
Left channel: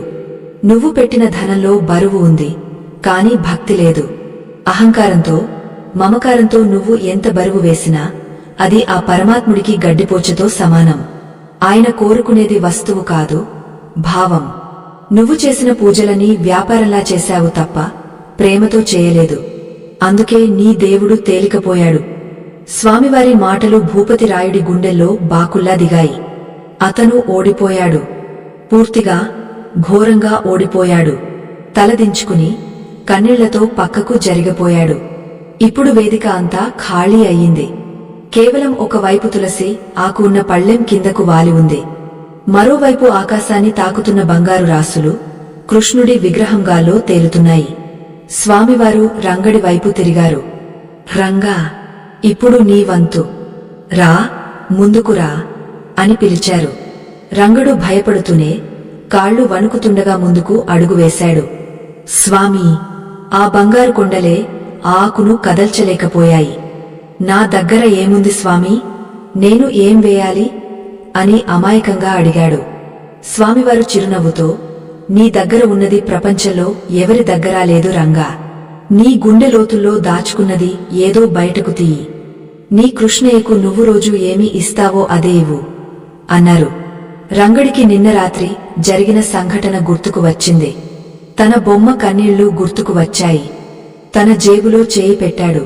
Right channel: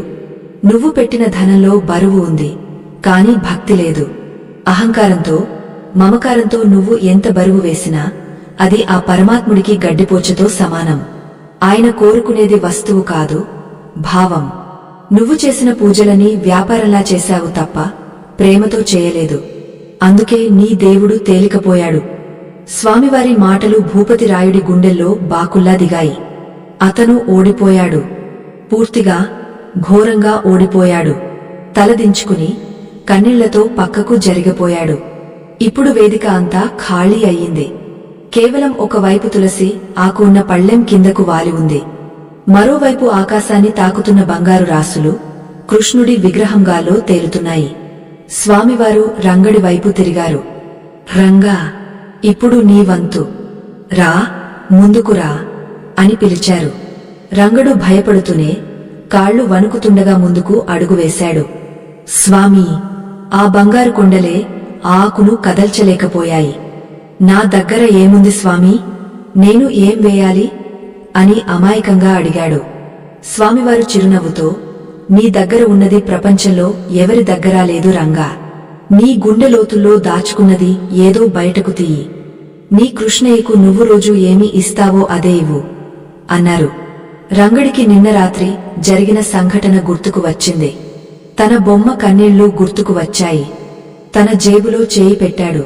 నువ్వు పెట్టిన ధనంలో బరువు ఉంది, కాని భక్తి లేదు. అహంకారంతో, మమకారంతో నువ్వు ఎంత బరువు వేసినా అది ఆ పరమాత్ముడికి గడ్డిపోచతో సమానం. ఆయన కోరుకునేది వస్తువు కాదు, భావం. నువ్వు చేసిన పూజలని వ్యాపారంలా చేశావు తప్ప ప్రేమతో చేయలేదు. అందుకే నీ దేవుడు తేలికపోయాడు. స్వామివారి మాటలు భూపతి రాయుడి గుండెల్లో బాకుల్లా దిగాయి. అతను ఓడిపోయాడు. పూర్తిగా, ఘోరంగా ఓడిపోయాడు. తలదించుకుని కన్నీళ్లతో పక్కకు జరిగిపోయాడు. ఇప్పుడు వేదిక అంతా ఖాళీ అయ్యింది. కేవలం ఒకవైపు తులసి ఆకు ఉన్న పళ్ళెం కిందకు వాలి ఉంది. మరోవైపు ఆకాశాన్ని తాకుతున్న బంగారు రాసులు కృష్ణుడి విగ్రహంగాల్లో తేలుతున్నాయి. స్వామివారు రంగడి వైపు తిరిగారు. రంగా, ఇప్పుడు నీ వంతు. రా, ముందుకు రా అని పిలిచారు. రంగడు భయపడుతూనే కాళ్లు వణుకుతుండగా ముందుకు అడుగు వేశాడు. స్వామీ, ఆ బంగారు కొండలే ఆ ఆకును కదల్చలేకపోయాయి. నా దగ్గర ఏముంది స్వామీ, నేను ఏం వేయాలి అని అమాయకంగా అడిగాడు. స్వామివారు చిరునవ్వుతో, నీ దగ్గర ఉన్నది ప్రపంచంలో ఎవరి దగ్గరా లేదు రంగా. నీ గుండె లోతుల్లో దాచుకున్నది ఏదో బయటకు తీయి. నీ కృష్ణయ్యకు నువ్వు రోజు ఏమి ఇస్తావో అదే ఇవ్వు అన్నారు. రంగడికి నిన్న రాత్రి జరిగిన సంఘటన గుర్తుకు వచ్చింది. తన బొమ్మ కన్నీళ్లు గుర్తుకు వచ్చాయి. తన జేబులో చేయి పెట్టాడు.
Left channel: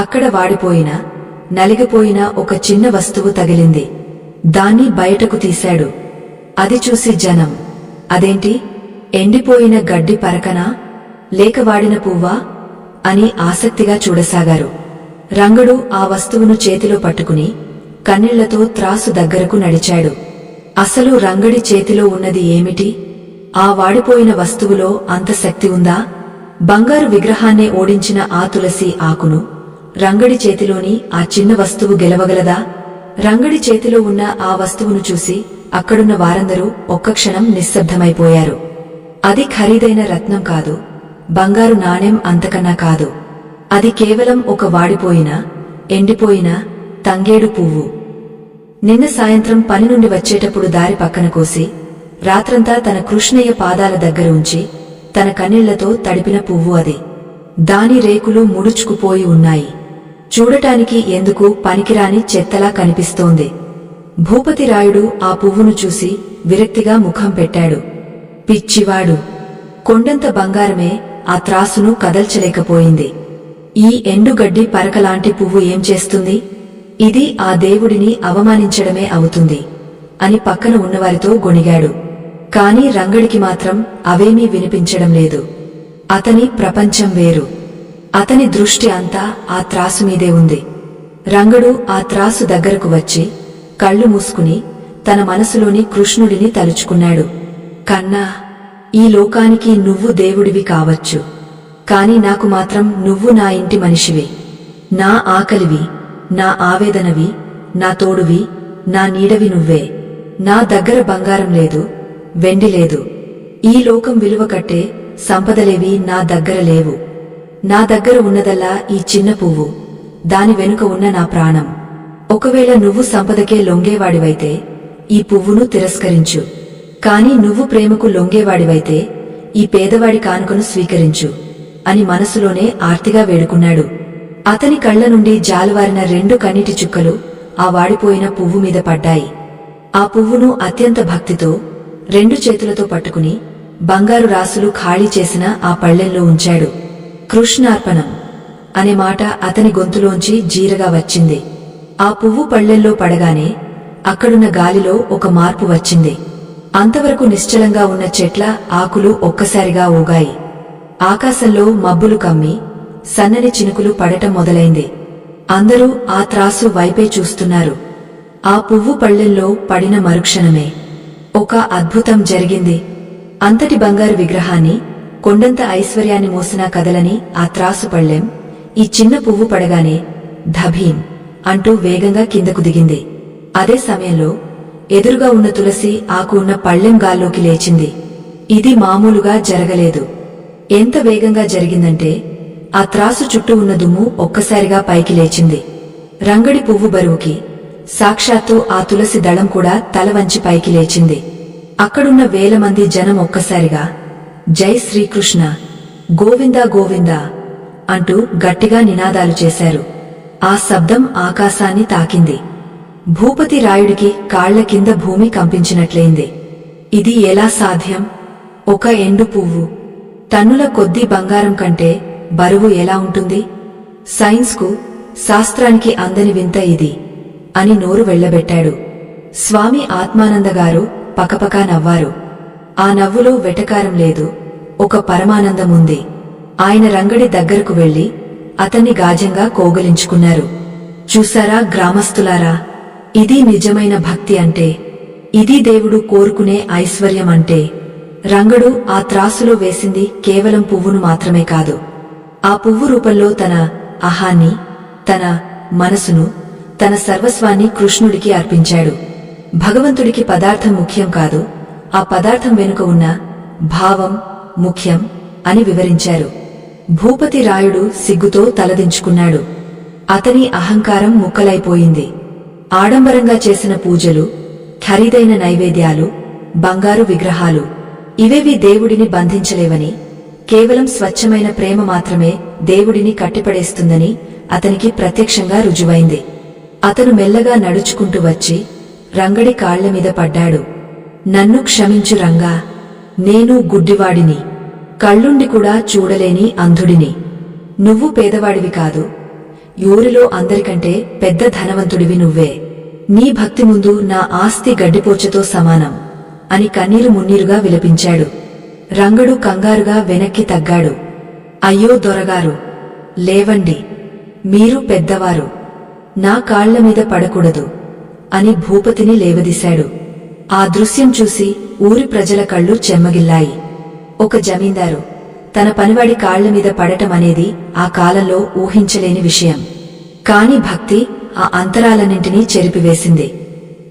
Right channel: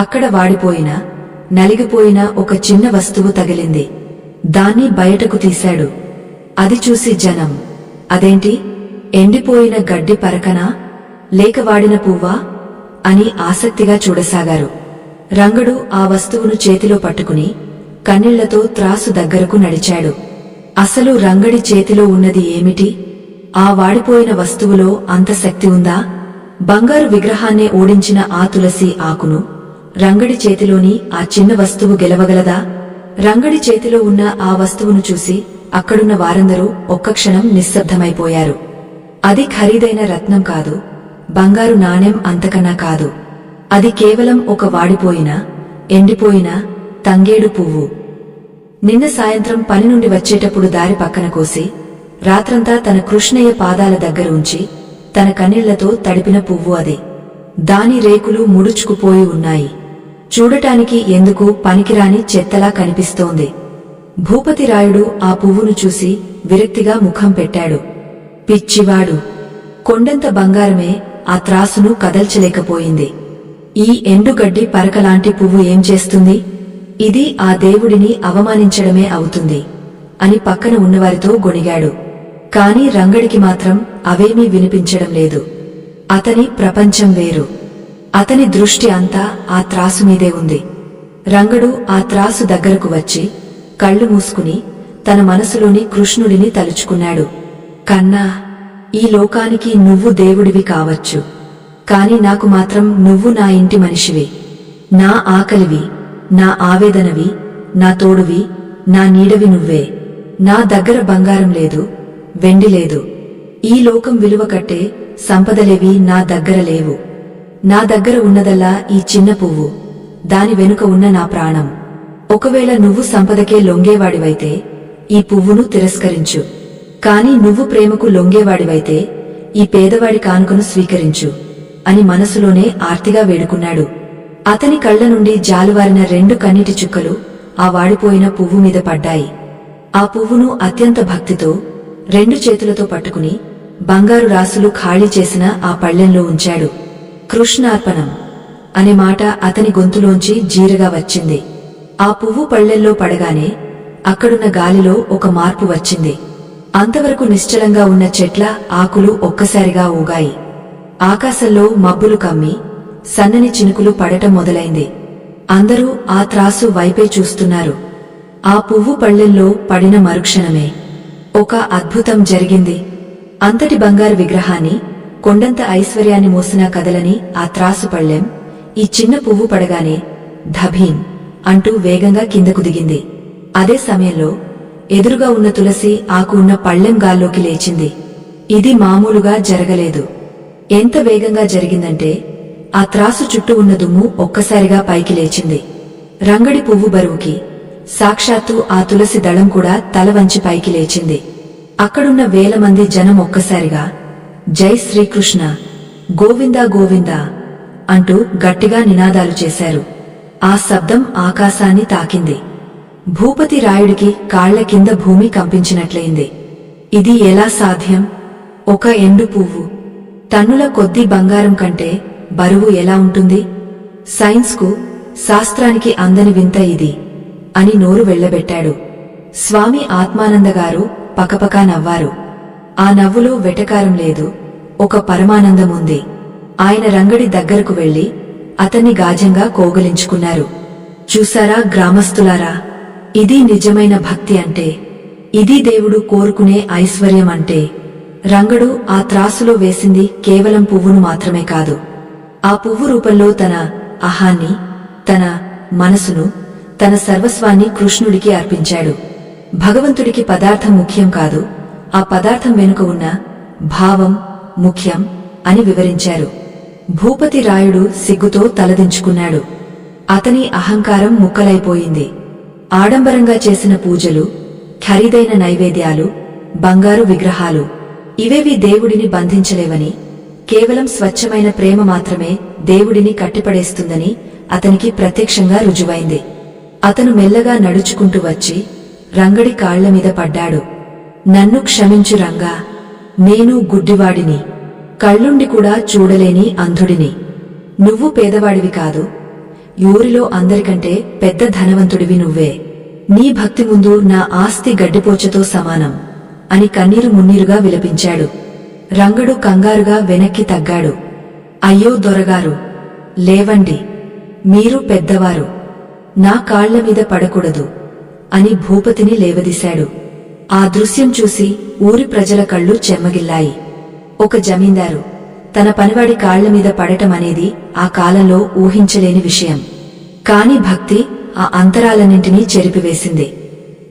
అక్కడ వాడిపోయిన, నలిగిపోయిన ఒక చిన్న వస్తువు తగిలింది. దాన్ని బయటకు తీశాడు. అది చూసి జనం, అదేంటి, ఎండిపోయిన గడ్డి పరకనా, లేక వాడిన పువ్వా అని ఆసక్తిగా చూడసాగారు. రంగడు ఆ వస్తువును చేతిలో పట్టుకుని కన్నీళ్లతో త్రాసు దగ్గరకు నడిచాడు. అసలు రంగడి చేతిలో ఉన్నది ఏమిటి? ఆ వాడిపోయిన వస్తువులో అంత శక్తి ఉందా? బంగారు విగ్రహాన్నే ఓడించిన ఆ తులసి ఆకును రంగడి చేతిలోని ఆ చిన్న వస్తువు గెలవగలదా? రంగడి చేతిలో ఉన్న ఆ వస్తువును చూసి అక్కడున్న వారందరూ ఒక్క క్షణం నిశ్శబ్దమైపోయారు. అది ఖరీదైన రత్నం కాదు, బంగారు నాణెం అంతకన్నా కాదు. అది కేవలం ఒక వాడిపోయిన, ఎండిపోయిన తంగేడు పువ్వు. నిన్న సాయంత్రం పని నుండి వచ్చేటప్పుడు దారి పక్కన కోసి, రాత్రంతా తన కృష్ణయ్య పాదాల దగ్గర ఉంచి తన కన్నీళ్లతో తడిపిన పువ్వు అది. దాని రేకులు ముడుచుకుపోయి ఉన్నాయి. చూడటానికి ఎందుకు పనికిరాని చెత్తలా కనిపిస్తోంది. భూపతిరాయుడు ఆ పువ్వును చూసి విరక్తిగా ముఖం పెట్టాడు. పిచ్చివాడు, కొండంత బంగారమే ఆ త్రాసును కదల్చలేకపోయింది. ఈ ఎండుగడ్డి పరకలాంటి పువ్వు ఏం చేస్తుంది? ఇది ఆ దేవుడిని అవమానించడమే అవుతుంది అని పక్కన ఉన్నవారితో గొణిగాడు. కాని రంగడికి మాత్రం అవేమీ వినిపించడం లేదు. అతని ప్రపంచం వేరు. అతని దృష్టి అంతా ఆ త్రాసు మీదే ఉంది. రంగడు ఆ త్రాసు దగ్గరకు వచ్చి కళ్ళు మూసుకుని తన మనసులోని కృష్ణుడిని తలుచుకున్నాడు. కన్నా, ఈ లోకానికి నువ్వు దేవుడివి కావచ్చు, కాని నాకు మాత్రం నువ్వు నా ఇంటి మనిషివి, నా ఆకలివి, నా ఆవేదనవి, నా తోడువి, నా నీడవి నువ్వే. నా దగ్గర బంగారం లేదు, వెండి లేదు, ఈ లోకం విలువ కట్టే సంపదలేవి నా దగ్గర లేవు. నా దగ్గర ఉన్నదల్లా ఈ చిన్న పువ్వు, దాని వెనుక ఉన్న నా ప్రాణం. ఒకవేళ నువ్వు సంపదకే లొంగేవాడివైతే ఈ పువ్వును తిరస్కరించు, కాని నువ్వు ప్రేమకు లొంగేవాడివైతే ఈ పేదవాడి కానుకను స్వీకరించు అని మనసులోనే ఆర్తిగా వేడుకున్నాడు. అతని కళ్ల నుండి జాలువారిన 2 కన్నీటి చుక్కలు ఆ వాడిపోయిన పువ్వు మీద పడ్డాయి. ఆ పువ్వును అత్యంత భక్తితో 2 చేతులతో పట్టుకుని బంగారు రాసులు ఖాళీ చేసిన ఆ పళ్ళెంలో ఉంచాడు. కృష్ణార్పణం అనే మాట అతని గొంతులోంచి జీరగా వచ్చింది. ఆ పువ్వు పళ్ళెంలో పడగానే అక్కడున్న గాలిలో ఒక మార్పు వచ్చింది. అంతవరకు నిశ్చలంగా ఉన్న చెట్ల ఆకులు ఒక్కసారిగా ఊగాయి. ఆకాశంలో మబ్బులు కమ్మి సన్నని చినుకులు పడటం మొదలైంది. అందరూ ఆ త్రాసు వైపే చూస్తున్నారు. ఆ పువ్వు పళ్ళెంలో పడిన మరుక్షణమే ఒక అద్భుతం జరిగింది. అంతటి బంగారు విగ్రహాన్ని, కొండంత ఐశ్వర్యాన్ని మోసినా కదలని ఆ త్రాసు పళ్ళెం ఈ చిన్న పువ్వు పడగానే ధభీం అంటూ వేగంగా కిందకు దిగింది. అదే సమయంలో ఎదురుగా ఉన్న తులసి ఆకు ఉన్న పళ్ళెం గాల్లోకి లేచింది. ఇది మామూలుగా జరగలేదు. ఎంత వేగంగా జరిగిందంటే ఆ త్రాసు చుట్టూ ఉన్న దుమ్ము ఒక్కసారిగా పైకి లేచింది. రంగడి పువ్వు బరువుకి సాక్షాత్తు ఆ తులసి దళం కూడా తల వంచి పైకి లేచింది. అక్కడున్న వేల మంది జనం ఒక్కసారిగా జై శ్రీకృష్ణ, గోవిందా గోవిందా అంటూ గట్టిగా నినాదాలు చేశారు. ఆ శబ్దం ఆకాశాన్ని తాకింది. భూపతి రాయుడికి కాళ్ల కింద భూమి కంపించినట్లయింది. ఇది ఎలా సాధ్యం? ఒక ఎండు పువ్వు టన్నుల కొద్దీ బంగారం కంటే బరువు ఎలా ఉంటుంది? సైన్స్కు, శాస్త్రానికి అందని వింత ఇది అని నోరు వెళ్లబెట్టాడు. స్వామి ఆత్మానందగారు పకపకా నవ్వారు. ఆ నవ్వులో వెటకారం లేదు, ఒక పరమానందముంది. ఆయన రంగడి దగ్గరకు వెళ్లి అతన్ని గాజంగా కోగలించుకున్నారు. చూసారా గ్రామస్తులారా, ఇది నిజమైన భక్తి అంటే, ఇది దేవుడు కోరుకునే ఐశ్వర్యం అంటే. రంగడు ఆ త్రాసులో వేసింది కేవలం పువ్వును మాత్రమే కాదు, ఆ పువ్వు రూపంలో తన అహాన్ని, తన మనసును, తన సర్వస్వాన్ని కృష్ణుడికి అర్పించాడు. భగవంతుడికి పదార్థం ముఖ్యం కాదు, ఆ పదార్థం వెనుక ఉన్న భావం ముఖ్యం అని వివరించారు. భూపతి రాయుడు సిగ్గుతో తలదించుకున్నాడు. అతని అహంకారం ముక్కలైపోయింది. ఆడంబరంగా చేసిన పూజలు, ఖరీదైన నైవేద్యాలు, బంగారు విగ్రహాలు ఇవేవి దేవుడిని బంధించలేవని, కేవలం స్వచ్ఛమైన ప్రేమ మాత్రమే దేవుడిని కట్టిపడేస్తుందని అతనికి ప్రత్యక్షంగా రుజువైంది. అతను మెల్లగా నడుచుకుంటూ వచ్చి రంగడి కాళ్లమీద పడ్డాడు. నన్ను క్షమించు రంగా, నేను గుడ్డివాడిని, కళ్ళుండి కూడా చూడలేని అంధుడిని. నువ్వు పేదవాడివి కాదు, ఊరిలో అందరికంటే పెద్ద ధనవంతుడివి నువ్వే. నీ భక్తి ముందు నా ఆస్తి గడ్డిపోచతో సమానం అని కన్నీరు మున్నీరుగా విలపించాడు. రంగడు కంగారుగా వెనక్కి తగ్గాడు. అయ్యో దొరగారు, లేవండి, మీరు పెద్దవారు, నా కాళ్లమీద పడకూడదు అని భూపతిని లేవదీశాడు. ఆ దృశ్యం చూసి ఊరి ప్రజల కళ్ళు చెమ్మగిల్లాయి. ఒక జమీందారు తన పనివాడి కాళ్లమీద పడటమనేది ఆ కాలంలో ఊహించలేని విషయం. కాని భక్తి ఆ అంతరాలన్నింటినీ చెరిపివేసింది.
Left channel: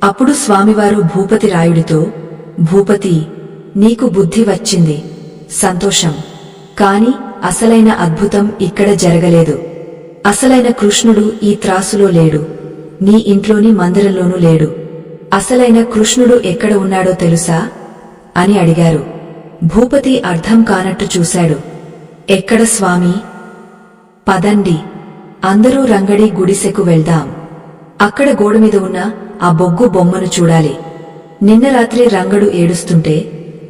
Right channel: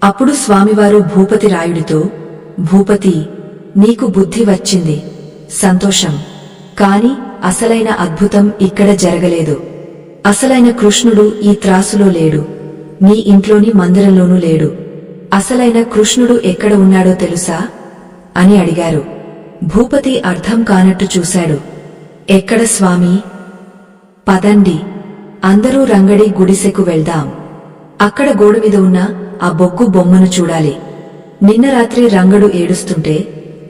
అప్పుడు స్వామివారు భూపతి రాయుడితో, భూపతి, నీకు బుద్ధి వచ్చింది, సంతోషం. కాని అసలైన అద్భుతం ఇక్కడ జరగలేదు. అసలైన కృష్ణుడు ఈ త్రాసులో లేడు, నీ ఇంట్లోని మందిరంలోనూ లేడు. అసలైన కృష్ణుడు ఎక్కడ ఉన్నాడో తెలుసా అని అడిగారు. భూపతి అర్థం కానట్టు చూశాడు. ఎక్కడ స్వామీ? పదండి, అందరూ రంగడి గుడిసెకు వెళ్దాం. అక్కడ గోడమీద ఉన్న ఆ బొగ్గు బొమ్మను చూడాలి. నిన్న రాత్రి రంగడు ఏడుస్తుంటే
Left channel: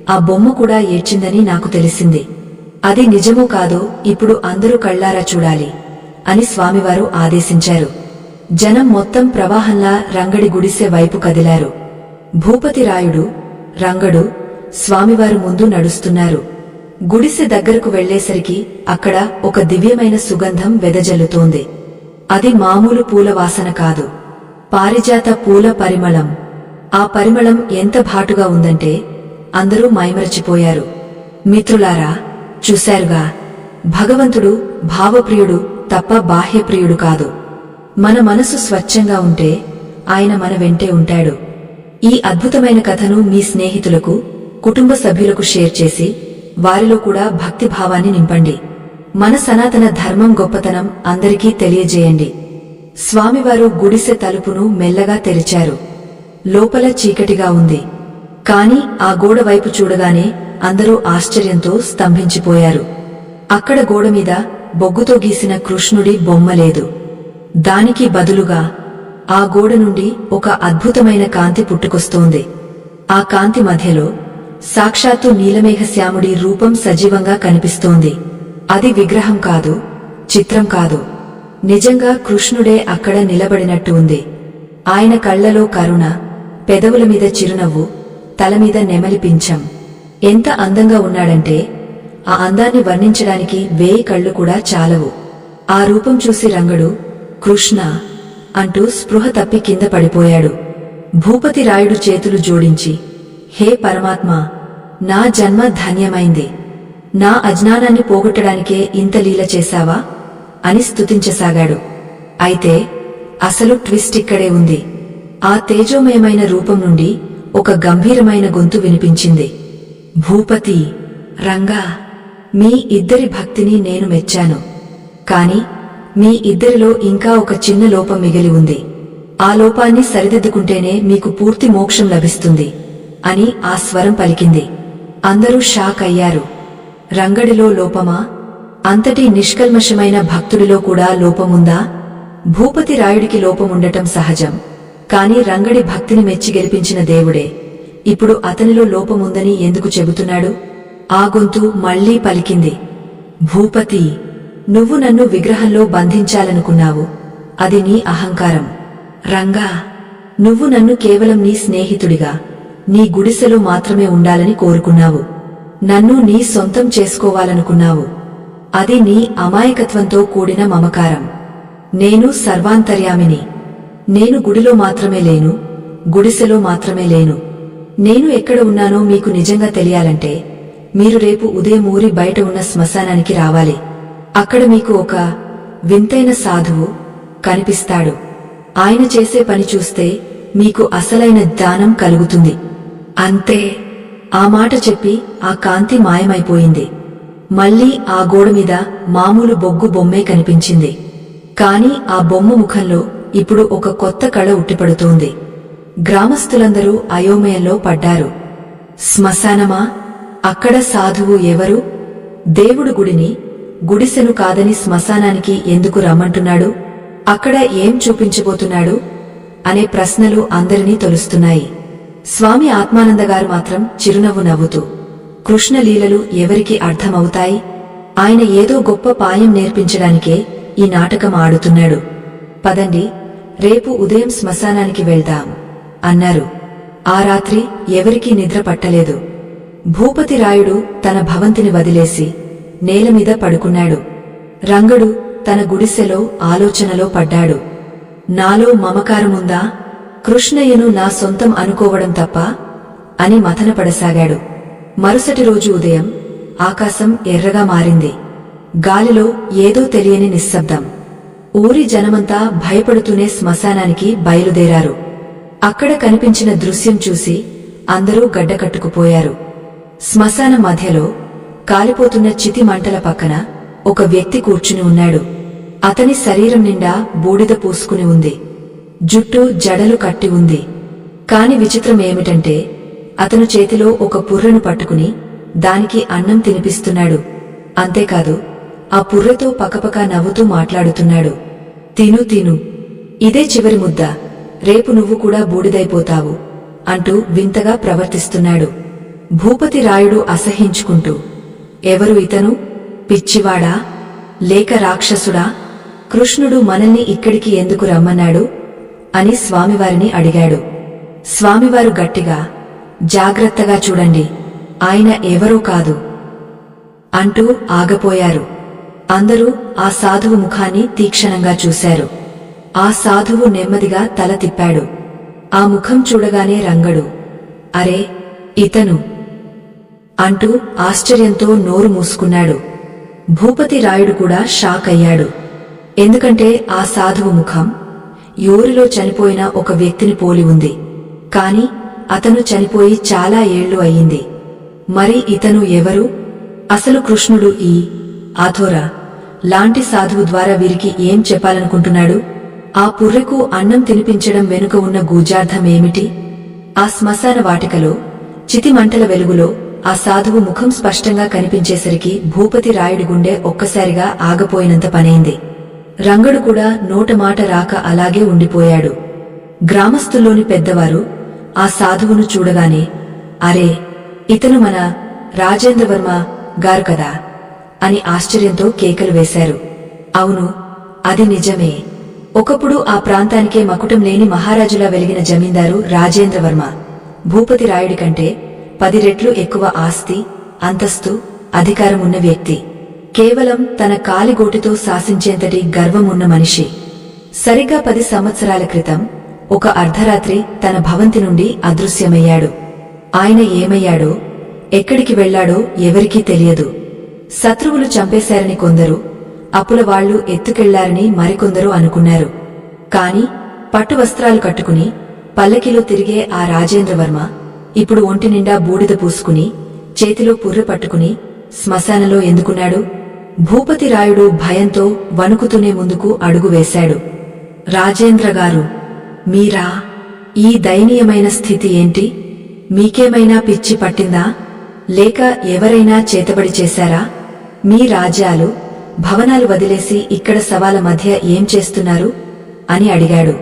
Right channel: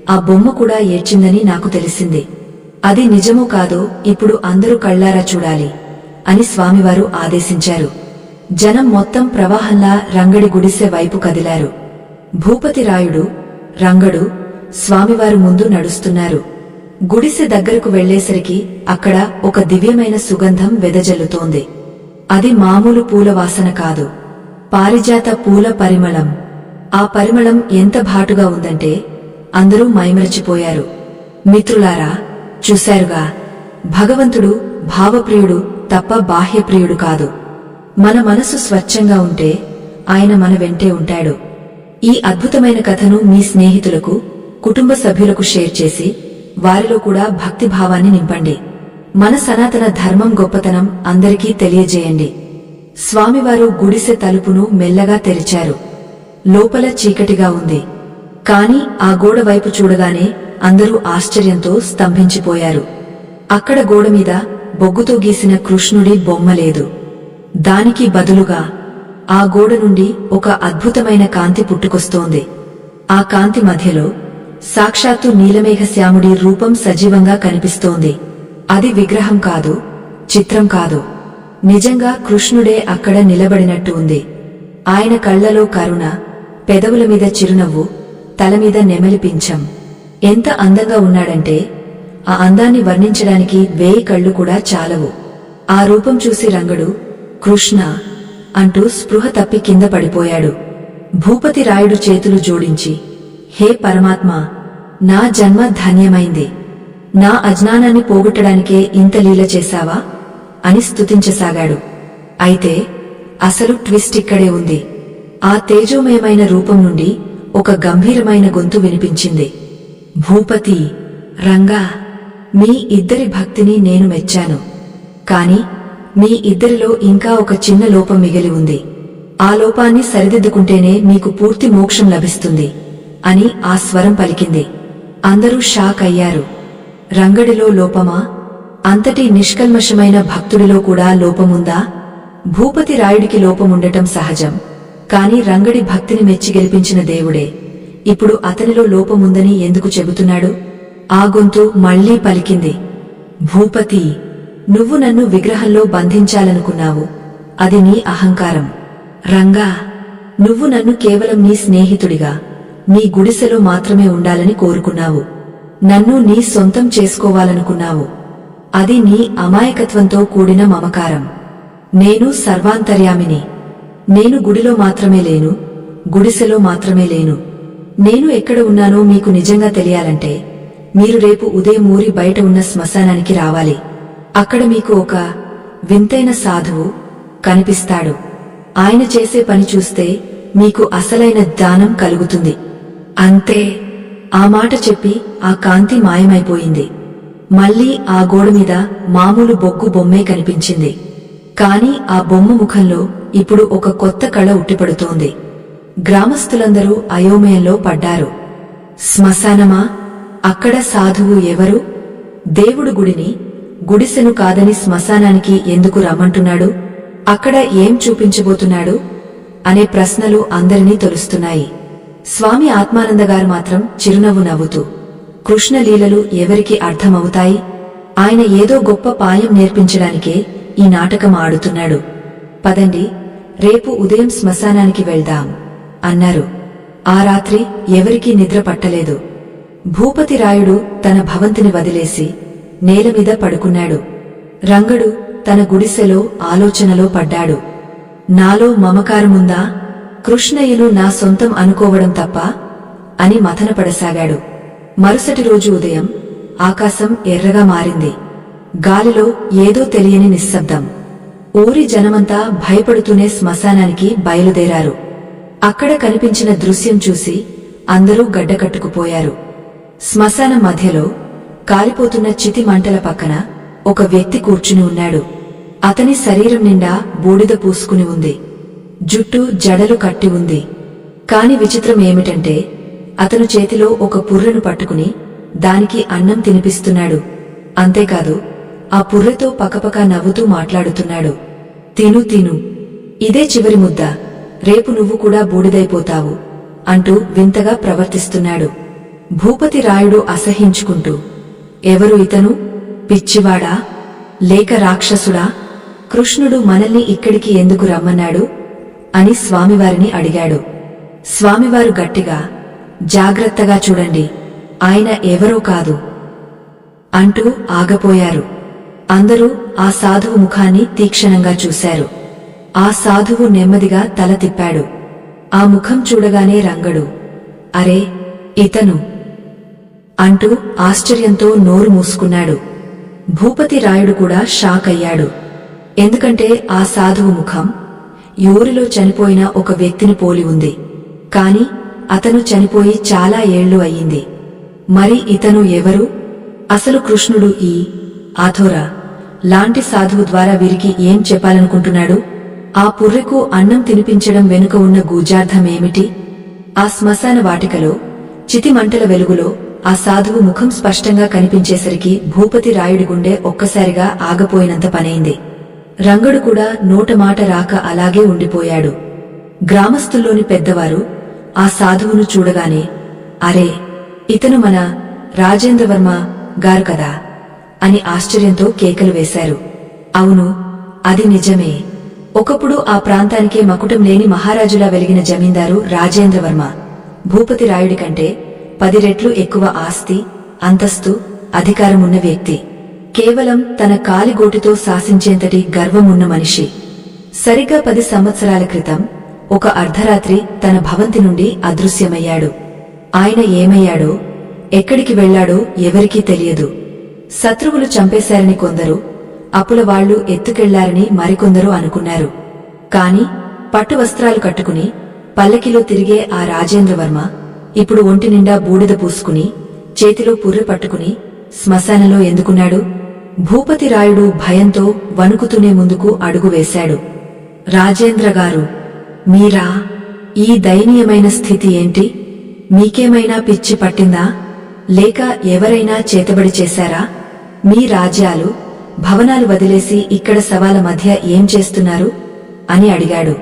ఆ బొమ్మ కూడా ఏడ్చిందని నాకు తెలిసింది. అది నిజమో కాదో ఇప్పుడు అందరూ కళ్ళారా చూడాలి అని స్వామివారు ఆదేశించారు. జనం మొత్తం ప్రవాహంలా రంగడి గుడిసె వైపు కదిలారు. భూపతి రాయుడు, రంగడు స్వామివారు ముందు నడుస్తున్నారు. గుడిసె దగ్గరకు వెళ్లేసరికి అక్కడ ఒక దివ్యమైన సుగంధం వెదజల్లుతోంది. అది మామూలు పూల వాసన కాదు, పారిజాత పూల పరిమళం. ఆ పరిమళం ఎంత ఘాటుగా ఉందంటే అందరూ మైమరచిపోయారు. మిత్రులారా, చూశారుగా, భగవంతుడు భావప్రియుడు తప్ప బాహ్యప్రియుడు కాదు. మన మనసు స్వచ్ఛంగా ఉంటే ఆయన మన వెంటే ఉంటాడు. ఈ అద్భుతమైన కథను మీ స్నేహితులకు, కుటుంబ సభ్యులకు షేర్ చేసి వారిలో కూడా భక్తిభావాన్ని నింపండి. మన సనాతన ధర్మం గొప్పతనం అందరికీ తెలియజేయండి. స్వామివారు గుడిసె తలుపును మెల్లగా తెరిచారు. లోపల చీకటిగా ఉంది. కాని ఆ గోడ వైపు చూడగానే అందరూ ఆశ్చర్యంతో స్తంభించిపోయారు. అక్కడ గోడమీద బొగ్గుతో గీసిన కృష్ణుడి బొమ్మ లేదు. దానికి బదులుగా ఆ గోడ నుండి ఒక అద్భుతమైన కాంతి పుట్టుకొస్తోంది. ఆ కాంతి మధ్యలో సాక్షాత్తు నీలమేఘశ్యాముడి రూపం సజీవంగా కనిపిస్తోంది. అది విగ్రహం కాదు, చిత్రం కాదు, నిజంగా కృష్ణుడే అక్కడ నిలబడినట్టు ఉంది. ఆయన కళ్లలో కరుణ, పెదవుల మీద చిరునవ్వు, తలమీద నెమలి పింఛం. ఎంత అందంగా ఉన్నాడంటే ఆ అందాన్ని వర్ణించడానికి 1000 కళ్ళు కూడా చాలవు. ఆ రూపం చూసి రంగడు కృష్ణ అంటూ స్పృహ తప్పి కింద పడిపోయాడు. భూపతి రాయుడు చేతులు జోడించి, హే పరమాత్మా, నా జన్మ ధన్యమైంది, నా అజ్ఞానాన్ని పోగొట్టడానికే ఇంత లీల చేశావా అని స్తుతించసాగాడు. అయితే అసలు ట్విస్ట్ ఇక్కడే ఉంది. ఆ తేజోమయమైన రూపం నుండి ఒక గంభీరమైన గొంతు వినిపించింది. భూపతి, రంగా, మీ ఇద్దరి భక్తిని నేను మెచ్చాను. కాని మీ ఇద్దరిలో ఇంకా ఒక చిన్న లోపం మిగిలి ఉంది. ఆ లోపాన్ని సరిదిద్దుకుంటేనే మీకు పూర్తి మోక్షం లభిస్తుంది అని ఆ స్వరం పలికింది. అందరూ షాక్ అయ్యారు. రంగడిలో లోపమా? అంతటి నిష్కల్మషమైన భక్తుడిలో కూడా లోపముందా? భూపతి రాయుడికి లోపముండటం సహజం. కాని రంగడి భక్తిని మెచ్చి గెలిపించిన దేవుడే ఇప్పుడు అతనిలో లోపముందని ఎందుకు చెబుతున్నాడు? ఆ గొంతు మళ్లీ పలికింది. భూపతి, నువ్వు నన్ను విగ్రహంలో బంధించాలనుకున్నావు, అది నీ అహంకారం. రంగా, నువ్వు నన్ను కేవలం నీ స్నేహితుడిగా, నీ గుడిసెలో మాత్రమే ఉండాలని కోరుకున్నావు. నన్ను నీ సొంతం చేసుకోవాలనుకున్నావు. అది నీ అమాయకత్వంతో కూడిన మమకారం. నేను సర్వాంతర్యామిని. నేను గుడిలో మాత్రమే లేను, గుడిసెలో మాత్రమే లేను. నేను ఎక్కడ ఉన్నానో మీకు నిజంగా తెలియాలంటే మీరు రేపు ఉదయం ఊరి బయట ఉన్న శ్మశానానికి రావాలి. అక్కడ మీకు ఒక వింతైన సాధువు కనిపిస్తాడు. ఆయన చేసే పని చూస్తే మీకు అసలైన జ్ఞానం కలుగుతుంది. అంతే. ఆ మాట చెప్పి ఆ కాంతి మాయమైపోయింది. మళ్లీ ఆ గోడమీద మామూలు బొగ్గు బొమ్మే కనిపించింది. కాని ఆ బొమ్మ ముఖంలో ఇప్పుడు ఒక కొత్త కళ ఉట్టిపడుతోంది. గ్రామస్థులందరూ అయోమయంలో పడ్డారు. శ్మశానమా? అక్కడ సాధువు ఎవరు? దేవుడు గుడిని, గుడిసెను కాదని శ్మశానానికి ఎందుకు రమ్మంటున్నాడు? అక్కడ ఏం చూపించబోతున్నాడు? అనే ప్రశ్నలు అందరినీ తొలుస్తున్నాయి. స్వామి ఆత్మానందగారు మాత్రం చిరునవ్వు నవ్వుతూ, కృష్ణలీలలు ఎవరికి అర్థమవుతాయి? ఆయన ఏదో గొప్ప పాయం నేర్పించడానికే ఈ నాటకం ఆడుతున్నాడు. పదండి, రేపు ఉదయం శ్మశానానికి వెళ్దాం అన్నారు. ఆ రాత్రి ఎవరికీ నిద్ర పట్టలేదు. భూపతిరాయుడు తన భవంతిని వదిలేసి నేలమీద పడుకున్నాడు. రంగడు తన గుడిసెలో ఆలోచనలో పడ్డాడు. నాలో మమకారముందా? కృష్ణయ్యను నా సొంతం అనుకోవడం తప్ప అని మథనపడసాగాడు. మరుసటి రోజు ఉదయం ఆకాశం ఎర్రగా మారింది. గాలిలో ఏదో తెలియని నిశ్శబ్దం. ఊరి జనమంతా భయపడుతూనే శ్మశానానికి బయలుదేరారు. అక్కడ కనిపించిన దృశ్యం చూసి అందరూ గడ్డకట్టుకుపోయారు. శ్మశానం మధ్యలో కాలిపోతున్న చితి మంటల పక్కన ఒక వ్యక్తి కూర్చుని ఉన్నాడు. అతని శరీరం నిండా బూడిద పూసుకుని ఉంది. జుట్టు జడలు కట్టి ఉంది. కాని విచిత్రం ఏమిటంటే అతను చేతిలో ఒక పుర్రెను పట్టుకుని దానికి అన్నం తినిపిస్తున్నాడు. అంతేకాదు, ఆ పుర్రెతో పకపక నవ్వుతూ మాట్లాడుతున్నాడు. తిను తిను, ఇదే చివరి ముద్ద, రేపు నువ్వు కూడా బూడిదైపోతావు అంటూ వింతగా ప్రవర్తిస్తున్నాడు. భూపతిరాయుడు అసహించుకుంటూ, ఎవరు ఇతను? పిచ్చివాడా లేక రాక్షసుడా? కృష్ణుడు మనల్ని ఇక్కడికి ఎందుకు రమ్మన్నాడు అని స్వామివారిని అడిగాడు. స్వామివారు గట్టిగా, జాగ్రత్తగా చూడండి, ఆయన ఎవరో కాదు అంటూ ఆగపోయారు. అందరూ ఆ సాధువు ముఖాన్ని తీక్షణంగా చూశారు. ఆ సాధువు నెమ్మదిగా తల తిప్పాడు. ఆ ముఖం చూడగానే రంగడు, అరే ఇతను అంటూ ఆశ్చర్యంతో నోరు మూసుకున్నాడు. భూపతిరాయుడు కూడా షాక్ అయ్యాడు. ఎందుకంటే ఆ సాధువు ముఖం ఊరిలో చనిపోయిన ఒక వ్యక్తిని పోలి ఉంది. కాని అతను చనిపోయి చాలా ఏళ్లు అయ్యింది. మరి ఇతను ఎవరు? అసలు కృష్ణుడు ఈ ఆథోరా లాంటి సాధువు ద్వారా వీరికి ఏం చెప్పాలనుకుంటున్నాడు? ఆ పుర్రెకు అన్నం తినిపించడం వెనుక ఉన్న గూజార్థమేమిటి? ఆ శ్మశాన వాటికలో చితిమంటల వెలుగులో ఆ సాధువు ముఖం స్పష్టంగా కనిపించేసరికి భూపతిరాయుడి గుండె ఒక్కసారిగా ఆగపోయినంత పనైంది. రంగడు కూడా నోటమాట రాక అలాగే ఉండిపోయాడు. గ్రామస్తుల్లోని పెద్దవారు ఆ సాధువును చూడగానే, అరే ఇతను మన రాజేంద్రవర్మ గారు కదా అని ఆశ్చర్యంతో కేకలు వేశారు. అవును, అది నిజమే. ఒకప్పుడు ఆ ప్రాంతానికే మకుటం లేని మహారాజులా వెలిగిన జమీందారు రాజేంద్రవర్మ భూపతిరాయుడి కంటే 10 రెట్లు ఎక్కువ ఆస్తి, అంతస్తు, అధికారమున్న వ్యక్తి. కేవలం తన కాలిగోటితో శాసించేంతటి గర్వమున్న మనిషి. సరిగ్గా 10 సంవత్సరాల క్రితం ఒక అర్ధరాత్రి తన భవంతి నుండి అదృశ్యమయ్యాడు. ఆయన ఏమయ్యాడో, ఎక్కడికి వెళ్లాడో ఎవరికీ తెలియదు. శత్రువులు చంపేశారని కొందరు, అప్పులవాళ్లు ఎత్తుకెళ్లారని మరికొందరు అనుకున్నారు. కాని పట్టువస్త్రాలు కట్టుకుని పల్లకిలో తిరిగే ఆ రాజేంద్రవర్మ ఇప్పుడు ఒంటినిండా బూడిద పూసుకుని చేతిలో పుర్రె పట్టుకుని శ్మశానంలో ఎందుకున్నాడు? భూపతిరాయుడు భయంతో వణుకుతూనే ముందుకు అడుగు వేశాడు. రాజేంద్రగారు, మీరా? ఈ దయనీయమైన స్థితి ఏంటి? మీకేమైనా పిచ్చి పట్టిందా? లేక ఎవరైనా చేతబడి చేశారా? మీ రాజ్యాలు, భవనాలు వదిలేసి ఇక్కడ శవాల మధ్య ఏం చేస్తున్నారు అని అడిగాడు.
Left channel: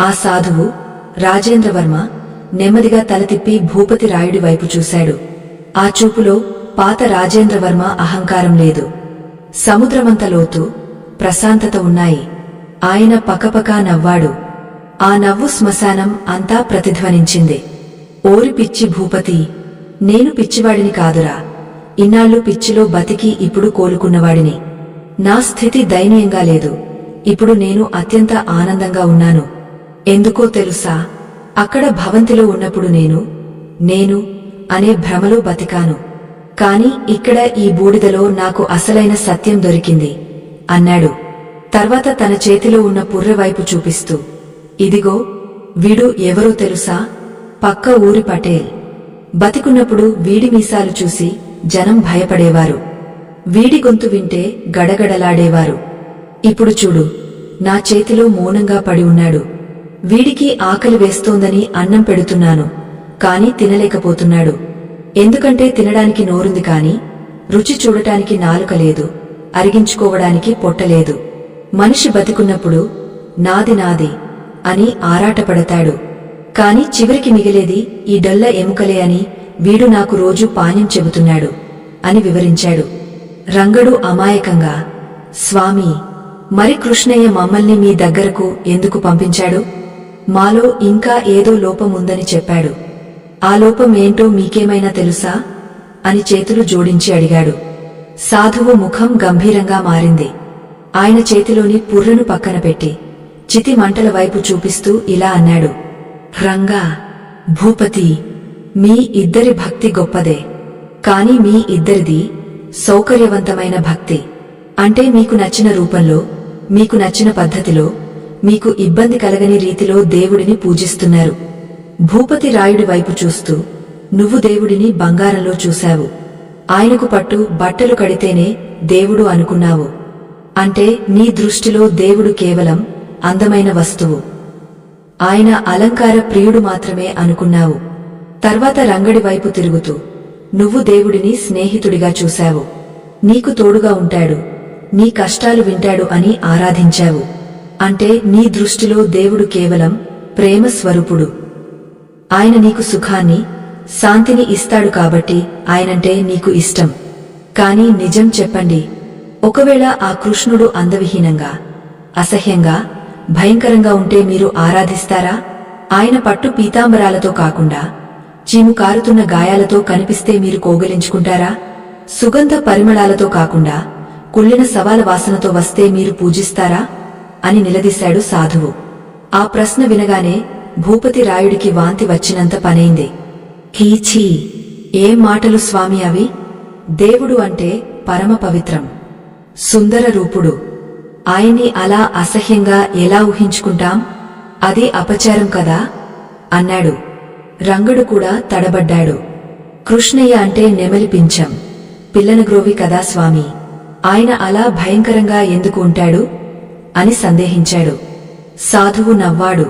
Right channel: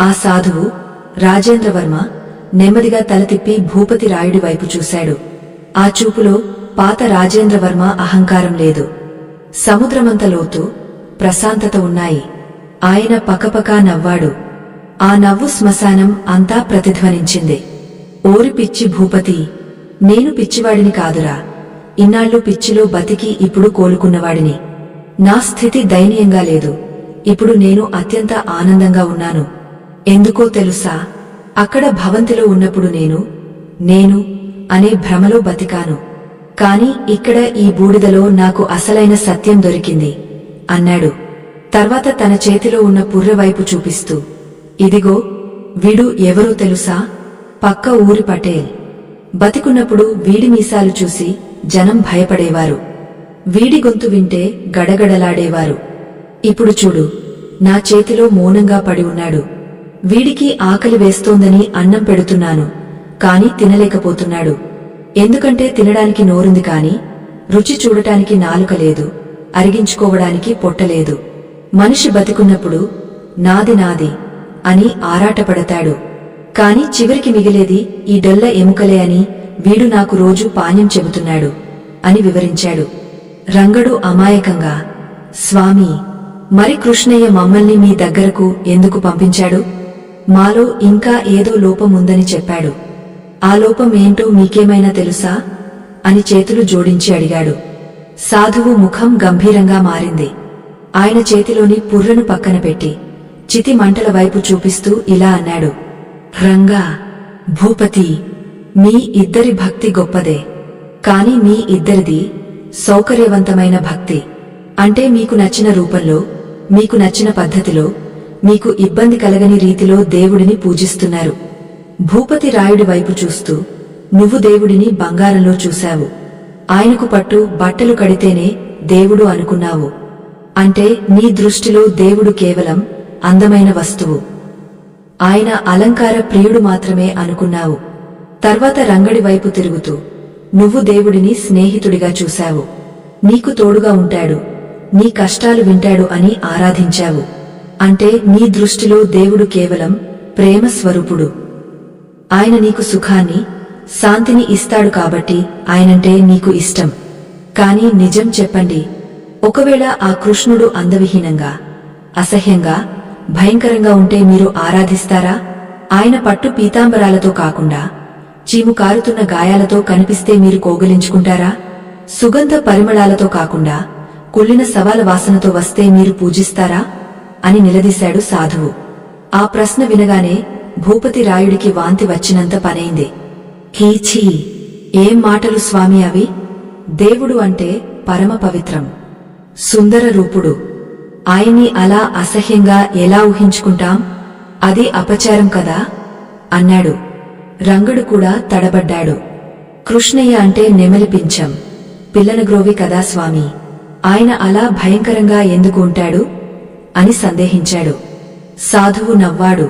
ఆ సాధువు రాజేంద్రవర్మ నెమ్మదిగా తల తిప్పి భూపతిరాయుడి వైపు చూశాడు. ఆ చూపులో పాత రాజేంద్రవర్మ అహంకారం లేదు. సముద్రమంత లోతు, ప్రశాంతత ఉన్నాయి. ఆయన పకపకా నవ్వాడు. ఆ నవ్వు శ్మశానం అంతా ప్రతిధ్వనించింది. ఓరి పిచ్చి భూపతి, నేను పిచ్చివాడిని కాదురా. ఇన్నాళ్ళు పిచ్చిలో బతికి ఇప్పుడు కోలుకున్నవాడిని. నా స్థితి దయనీయంగా లేదు. ఇప్పుడు నేను అత్యంత ఆనందంగా ఉన్నాను. ఎందుకో తెలుసా? అక్కడ భవంతిలో ఉన్నప్పుడు నేను అనే భ్రమలో బతికాను. కాని ఇక్కడ ఈ బూడిదలో నాకు అసలైన సత్యం దొరికింది అన్నాడు. తర్వాత తన చేతిలో ఉన్న పుర్రెవైపు చూపిస్తూ, ఇదిగో, వీడు ఎవరో తెలుసా? పక్క ఊరి పటేల్. బతికున్నప్పుడు వీడి మీసాలు చూసి జనం భయపడేవారు. వీడి గొంతు వింటే గడగడలాడేవారు. ఇప్పుడు చూడు, నా చేతిలో మౌనంగా పడి ఉన్నాడు. వీడికి ఆకలి వేస్తోందని అన్నం పెడుతున్నాను, కాని తినలేకపోతున్నాడు. ఎందుకంటే తినడానికి నోరుంది కాని రుచి చూడటానికి నాలుక లేదు, అరిగించుకోవడానికి పొట్టలేదు. మనిషి బతికున్నప్పుడు నాది నాది అని ఆరాటపడతాడు. కాని చివరికి మిగిలేది ఈ డొల్ల ఎముకలే అని వీడు నాకు రోజూ పాణ్యం చెబుతున్నాడు అని వివరించాడు. రంగడు అమాయకంగా, స్వామీ, మరి కృష్ణయ్య మమ్మల్ని మీ దగ్గరకు ఎందుకు పంపించాడు? మాలో ఇంకా ఏదో లోపముందని చెప్పాడు. ఆ లోపం ఏంటో మీకేమైనా తెలుసా అని చేతులు జోడించి అడిగాడు. సాధువు ముఖం గంభీరంగా మారింది. ఆయన చేతిలోని పుర్రెను పక్కన పెట్టి చితి మంటల వైపు చూపిస్తూ ఇలా అన్నాడు. రంగా, భూపతి, మీ ఇద్దరి భక్తి గొప్పదే, కాని మీ ఇద్దరిది సౌకర్యవంతమైన భక్తి. అంటే మీకు నచ్చిన రూపంలో, మీకు నచ్చిన పద్ధతిలో, మీకు ఇబ్బంది కలగని రీతిలో దేవుడిని పూజిస్తున్నారు. భూపతి రాయుడి వైపు చూస్తూ, నువ్వు దేవుడిని బంగారంలో చూశావు. ఆయనకు పట్టు బట్టలు కడితేనే దేవుడు అనుకున్నావు. అంటే నీ దృష్టిలో దేవుడు కేవలం అందమైన వస్తువు, ఆయన అలంకార ప్రియుడు మాత్రమే అనుకున్నావు. తర్వాత రంగడి వైపు తిరుగుతూ, నువ్వు దేవుడిని స్నేహితుడిగా చూశావు. నీకు తోడుగా ఉంటాడు, నీ కష్టాలు వింటాడు అని ఆరాధించావు. అంటే నీ దృష్టిలో దేవుడు కేవలం ప్రేమ స్వరూపుడు. ఆయన నీకు సుఖాన్ని, శాంతిని ఇస్తాడు కాబట్టి ఆయనంటే నీకు ఇష్టం. కాని నిజం చెప్పండి, ఒకవేళ ఆ కృష్ణుడు అందవిహీనంగా, అసహ్యంగా, భయంకరంగా ఉంటే మీరు ఆరాధిస్తారా? ఆయన పట్టు పీతాంబరాలతో కాకుండా చీము కారుతున్న గాయాలతో కనిపిస్తే మీరు కోగలించుకుంటారా? సుగంధ పరిమళాలతో కాకుండా కుళ్ళిన సవాల వాసనతో వస్తే మీరు పూజిస్తారా అని నిలదీశాడు సాధువు. ఆ ప్రశ్న వినగానే భూపతి రాయుడికి వాంతి వచ్చినంత పనైంది. హీఛీ, ఏం మాటలు స్వామి అవి? దేవుడు అంటే పరమ పవిత్రం, సుందర రూపుడు. ఆయన్ని అలా అసహ్యంగా ఎలా ఊహించుకుంటాం? అది అపచారం కదా అన్నాడు. రంగడు కూడా తడబడ్డాడు. కృష్ణయ్య అంటే నెమలి పింఛం, పిల్లనగ్రోవి కదా స్వామి, ఆయన అలా భయంకరంగా ఎందుకు ఉంటాడు అని సందేహించాడు. సాధువు నవ్వాడు.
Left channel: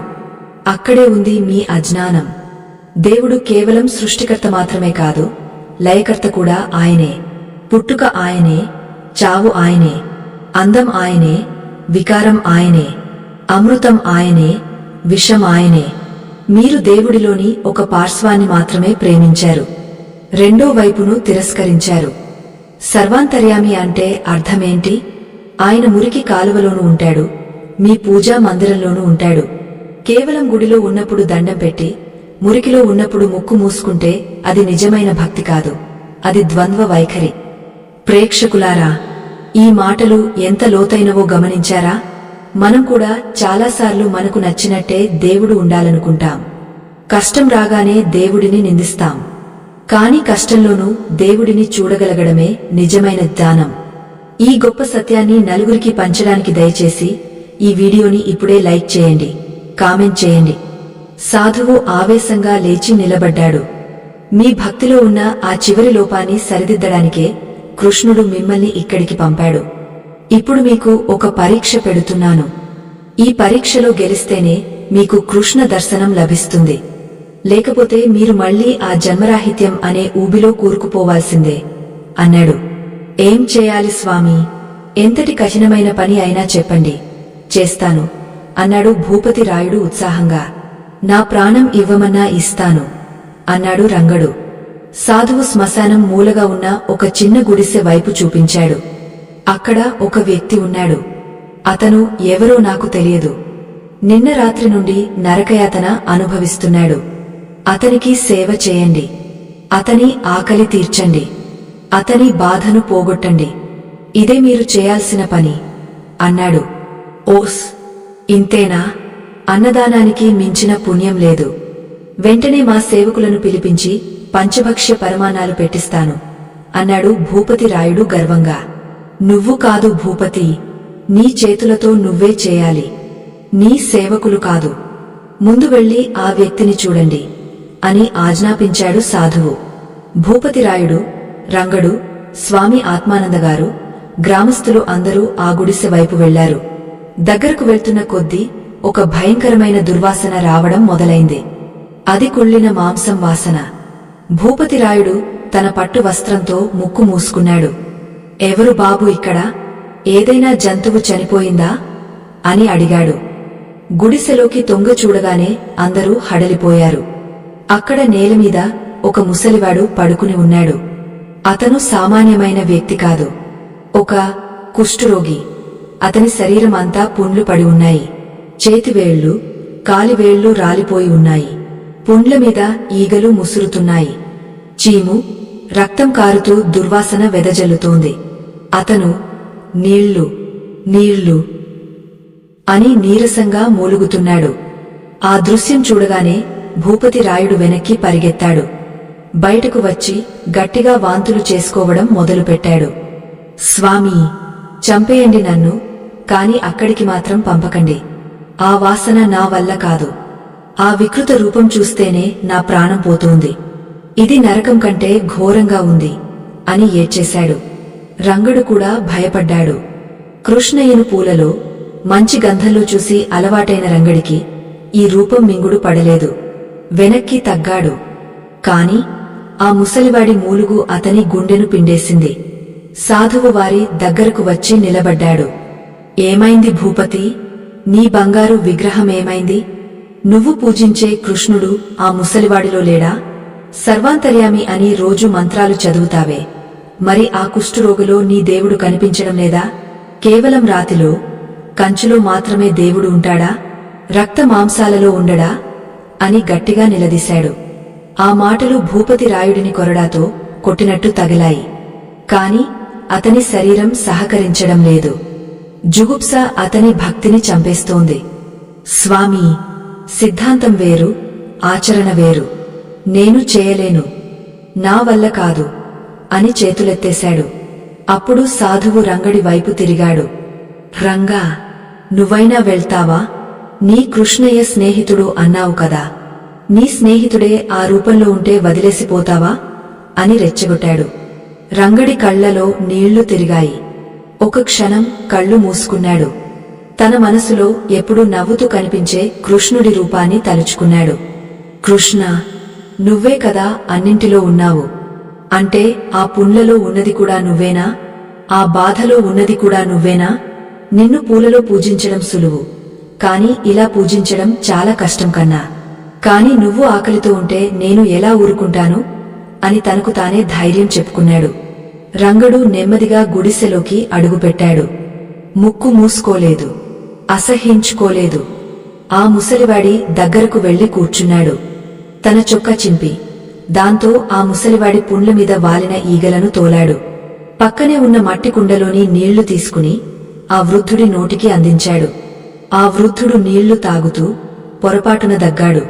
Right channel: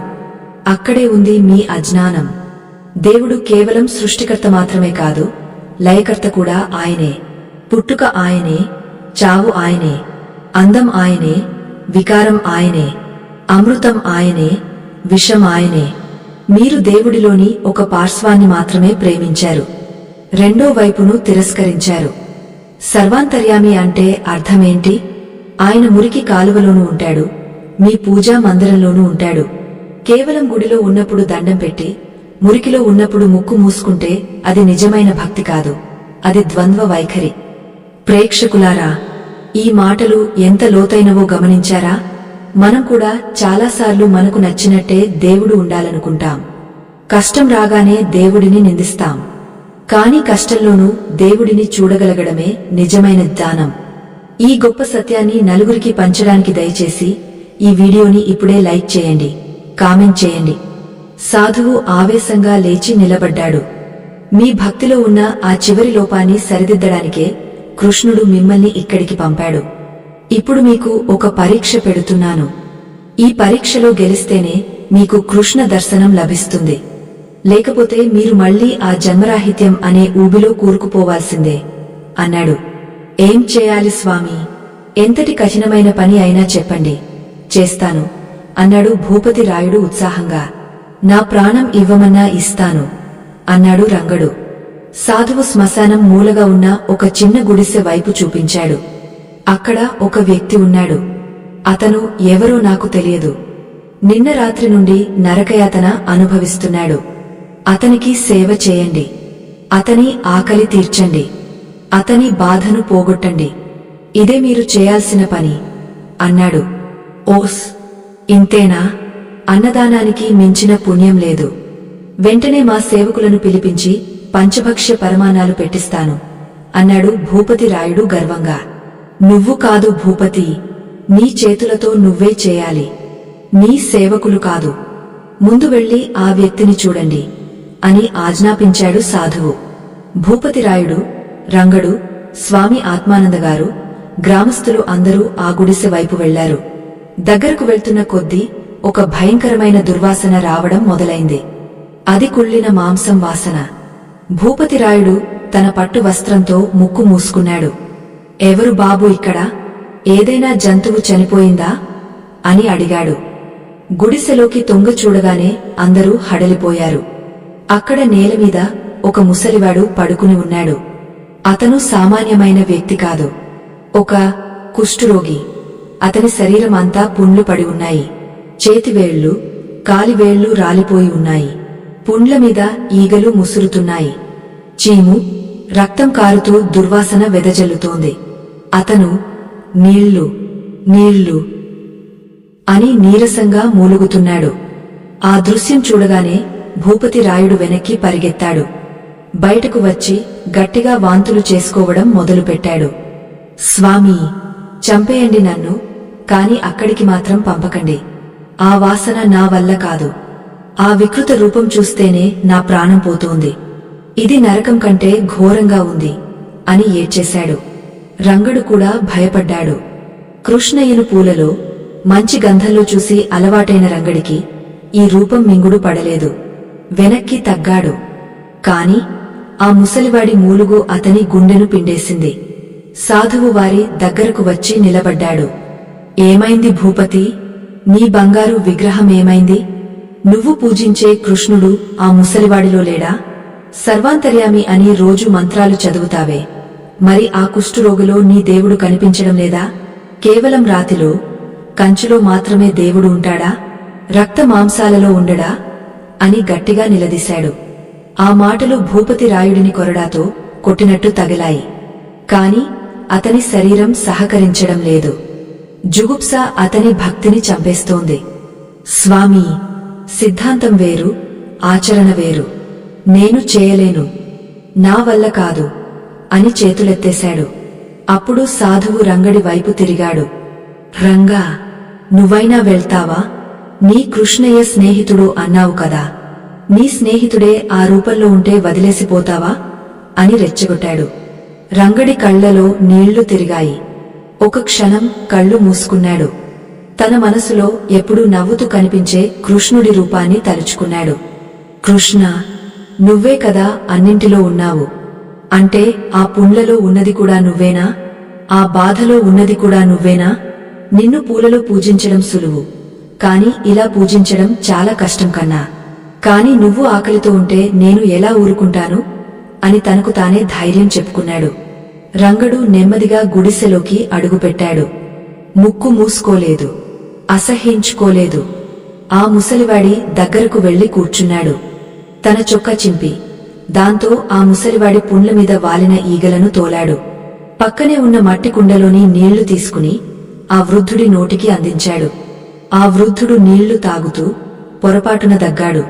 అక్కడే ఉంది మీ అజ్ఞానం. దేవుడు కేవలం సృష్టికర్త మాత్రమే కాదు, లయకర్త కూడా ఆయనే. పుట్టుక ఆయనే, చావు ఆయనే, అందం ఆయనే, వికారం ఆయనే, అమృతం ఆయనే, విషం ఆయనే. మీరు దేవుడిలోని ఒక పార్శ్వాన్ని మాత్రమే ప్రేమించారు, రెండో వైపును తిరస్కరించారు. సర్వాంతర్యామి అంటే అర్థమేంటి? ఆయన మురికి కాలువలోనూ ఉంటాడు, మీ పూజా మందిరంలోనూ ఉంటాడు. కేవలం గుడిలో ఉన్నప్పుడు దండం పెట్టి, మురికిలో ఉన్నప్పుడు ముక్కు మూసుకుంటే అది నిజమైన భక్తి కాదు, అది ద్వంద్వ వైఖరి. ప్రేక్షకులారా, ఈ మాటలు ఎంత లోతైనవో గమనించారా? మనం కూడా చాలాసార్లు మనకు నచ్చినట్టే దేవుడు ఉండాలనుకుంటాం. కష్టం రాగానే దేవుడిని నిందిస్తాం. కాని కష్టంలోనూ దేవుడిని చూడగలగడమే నిజమైన జ్ఞానం. ఈ గొప్ప సత్యాన్ని నలుగురికి పంచడానికి దయచేసి ఈ వీడియోని ఇప్పుడే లైక్ చేయండి, కామెంట్ చేయండి. సాధువు ఆవేశంగా లేచి నిలబడ్డాడు. మీ భక్తిలో ఉన్న ఆ చివరి లోపాన్ని సరిదిద్దడానికే కృష్ణుడు మిమ్మల్ని ఇక్కడికి పంపాడు. ఇప్పుడు మీకు ఒక పరీక్ష పెడుతున్నాను. ఈ పరీక్షలో గెలిస్తేనే మీకు కృష్ణ దర్శనం లభిస్తుంది, లేకపోతే మీరు మళ్లీ ఆ జన్మరాహిత్యం అనే ఊబిలో కూరుకుపోవాల్సిందే అన్నాడు. ఏం చేయాలి స్వామీ? ఎంతటి కఠినమైన పని అయినా చెప్పండి, చేస్తాను అన్నాడు భూపతి రాయుడు ఉత్సాహంగా. నా ప్రాణం ఇవ్వమన్నా ఇస్తాను అన్నాడు రంగడు. సాధువు శ్మశానం మూలగా ఉన్న ఒక చిన్న గుడిసె వైపు చూపించాడు. అక్కడ ఒక వ్యక్తి ఉన్నాడు. అతను ఎవరో నాకు తెలియదు. నిన్న రాత్రి నుండి నరకయాతన అనుభవిస్తున్నాడు. అతనికి సేవ చేయండి, అతని ఆకలి తీర్చండి, అతని బాధను పోగొట్టండి. ఇదే మీరు చేయాల్సిన పని అన్నాడు. ఓస్, ఇంతేనా? అన్నదానానికి మించిన పుణ్యం లేదు. వెంటనే మా సేవకులను పిలిపించి పంచభక్ష్య పరమాన్నాలు పెట్టిస్తాను అన్నాడు భూపతి రాయుడు గర్వంగా. నువ్వు కాదు భూపతి, నీ చేతులతో నువ్వే చేయాలి, నీ సేవకులు కాదు. ముందు వెళ్లి ఆ వ్యక్తిని చూడండి అని ఆజ్ఞాపించాడు సాధువు. భూపతి రాయుడు, రంగడు స్వామి ఆత్మానందగారు, గ్రామస్థులు అందరూ ఆ గుడిసె వైపు వెళ్లారు. దగ్గరకు వెళ్తున్న కొద్దీ ఒక భయంకరమైన దుర్వాసన రావడం మొదలైంది. అది కుళ్ళిన మాంసం వాసన. భూపతిరాయుడు తన పట్టు వస్త్రంతో ముక్కు మూసుకున్నాడు. ఎవరు బాబు ఇక్కడ? ఏదైనా జంతువు చనిపోయిందా అని అడిగాడు. గుడిసెలోకి తొంగ చూడగానే అందరూ హడలిపోయారు. అక్కడ నేలమీద ఒక ముసలివాడు పడుకుని ఉన్నాడు. అతను సామాన్యమైన వ్యక్తి కాదు, ఒక కుష్ఠరోగి. అతని శరీరం అంతా పుండ్లు పడి ఉన్నాయి. చేతివేళ్లు, కాలివేళ్లు రాలిపోయి ఉన్నాయి. పుండ్ల మీద ఈగలు ముసురుతున్నాయి. చీము, రక్తం కారుతూ దుర్వాసన వెదజల్లుతోంది. అతను నీళ్లు నీళ్లు అని నీరసంగా మూలుగుతున్నాడు. ఆ దృశ్యం చూడగానే భూపతిరాయుడు వెనక్కి పరిగెత్తాడు. బయటకు వచ్చి గట్టిగా వాంతులు చేసుకోవడం మొదలుపెట్టాడు. స్వామీ, చంపేయండి నన్ను, కాని అక్కడికి మాత్రం పంపకండి. ఆ వాసన నా వల్ల కాదు. ఆ వికృత రూపం చూస్తేనే నా ప్రాణం పోతోంది. ఇది నరకం కంటే ఘోరంగా ఉంది అని ఏడ్చేశాడు. రంగడు కూడా భయపడ్డాడు. కృష్ణయ్యను పూలలో మంచి గంధంలో చూసి అలవాటైన రంగడికి ఈ రూపం మింగుడు పడలేదు. వెనక్కి తగ్గాడు. కాని ఆ ముసలివాడి మూలుగు అతని గుండెను పిండేసింది. సాధువు వారి దగ్గరకు వచ్చి నిలబడ్డాడు. ఏమైంది భూపతి? నీ బంగారు విగ్రహమేమైంది? నువ్వు పూజించే కృష్ణుడు ఆ ముసలివాడిలో లేడా? సర్వాంతర్యామి అని రోజు మంత్రాలు చదువుతావే, మరి ఆ కుష్ఠరోగిలో నీ దేవుడు కనిపించడం లేదా? కేవలం రాతిలో, కంచులో మాత్రమే దేవుడు ఉంటాడా? రక్త మాంసాలలో ఉండడా అని గట్టిగా నిలదీశాడు. ఆ మాటలు భూపతిరాయుడిని కొరడాతో కొట్టినట్టు తగిలాయి. కాని అతని శరీరం సహకరించడం లేదు. జుగుప్స అతని భక్తిని చంపేస్తోంది. స్వామీ, సిద్ధాంతం వేరు, ఆచరణ వేరు. నేను చేయలేను, నా వల్ల కాదు అని చేతులెత్తేశాడు. అప్పుడు సాధువు రంగడి వైపు తిరిగాడు. రంగా, నువ్వైనా వెళ్తావా? నీ కృష్ణయ్య స్నేహితుడు అన్నావు కదా, నీ స్నేహితుడే ఆ రూపంలో ఉంటే వదిలేసిపోతావా అని రెచ్చగొట్టాడు. రంగడి కళ్లలో నీళ్లు తిరిగాయి. ఒక క్షణం కళ్ళు మూసుకున్నాడు. తన మనసులో ఎప్పుడూ నవ్వుతూ కనిపించే కృష్ణుడి రూపాన్ని తలుచుకున్నాడు. కృష్ణ, నువ్వే కదా అన్నింటిలో ఉన్నావు. అంటే ఆ పుండ్లలో ఉన్నది కూడా నువ్వేనా? ఆ బాధలో ఉన్నది కూడా నువ్వేనా? నిన్ను పూలలో పూజించడం సులువు, కాని ఇలా పూజించడం చాలా కష్టం కన్నా. కాని నువ్వు ఆకలితో ఉంటే నేను ఎలా ఊరుకుంటాను అని తనకు తానే ధైర్యం చెప్పుకున్నాడు. రంగడు నెమ్మదిగా గుడిసెలోకి అడుగుపెట్టాడు. ముక్కు మూసుకోలేదు, అసహ్యించుకోలేదు. ఆ ముసలివాడి దగ్గరకు వెళ్లి కూర్చున్నాడు. తన చొక్కా చింపి దాంతో ఆ ముసలివాడి పుండ్ల మీద వాలిన ఈగలను తోలాడు. పక్కనే ఉన్న మట్టి కుండలోని నీళ్లు తీసుకుని ఆ వృద్ధుడి నోటికి అందించాడు. ఆ వృద్ధుడు నీళ్లు తాగుతూ పొరపాటున దగ్గాడు.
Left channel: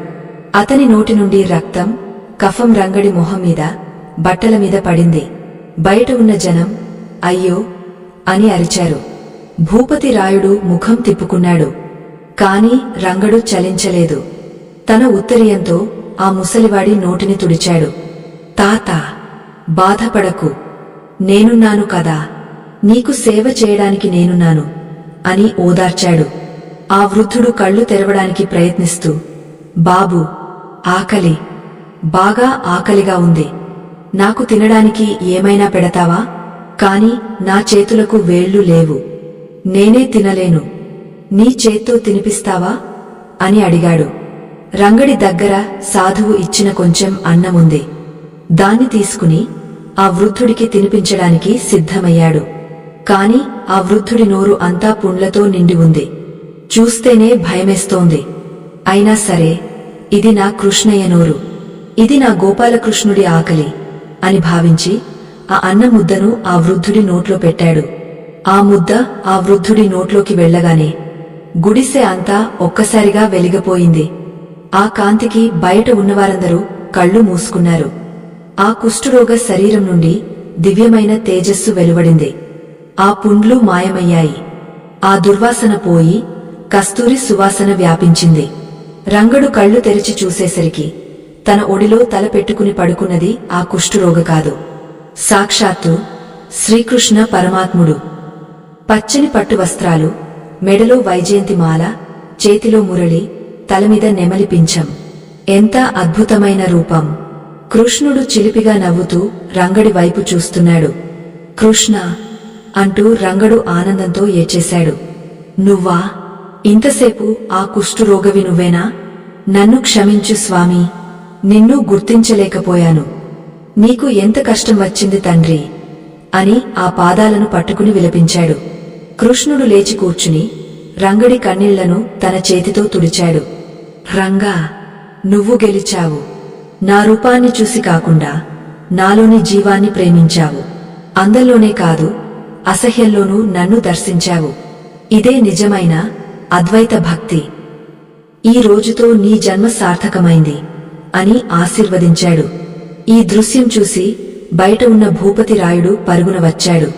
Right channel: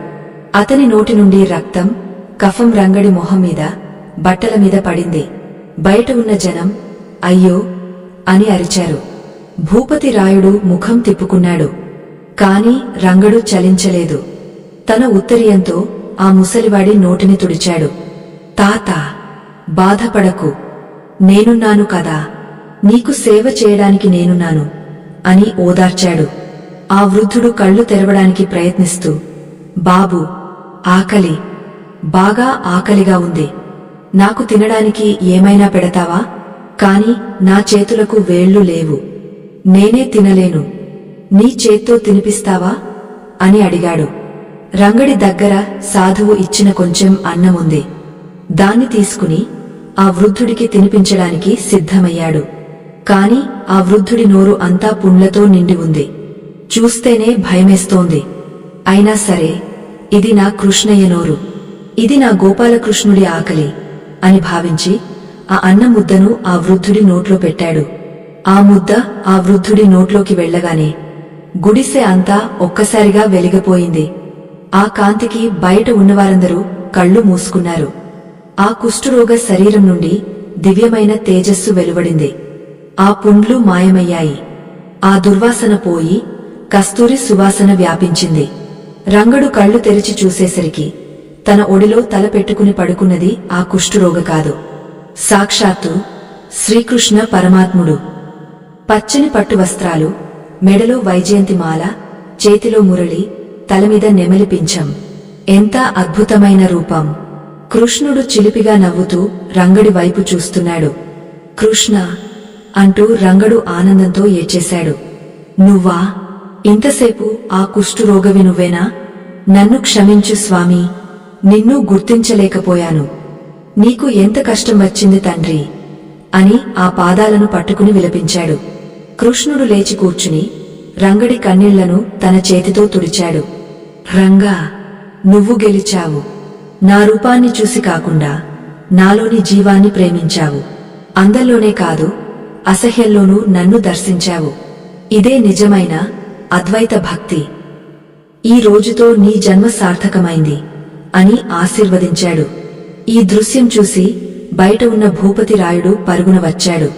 అతని నోటి నుండి రక్తం, కఫం రంగడి మొహం మీద, బట్టల మీద పడింది. బయట ఉన్న జనం అయ్యో అని అరిచారు. భూపతిరాయుడు ముఖం తిప్పుకున్నాడు. కాని రంగడు చలించలేదు. తన ఉత్తరీయంతో ఆ ముసలివాడి నోటిని తుడిచాడు. తాతా, బాధపడకు, నేనున్నాను కదా, నీకు సేవ చేయడానికి నేనున్నాను అని ఓదార్చాడు. ఆ వృద్ధుడు కళ్ళు తెరవడానికి ప్రయత్నిస్తూ, బాబూ, ఆకలి, బాగా ఆకలిగా ఉంది. నాకు తినడానికి ఏమైనా పెడతావా? కాని నా చేతులకు వేళ్లు లేవు, నేనే తినలేను. నీ చేత్తో తినిపిస్తావా అని అడిగాడు. రంగడి దగ్గర సాధువు ఇచ్చిన కొంచెం అన్నముంది. దాన్ని తీసుకుని ఆ వృద్ధుడికి తినిపించడానికి సిద్ధమయ్యాడు. కాని ఆ వృద్ధుడి నోరు అంతా పుండ్లతో నిండి ఉంది. చూస్తేనే భయమేస్తోంది. అయినా సరే, ఇది నా కృష్ణయ్య నోరు, ఇది నా గోపాలకృష్ణుడి ఆకలి అని భావించి ఆ అన్నం ముద్దను ఆ వృద్ధుడి నోట్లో పెట్టాడు. ఆ ముద్ద ఆ వృద్ధుడి నోట్లోకి వెళ్లగానే గుడిసె అంతా ఒక్కసారిగా వెలిగిపోయింది. ఆ కాంతికి బయట ఉన్నవారందరూ కళ్ళు మూసుకున్నారు. ఆ కుష్ఠరోగ శరీరం నుండి దివ్యమైన తేజస్సు వెలువడింది. ఆ పుండ్లు మాయమయ్యాయి. ఆ దుర్వాసన పోయి కస్తూరి సువాసన వ్యాపించింది. రంగడు కళ్ళు తెరిచి చూసేసరికి తన ఒడిలో తల పెట్టుకుని పడుకున్నది ఆ కుష్ఠరోగ కాదు, సాక్షాత్తు శ్రీకృష్ణ పరమాత్ముడు. పచ్చని పట్టు వస్త్రాలు, మెడలో వైజయంతిమాల, చేతిలో మురళి, తలమీద నెమలి పింఛం. ఎంత అద్భుతమైన రూపం! కృష్ణుడు చిలిపిగా నవ్వుతూ రంగడి వైపు చూస్తున్నాడు. కృష్ణ అంటూ రంగడు ఆనందంతో ఏడ్చేశాడు. నువ్వా? ఇంతసేపు ఆ కుష్ఠురోగవి నువ్వేనా? నన్ను క్షమించు స్వామీ, నిన్ను గుర్తించలేకపోయాను. నీకు ఎంత కష్టం వచ్చింది తండ్రి అని ఆ పాదాలను పట్టుకుని విలపించాడు. కృష్ణుడు లేచి కూర్చుని రంగడి కన్నీళ్లను తన చేతితో తుడిచాడు. రంగా, నువ్వు గెలిచావు. నా రూపాన్ని చూసి కాకుండా నాలోని జీవాన్ని ప్రేమించావు. అందంలోనే కాదు, అసహ్యంలోనూ నన్ను దర్శించావు. ఇదే నిజమైన అద్వైత భక్తి. ఈ రోజుతో నీ జన్మ సార్థకమైంది అని ఆశీర్వదించాడు. ఈ దృశ్యం చూసి బయట ఉన్న భూపతి రాయుడు పరుగున వచ్చాడు.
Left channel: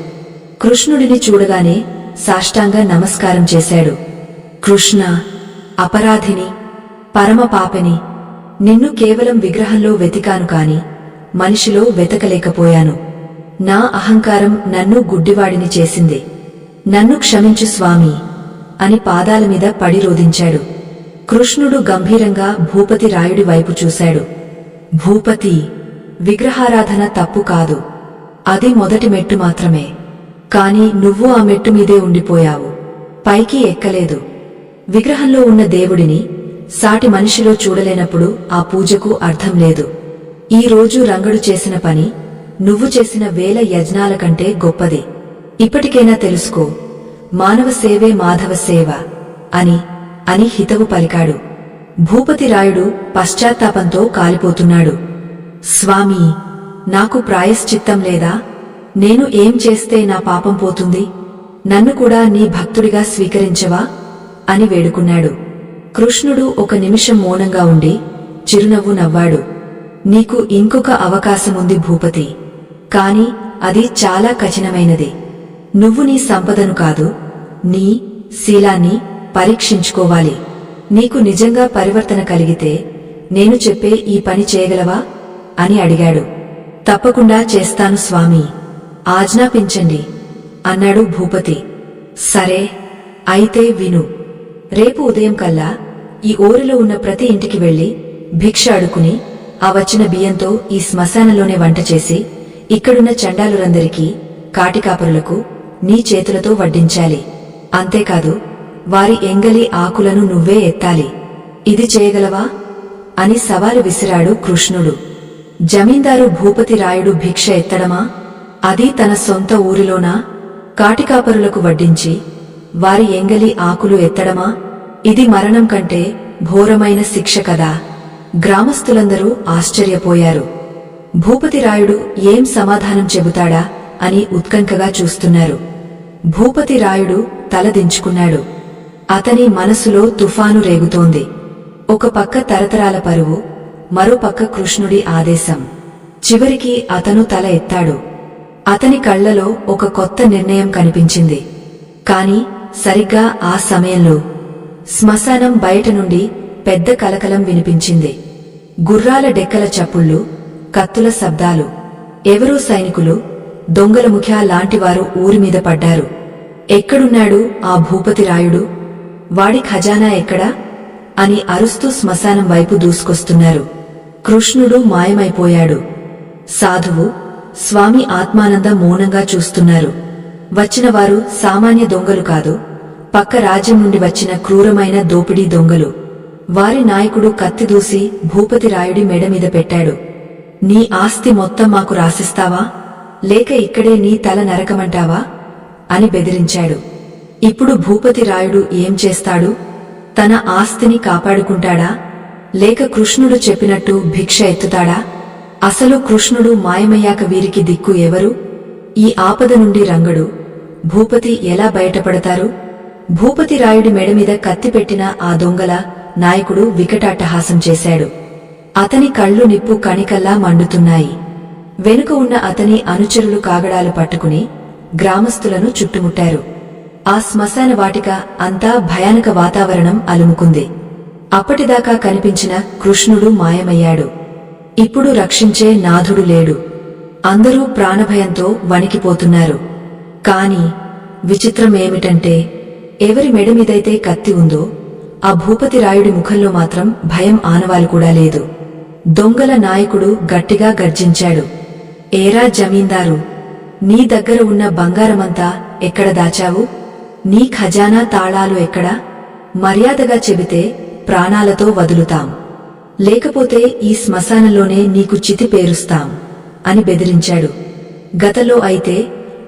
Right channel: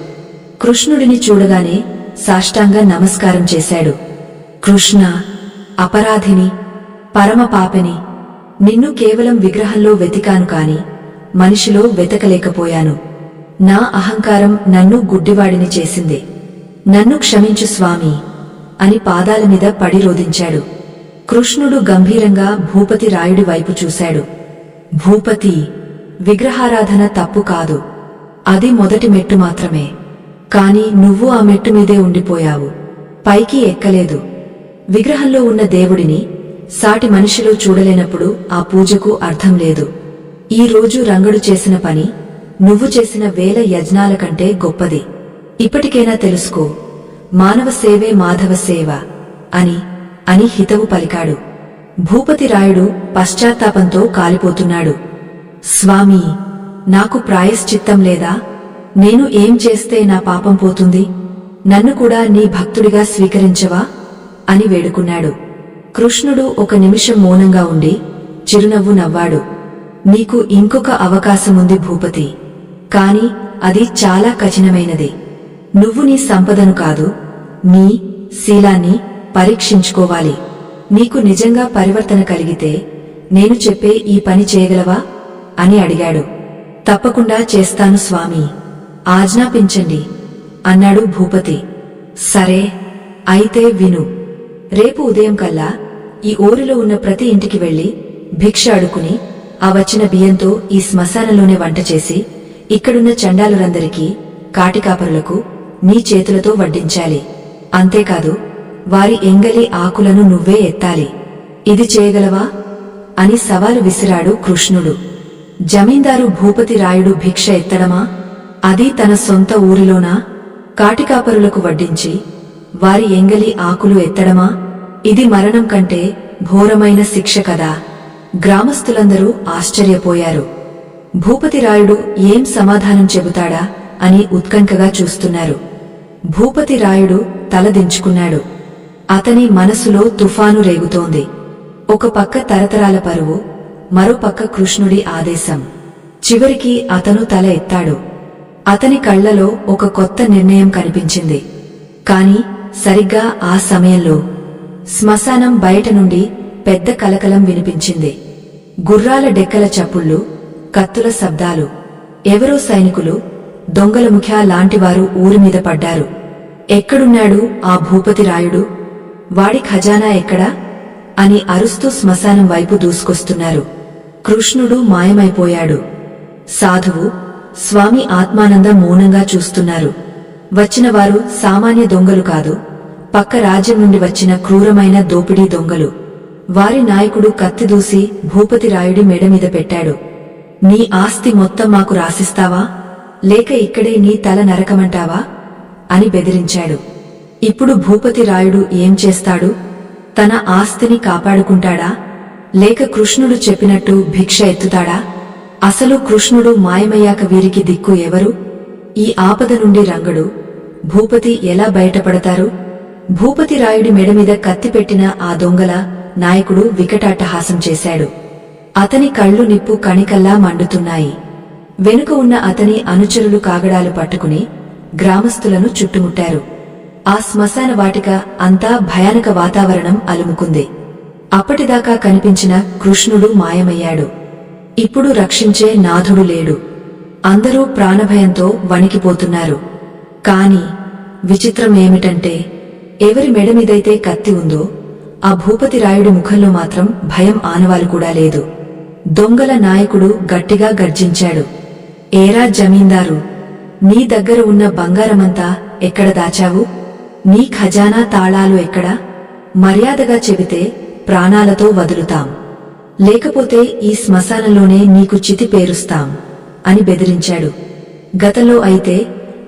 కృష్ణుడిని చూడగానే సాష్టాంగ నమస్కారం చేశాడు. కృష్ణ, అపరాధిని, పరమ పాపిని. నిన్ను కేవలం విగ్రహంలో వెతికాను కాని మనిషిలో వెతకలేకపోయాను. నా అహంకారం నన్ను గుడ్డివాడిని చేసింది. నన్ను క్షమించు స్వామీ అని పాదాల మీద పడి రోదించాడు. కృష్ణుడు గంభీరంగా భూపతి రాయుడి వైపు చూశాడు. భూపతి, విగ్రహారాధన తప్పు కాదు. అది మొదటి మెట్టు మాత్రమే. కాని నువ్వు ఆ మెట్టు మీదే ఉండిపోయావు, పైకి ఎక్కలేదు. విగ్రహంలో ఉన్న దేవుడిని సాటి మనిషిలో చూడలేనప్పుడు ఆ పూజకు అర్థం లేదు. ఈ రోజు రంగడు చేసిన పని నువ్వు చేసిన 1000 యజ్ఞాల కంటే గొప్పది. ఇప్పటికైనా తెలుసుకో, మానవ సేవే మాధవ సేవ అని హితవు పలికాడు. భూపతి రాయుడు పశ్చాత్తాపంతో కాలిపోతున్నాడు. స్వామీ, నాకు ప్రాయశ్చిత్తం లేదా? నేను ఏం చేస్తే నా పాపం పోతుంది? నన్ను కూడా నీ భక్తుడిగా స్వీకరించవా అని వేడుకున్నాడు. కృష్ణుడు ఒక నిమిషం మౌనంగా ఉండి చిరునవ్వు నవ్వాడు. నీకు ఇంకొక అవకాశముంది భూపతి, కాని అది చాలా కఠినమైనది. నువ్వు నీ సంపదను కాదు, నీ శీలాన్ని పరీక్షించుకోవాలి. నీకు నిజంగా పరివర్తన కలిగితే నేను చెప్పే ఈ పని చేయగలవా అని అడిగాడు. తప్పకుండా చేస్తాను స్వామీ, ఆజ్ఞాపించండి అన్నాడు భూపతి. సరే, అయితే విను. రేపు ఉదయం కల్లా ఈ ఊరిలో ఉన్న ప్రతి ఇంటికి వెళ్లి భిక్ష అడుకుని ఆ వచ్చిన బియ్యంతో ఈ శ్మశానంలోనే వంట చేసి ఇక్కడున్న చండాలురందరికీ, కాటికాపరులకు నీ చేతులతో వడ్డించాలి. అంతేకాదు, వారి ఎంగలి ఆకులను నువ్వే ఎత్తాలి. ఇది చేయగలవా అని సవాలు విసిరాడు కృష్ణుడు. జమీందారు భూపతి రాయుడు భిక్ష ఎత్తడమా? అది తన సొంత ఊరిలోనా? కాటికాపరులకు వడ్డించి వారి ఎంగలి ఆకులు ఎత్తడమా? ఇది మరణం కంటే ఘోరమైన శిక్ష కదా. గ్రామస్తులందరూ ఆశ్చర్యపోయారు. భూపతిరాయుడు ఏం సమాధానం చెబుతాడా అని ఉత్కంఠగా చూస్తున్నారు. భూపతిరాయుడు తల దించుకున్నాడు. అతని మనసులో తుఫాను రేగుతోంది. ఒక పక్క తరతరాల పరువు, మరో పక్క కృష్ణుడి ఆదేశం. చివరికి అతను తల ఎత్తాడు. అతని కళ్లలో ఒక కొత్త నిర్ణయం కనిపించింది. కాని సరిగ్గా ఆ సమయంలో శ్మశానం బయట నుండి పెద్ద కలకలం వినిపించింది. గుర్రాల డెక్కల చప్పుళ్ళు, కత్తుల శబ్దాలు. ఎవరో సైనికులు, దొంగల ముఖ్య లాంటివారు ఊరిమీద పడ్డారు. ఎక్కడున్నాడు ఆ భూపతిరాయుడు? వాడి ఖజానా ఎక్కడా అని అరుస్తూ శ్మశానం వైపు దూసుకొస్తున్నారు. కృష్ణుడు మాయమైపోయాడు. సాధువు, స్వామి ఆత్మానంద మౌనంగా చూస్తున్నారు. వచ్చినవారు సామాన్య దొంగలు కాదు, పక్క రాజ్యం నుండి వచ్చిన క్రూరమైన దోపిడీ దొంగలు. వారి నాయకుడు కత్తి దూసి భూపతిరాయుడి మెడమీద పెట్టాడు. నీ ఆస్తి మొత్తం మాకు రాసిస్తావా, లేక ఇక్కడే నీ తల నరకమంటావా అని బెదిరించాడు. ఇప్పుడు భూపతిరాయుడు ఏం చేస్తాడు? తన ఆస్తిని కాపాడుకుంటాడా, లేక కృష్ణుడు చెప్పినట్టు భిక్ష ఎత్తుతాడా? అసలు కృష్ణుడు మాయమయ్యాక వీరికి దిక్కు ఎవరు? ఈ ఆపద నుండి రంగడు, భూపతి ఎలా బయటపడతారు? భూపతిరాయుడి మెడమీద కత్తిపెట్టిన ఆ దొంగల నాయకుడు వికటాట్టహాసం చేశాడు. అతని కళ్ళు నిప్పు కణికల్లా మండుతున్నాయి. వెనుక ఉన్న అతని అనుచరులు కాగడాలు పట్టుకుని గ్రామస్తులను చుట్టుముట్టారు. ఆ శ్మశాన వాటిక అంతా భయానక వాతావరణం అలుముకుంది. అప్పటిదాకా కనిపించిన కృష్ణుడు మాయమయ్యాడు. ఇప్పుడు రక్షించే నాథుడు లేడు. అందరూ ప్రాణభయంతో వణికిపోతున్నారు. కాని విచిత్రమేమిటంటే ఎవరి మెడమీదైతే కత్తి ఉందో ఆ భూపతిరాయుడి ముఖంలో మాత్రం భయం ఆనవాలు కూడా లేదు. దొంగల నాయకుడు గట్టిగా గర్జించాడు. ఏరా జమీందారు, నీ దగ్గర ఉన్న బంగారమంతా ఎక్కడ దాచావు? నీ ఖజానా తాళాలు ఎక్కడా? మర్యాదగా చెబితే ప్రాణాలతో వదులుతాం, లేకపోతే ఈ శ్మశానంలోనే నీకు చితి పేరుస్తాం అని బెదిరించాడు. గతంలో అయితే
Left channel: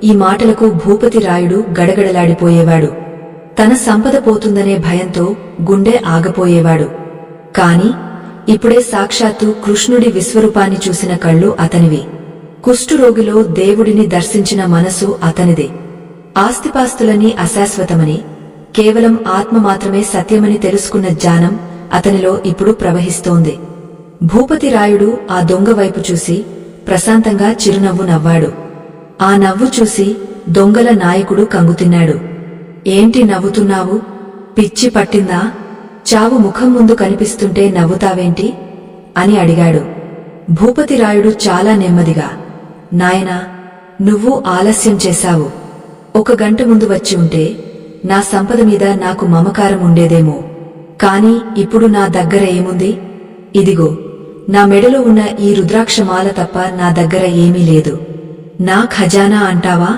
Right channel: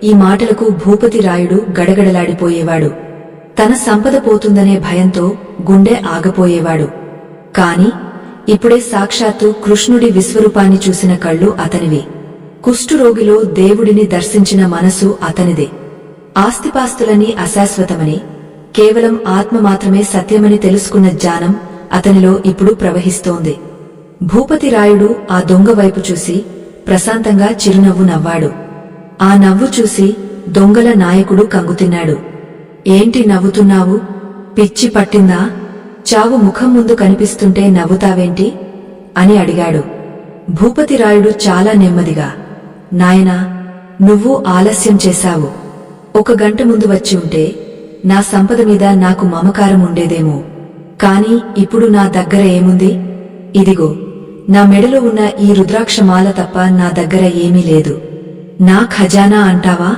ఈ మాటలకు భూపతిరాయుడు గడగడలాడిపోయేవాడు. తన సంపద పోతుందనే భయంతో గుండె ఆగపోయేవాడు. కాని ఇప్పుడే సాక్షాత్తు కృష్ణుడి విశ్వరూపాన్ని చూసిన కళ్ళు అతనివి. కుష్ఠురోగిలో దేవుడిని దర్శించిన మనసు అతనిదే. ఆస్తిపాస్తులన్నీ అశాశ్వతమని, కేవలం ఆత్మ మాత్రమే సత్యమని తెలుసుకున్న జ్ఞానం అతనిలో ఇప్పుడు ప్రవహిస్తోంది. భూపతిరాయుడు ఆ దొంగ వైపు చూసి ప్రశాంతంగా చిరునవ్వు నవ్వాడు. ఆ నవ్వు చూసి దొంగల నాయకుడు కంగుతిన్నాడు. ఏంటి నవ్వుతున్నావు? పిచ్చి పట్టిందా? చావు ముఖం ముందు కనిపిస్తుంటే నవ్వుతావేంటి అని అడిగాడు. భూపతిరాయుడు చాలా నెమ్మదిగా, నాయనా, నువ్వు ఆలస్యం చేశావు. 1 గంట ముందు వచ్చి ఉంటే నా సంపద మీద నాకు మమకారం ఉండేదేమో. కాని ఇప్పుడు నా దగ్గర ఏముంది? ఇదిగో, నా మెడలో ఉన్న ఈ రుద్రాక్షమాల తప్ప నా దగ్గర ఏమీ లేదు. నా ఖజానా అంటావా?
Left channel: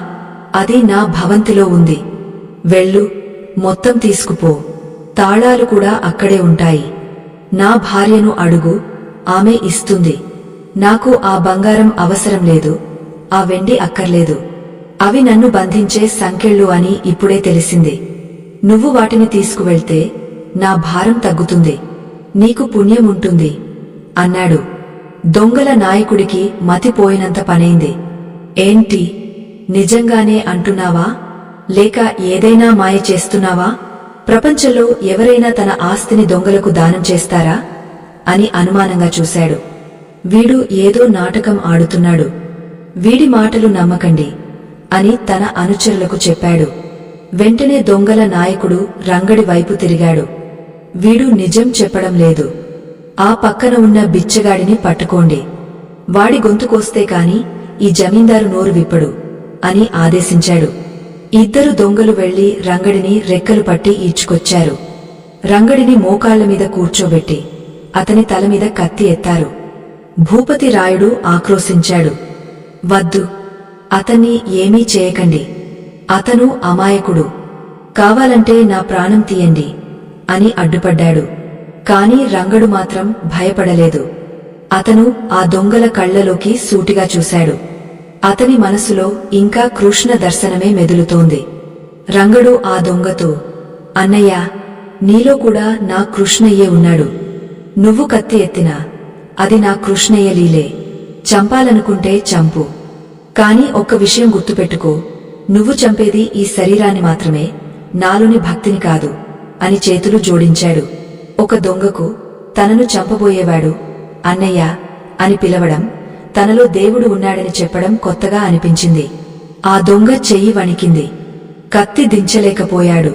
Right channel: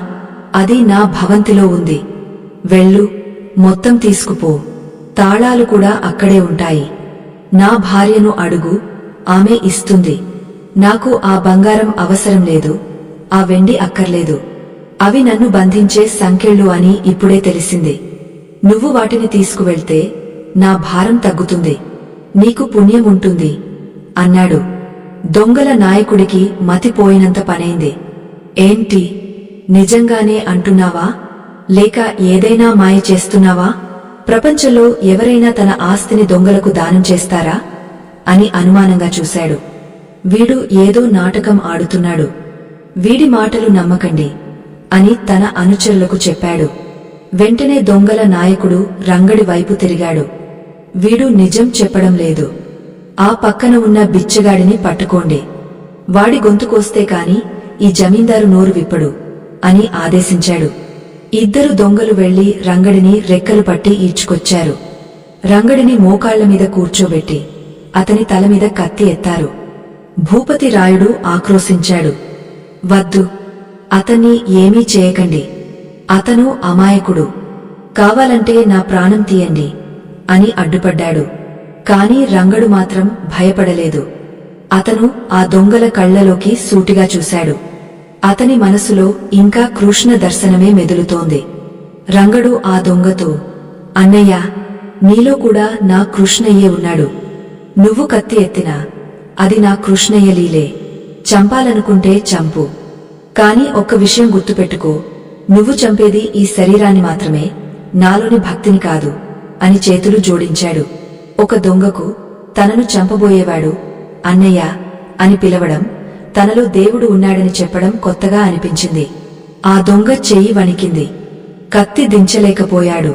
అది నా భవంతిలో ఉంది. వెళ్ళు, మొత్తం తీసుకుపో. తాళాలు కూడా అక్కడే ఉంటాయి. నా భార్యను అడుగు, ఆమె ఇస్తుంది. నాకు ఆ బంగారం అవసరం లేదు, ఆ వెండి అక్కర్లేదు. అవి నన్ను బంధించే సంకెళ్ళు అని ఇప్పుడే తెలిసింది. నువ్వు వాటిని తీసుకువెళ్తే నా భారం తగ్గుతుంది, నీకు పుణ్యముంటుంది అన్నాడు. దొంగల నాయకుడికి మతిపోయినంత పనైంది. ఏంటి, నిజంగానే అంటున్నావా? లేక ఏదైనా మాయ చేస్తున్నావా? ప్రపంచంలో ఎవరైనా తన ఆస్తిని దొంగలకు దానం చేస్తారా అని అనుమానంగా చూశాడు. వీడు ఏదో నాటకం ఆడుతున్నాడు, వీడి మాటలు నమ్మకండి అని తన అనుచరులకు చెప్పాడు. వెంటనే దొంగల నాయకుడు రంగడి వైపు తిరిగాడు. వీడు నిజం చెప్పడం లేదు. ఆ పక్కన ఉన్న బిచ్చగాడిని పట్టుకోండి. వాడి గొంతుకోస్తే కాని ఈ జమీందారు నోరు విప్పడు అని ఆదేశించాడు. 2 దొంగలు వెళ్లి రంగడిని రెక్కలు పట్టి ఈడ్చుకొచ్చారు. రంగడిని మోకాళ్లమీద కూర్చోబెట్టి అతని తలమీద కత్తి ఎత్తారు. భూపతిరాయుడు ఆక్రోశించాడు. వద్దు, అతన్ని ఏమీ చేయకండి. అతను అమాయకుడు. కావాలంటే నా ప్రాణం తీయండి అని అడ్డుపడ్డాడు. కాని రంగడు మాత్రం భయపడలేదు. అతను ఆ దొంగల కళ్లలోకి సూటిగా చూశాడు. అతని మనసులో ఇంకా కృష్ణ దర్శనమే మెదులుతోంది. రంగడు ఆ దొంగతో, అన్నయ్యా, నీలో కూడా నా కృష్ణయ్యే ఉన్నాడు. నువ్వు కత్తి ఎత్తినా అది నా కృష్ణయ్య లీలే. చంపాలనుకుంటే చంపు. కాని ఒక్క విషయం గుర్తుపెట్టుకో, నువ్వు చంపేది ఈ శరీరాన్ని మాత్రమే, నాలోని భక్తిని కాదు అని చేతులు జోడించాడు. ఒక దొంగకు తనను చంపబోయేవాడు అన్నయ్య అని పిలవడం, తనలో దేవుడు ఉన్నాడని చెప్పడం కొత్తగా అనిపించింది. ఆ దొంగ చెయ్యి వణికింది. కత్తి దించలేకపోయాడు.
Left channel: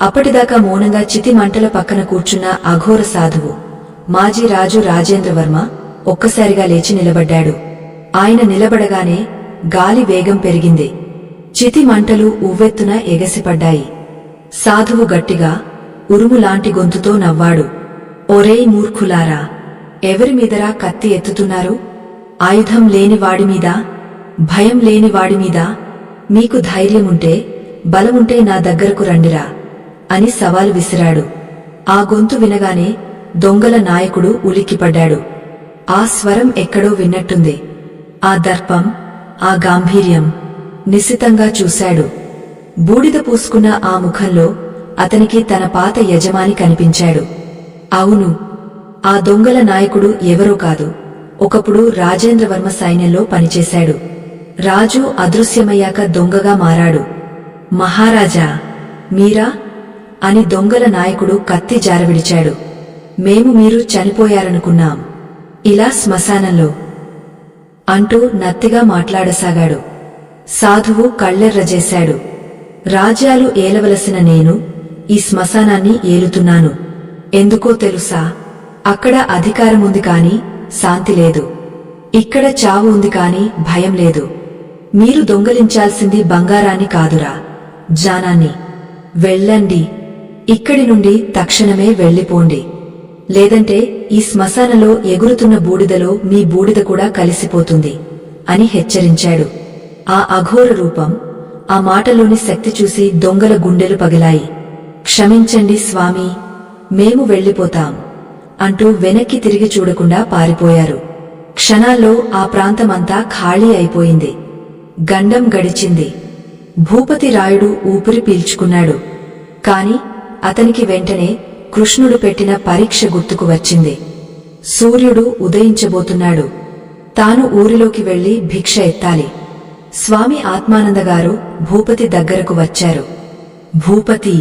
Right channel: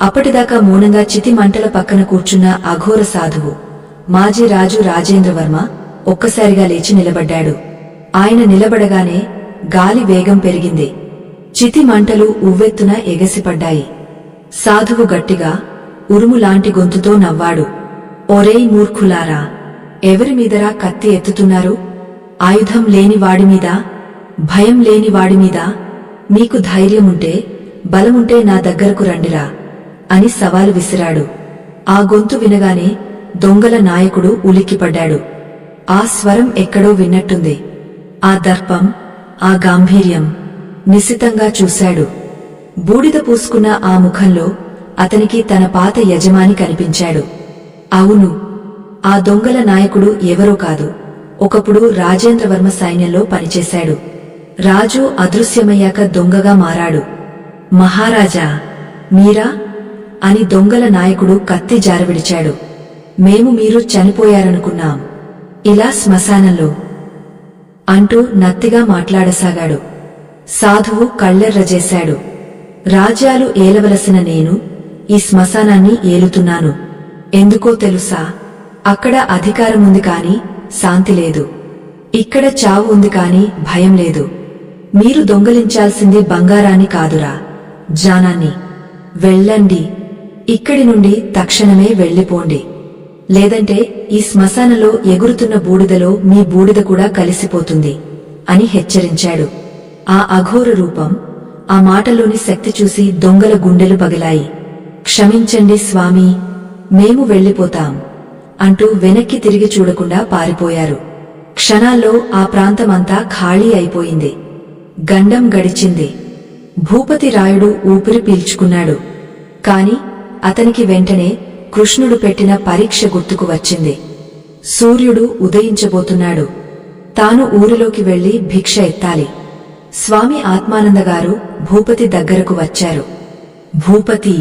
అప్పటిదాకా మౌనంగా చితి మంటల పక్కన కూర్చున్న అఘోర సాధువు మాజీ రాజు రాజేంద్రవర్మ ఒక్కసారిగా లేచి నిలబడ్డాడు. ఆయన నిలబడగానే గాలి వేగం పెరిగింది. చితి మంటలు ఉవ్వెత్తున ఎగసిపడ్డాయి. సాధువు గట్టిగా ఉరుములాంటి గొంతుతో నవ్వాడు. ఒరేయ్ మూర్ఖులారా, ఎవరిమీదరా కత్తి ఎత్తుతున్నారు? ఆయుధం లేని వాడిమీదా? భయం లేని వాడిమీదా? మీకు ధైర్యముంటే, బలముంటే నా దగ్గరకు రండిరా అని సవాలు విసిరాడు. ఆ గొంతు వినగానే దొంగల నాయకుడు ఉలిక్కిపడ్డాడు. ఆ స్వరం ఎక్కడో విన్నట్టుంది. ఆ దర్పం, ఆ గాంభీర్యం. నిశితంగా చూశాడు. బూడిద పూసుకున్న ఆ ముఖంలో అతనికి తన పాత యజమాని కనిపించాడు. అవును, ఆ దొంగల నాయకుడు ఎవరో కాదు, ఒకప్పుడు రాజేంద్రవర్మ సైన్యంలో పనిచేశాడు. రాజు అదృశ్యమయ్యాక దొంగగా మారాడు. మహారాజా, మీరా అని దొంగల నాయకుడు కత్తి జారవిడిచాడు. మేము మీరు చనిపోయారనుకున్నాం, ఇలా శ్మశానంలో అంటూ నత్తిగా మాట్లాడసాగాడు. సాధువు కళ్ళెర్రజేశాడు. రాజ్యాలు ఏలవలసిన నేను ఈ శ్మశానాన్ని ఏలుతున్నాను. ఎందుకో తెలుసా? అక్కడ అధికారముంది కాని శాంతి లేదు. ఇక్కడ చావు ఉంది కాని భయం లేదు. మీరు దొంగలించాల్సింది బంగారాన్ని కాదురా, జానాన్ని. వెళ్ళండి. ఇక్కడి నుండి తక్షణమే వెళ్ళిపోండి. లేదంటే ఈ శ్మశానంలో ఎగురుతున్న బూడిదలో మీ బూడిద కూడా కలిసిపోతుంది అని హెచ్చరించాడు. ఆ అఘోర రూపం, ఆ మాటలోని శక్తి చూసి దొంగల గుండెలు పగిలాయి. క్షమించండి స్వామీ, మేము వెళ్ళిపోతాం అంటూ వెనక్కి తిరిగి చూడకుండా పారిపోయారు. క్షణాల్లో ఆ ప్రాంతమంతా ఖాళీ అయిపోయింది. గండం గడిచింది. భూపతి రాయుడు ఊపిరి పీల్చుకున్నాడు. కాని అతనికి వెంటనే కృష్ణుడు పెట్టిన పరీక్ష గుర్తుకు వచ్చింది. సూర్యుడు ఉదయించబోతున్నాడు. తాను ఊరిలోకి వెళ్లి భిక్ష ఎత్తాలి. స్వామి ఆత్మానందగారు భూపతి దగ్గరకు వచ్చారు. భూపతి,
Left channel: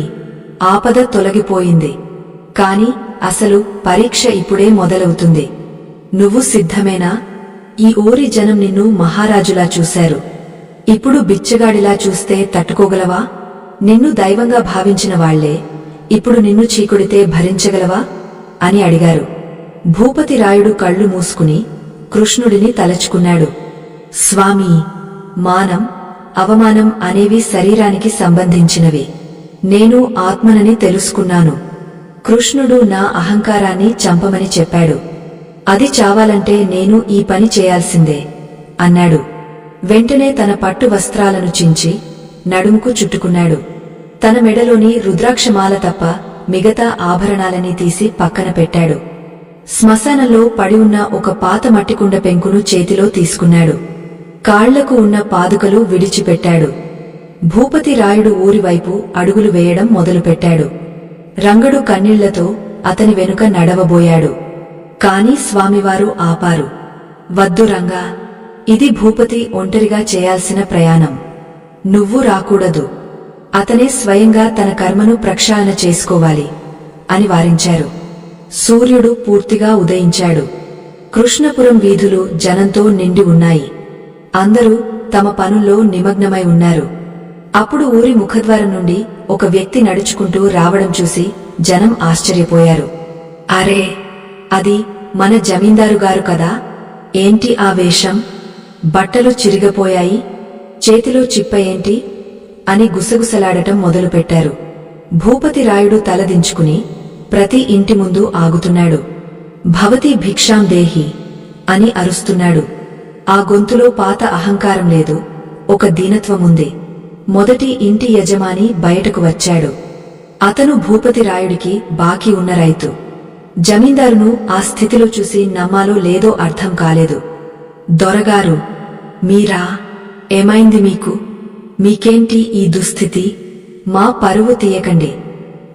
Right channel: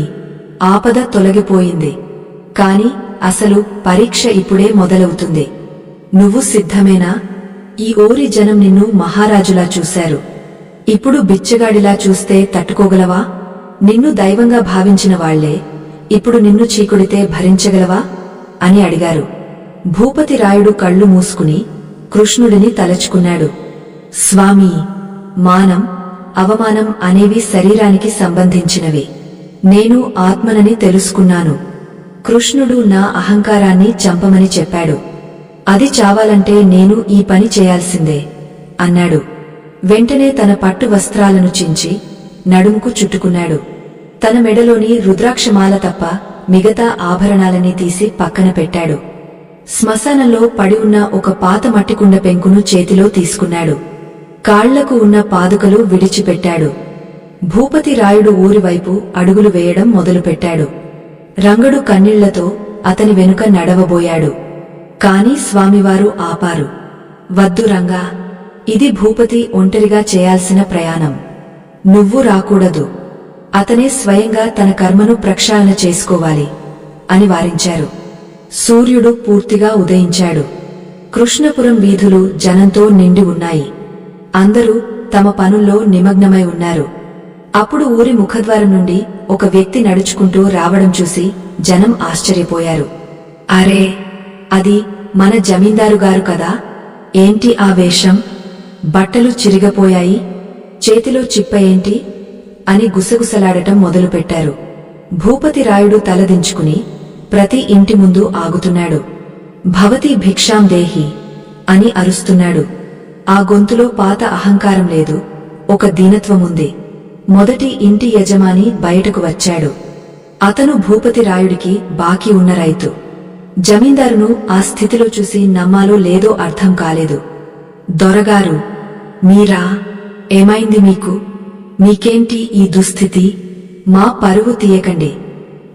ఆపద తొలగిపోయింది. కాని అసలు పరీక్ష ఇప్పుడే మొదలవుతుంది. నువ్వు సిద్ధమేనా? ఈ ఊరి జనం నిన్ను మహారాజులా చూశారు. ఇప్పుడు బిచ్చగాడిలా చూస్తే తట్టుకోగలవా? నిన్ను దైవంగా భావించిన వాళ్లే ఇప్పుడు నిన్ను చీకొడితే భరించగలవా అని అడిగారు. భూపతి రాయుడు కళ్ళు మూసుకుని కృష్ణుడిని తలచుకున్నాడు. స్వామీ, మానం, అవమానం అనేవి శరీరానికి సంబంధించినవి. నేను ఆత్మనని తెలుసుకున్నాను. కృష్ణుడు నా అహంకారాన్ని చంపమని చెప్పాడు. అది చావాలంటే నేను ఈ పని చేయాల్సిందే అన్నాడు. వెంటనే తన పట్టు వస్త్రాలను చించి నడుముకు చుట్టుకున్నాడు. తన మెడలోని రుద్రాక్షమాల తప్ప మిగతా ఆభరణాలన్నీ తీసి పక్కన పెట్టాడు. శ్మశానంలో పడి ఉన్న ఒక పాత మట్టికుండ పెంకును చేతిలో తీసుకున్నాడు. కాళ్లకు ఉన్న పాదుకలు విడిచిపెట్టాడు. భూపతి రాయుడు ఊరివైపు అడుగులు వేయడం మొదలుపెట్టాడు. రంగడు కన్నీళ్లతో అతని వెనుక నడవబోయాడు. కాని స్వామివారు ఆపారు. వద్దు రంగా, ఇది భూపతి ఒంటరిగా చేయాల్సిన ప్రయాణం. నువ్వు రాకూడదు. అతనే స్వయంగా తన కర్మను ప్రక్షాళన చేసుకోవాలి అని వారించారు. సూర్యుడు పూర్తిగా ఉదయించాడు. కృష్ణపురం వీధులు జనంతో నిండి ఉన్నాయి. అందరూ తమ పనుల్లో నిమగ్నమై ఉన్నారు. అప్పుడు ఊరి ముఖద్వారం నుండి ఒక వ్యక్తి నడుచుకుంటూ రావడం చూసి జనం ఆశ్చర్యపోయారు. అరే, అది మన జమీందారుగారు కదా! ఏంటి ఆ వేషం? బట్టలు చిరిగపోయాయి, చేతిలో చిప్ప ఏంటి అని గుసగుసలాడటం మొదలుపెట్టారు. భూపతి రాయుడు తలదించుకుని ప్రతి ఇంటి ముందు ఆగుతున్నాడు. భవతి భిక్షాం దేహి అని అరుస్తున్నాడు. ఆ గొంతులో పాత అహంకారం లేదు, ఒక దీనత్వముంది. మొదటి ఇంటి యజమాని బయటకు వచ్చాడు. అతను భూపతి రాయుడికి బాకీ ఉన్న రైతు. జమీందారును ఆ స్థితిలో చూసి నమ్మాలో లేదో అర్థం కాలేదు. దొరగారు, మీరా? ఏమైంది మీకు? మీకేంటి ఈ దుస్థితి? మా పరువు తీయకండి.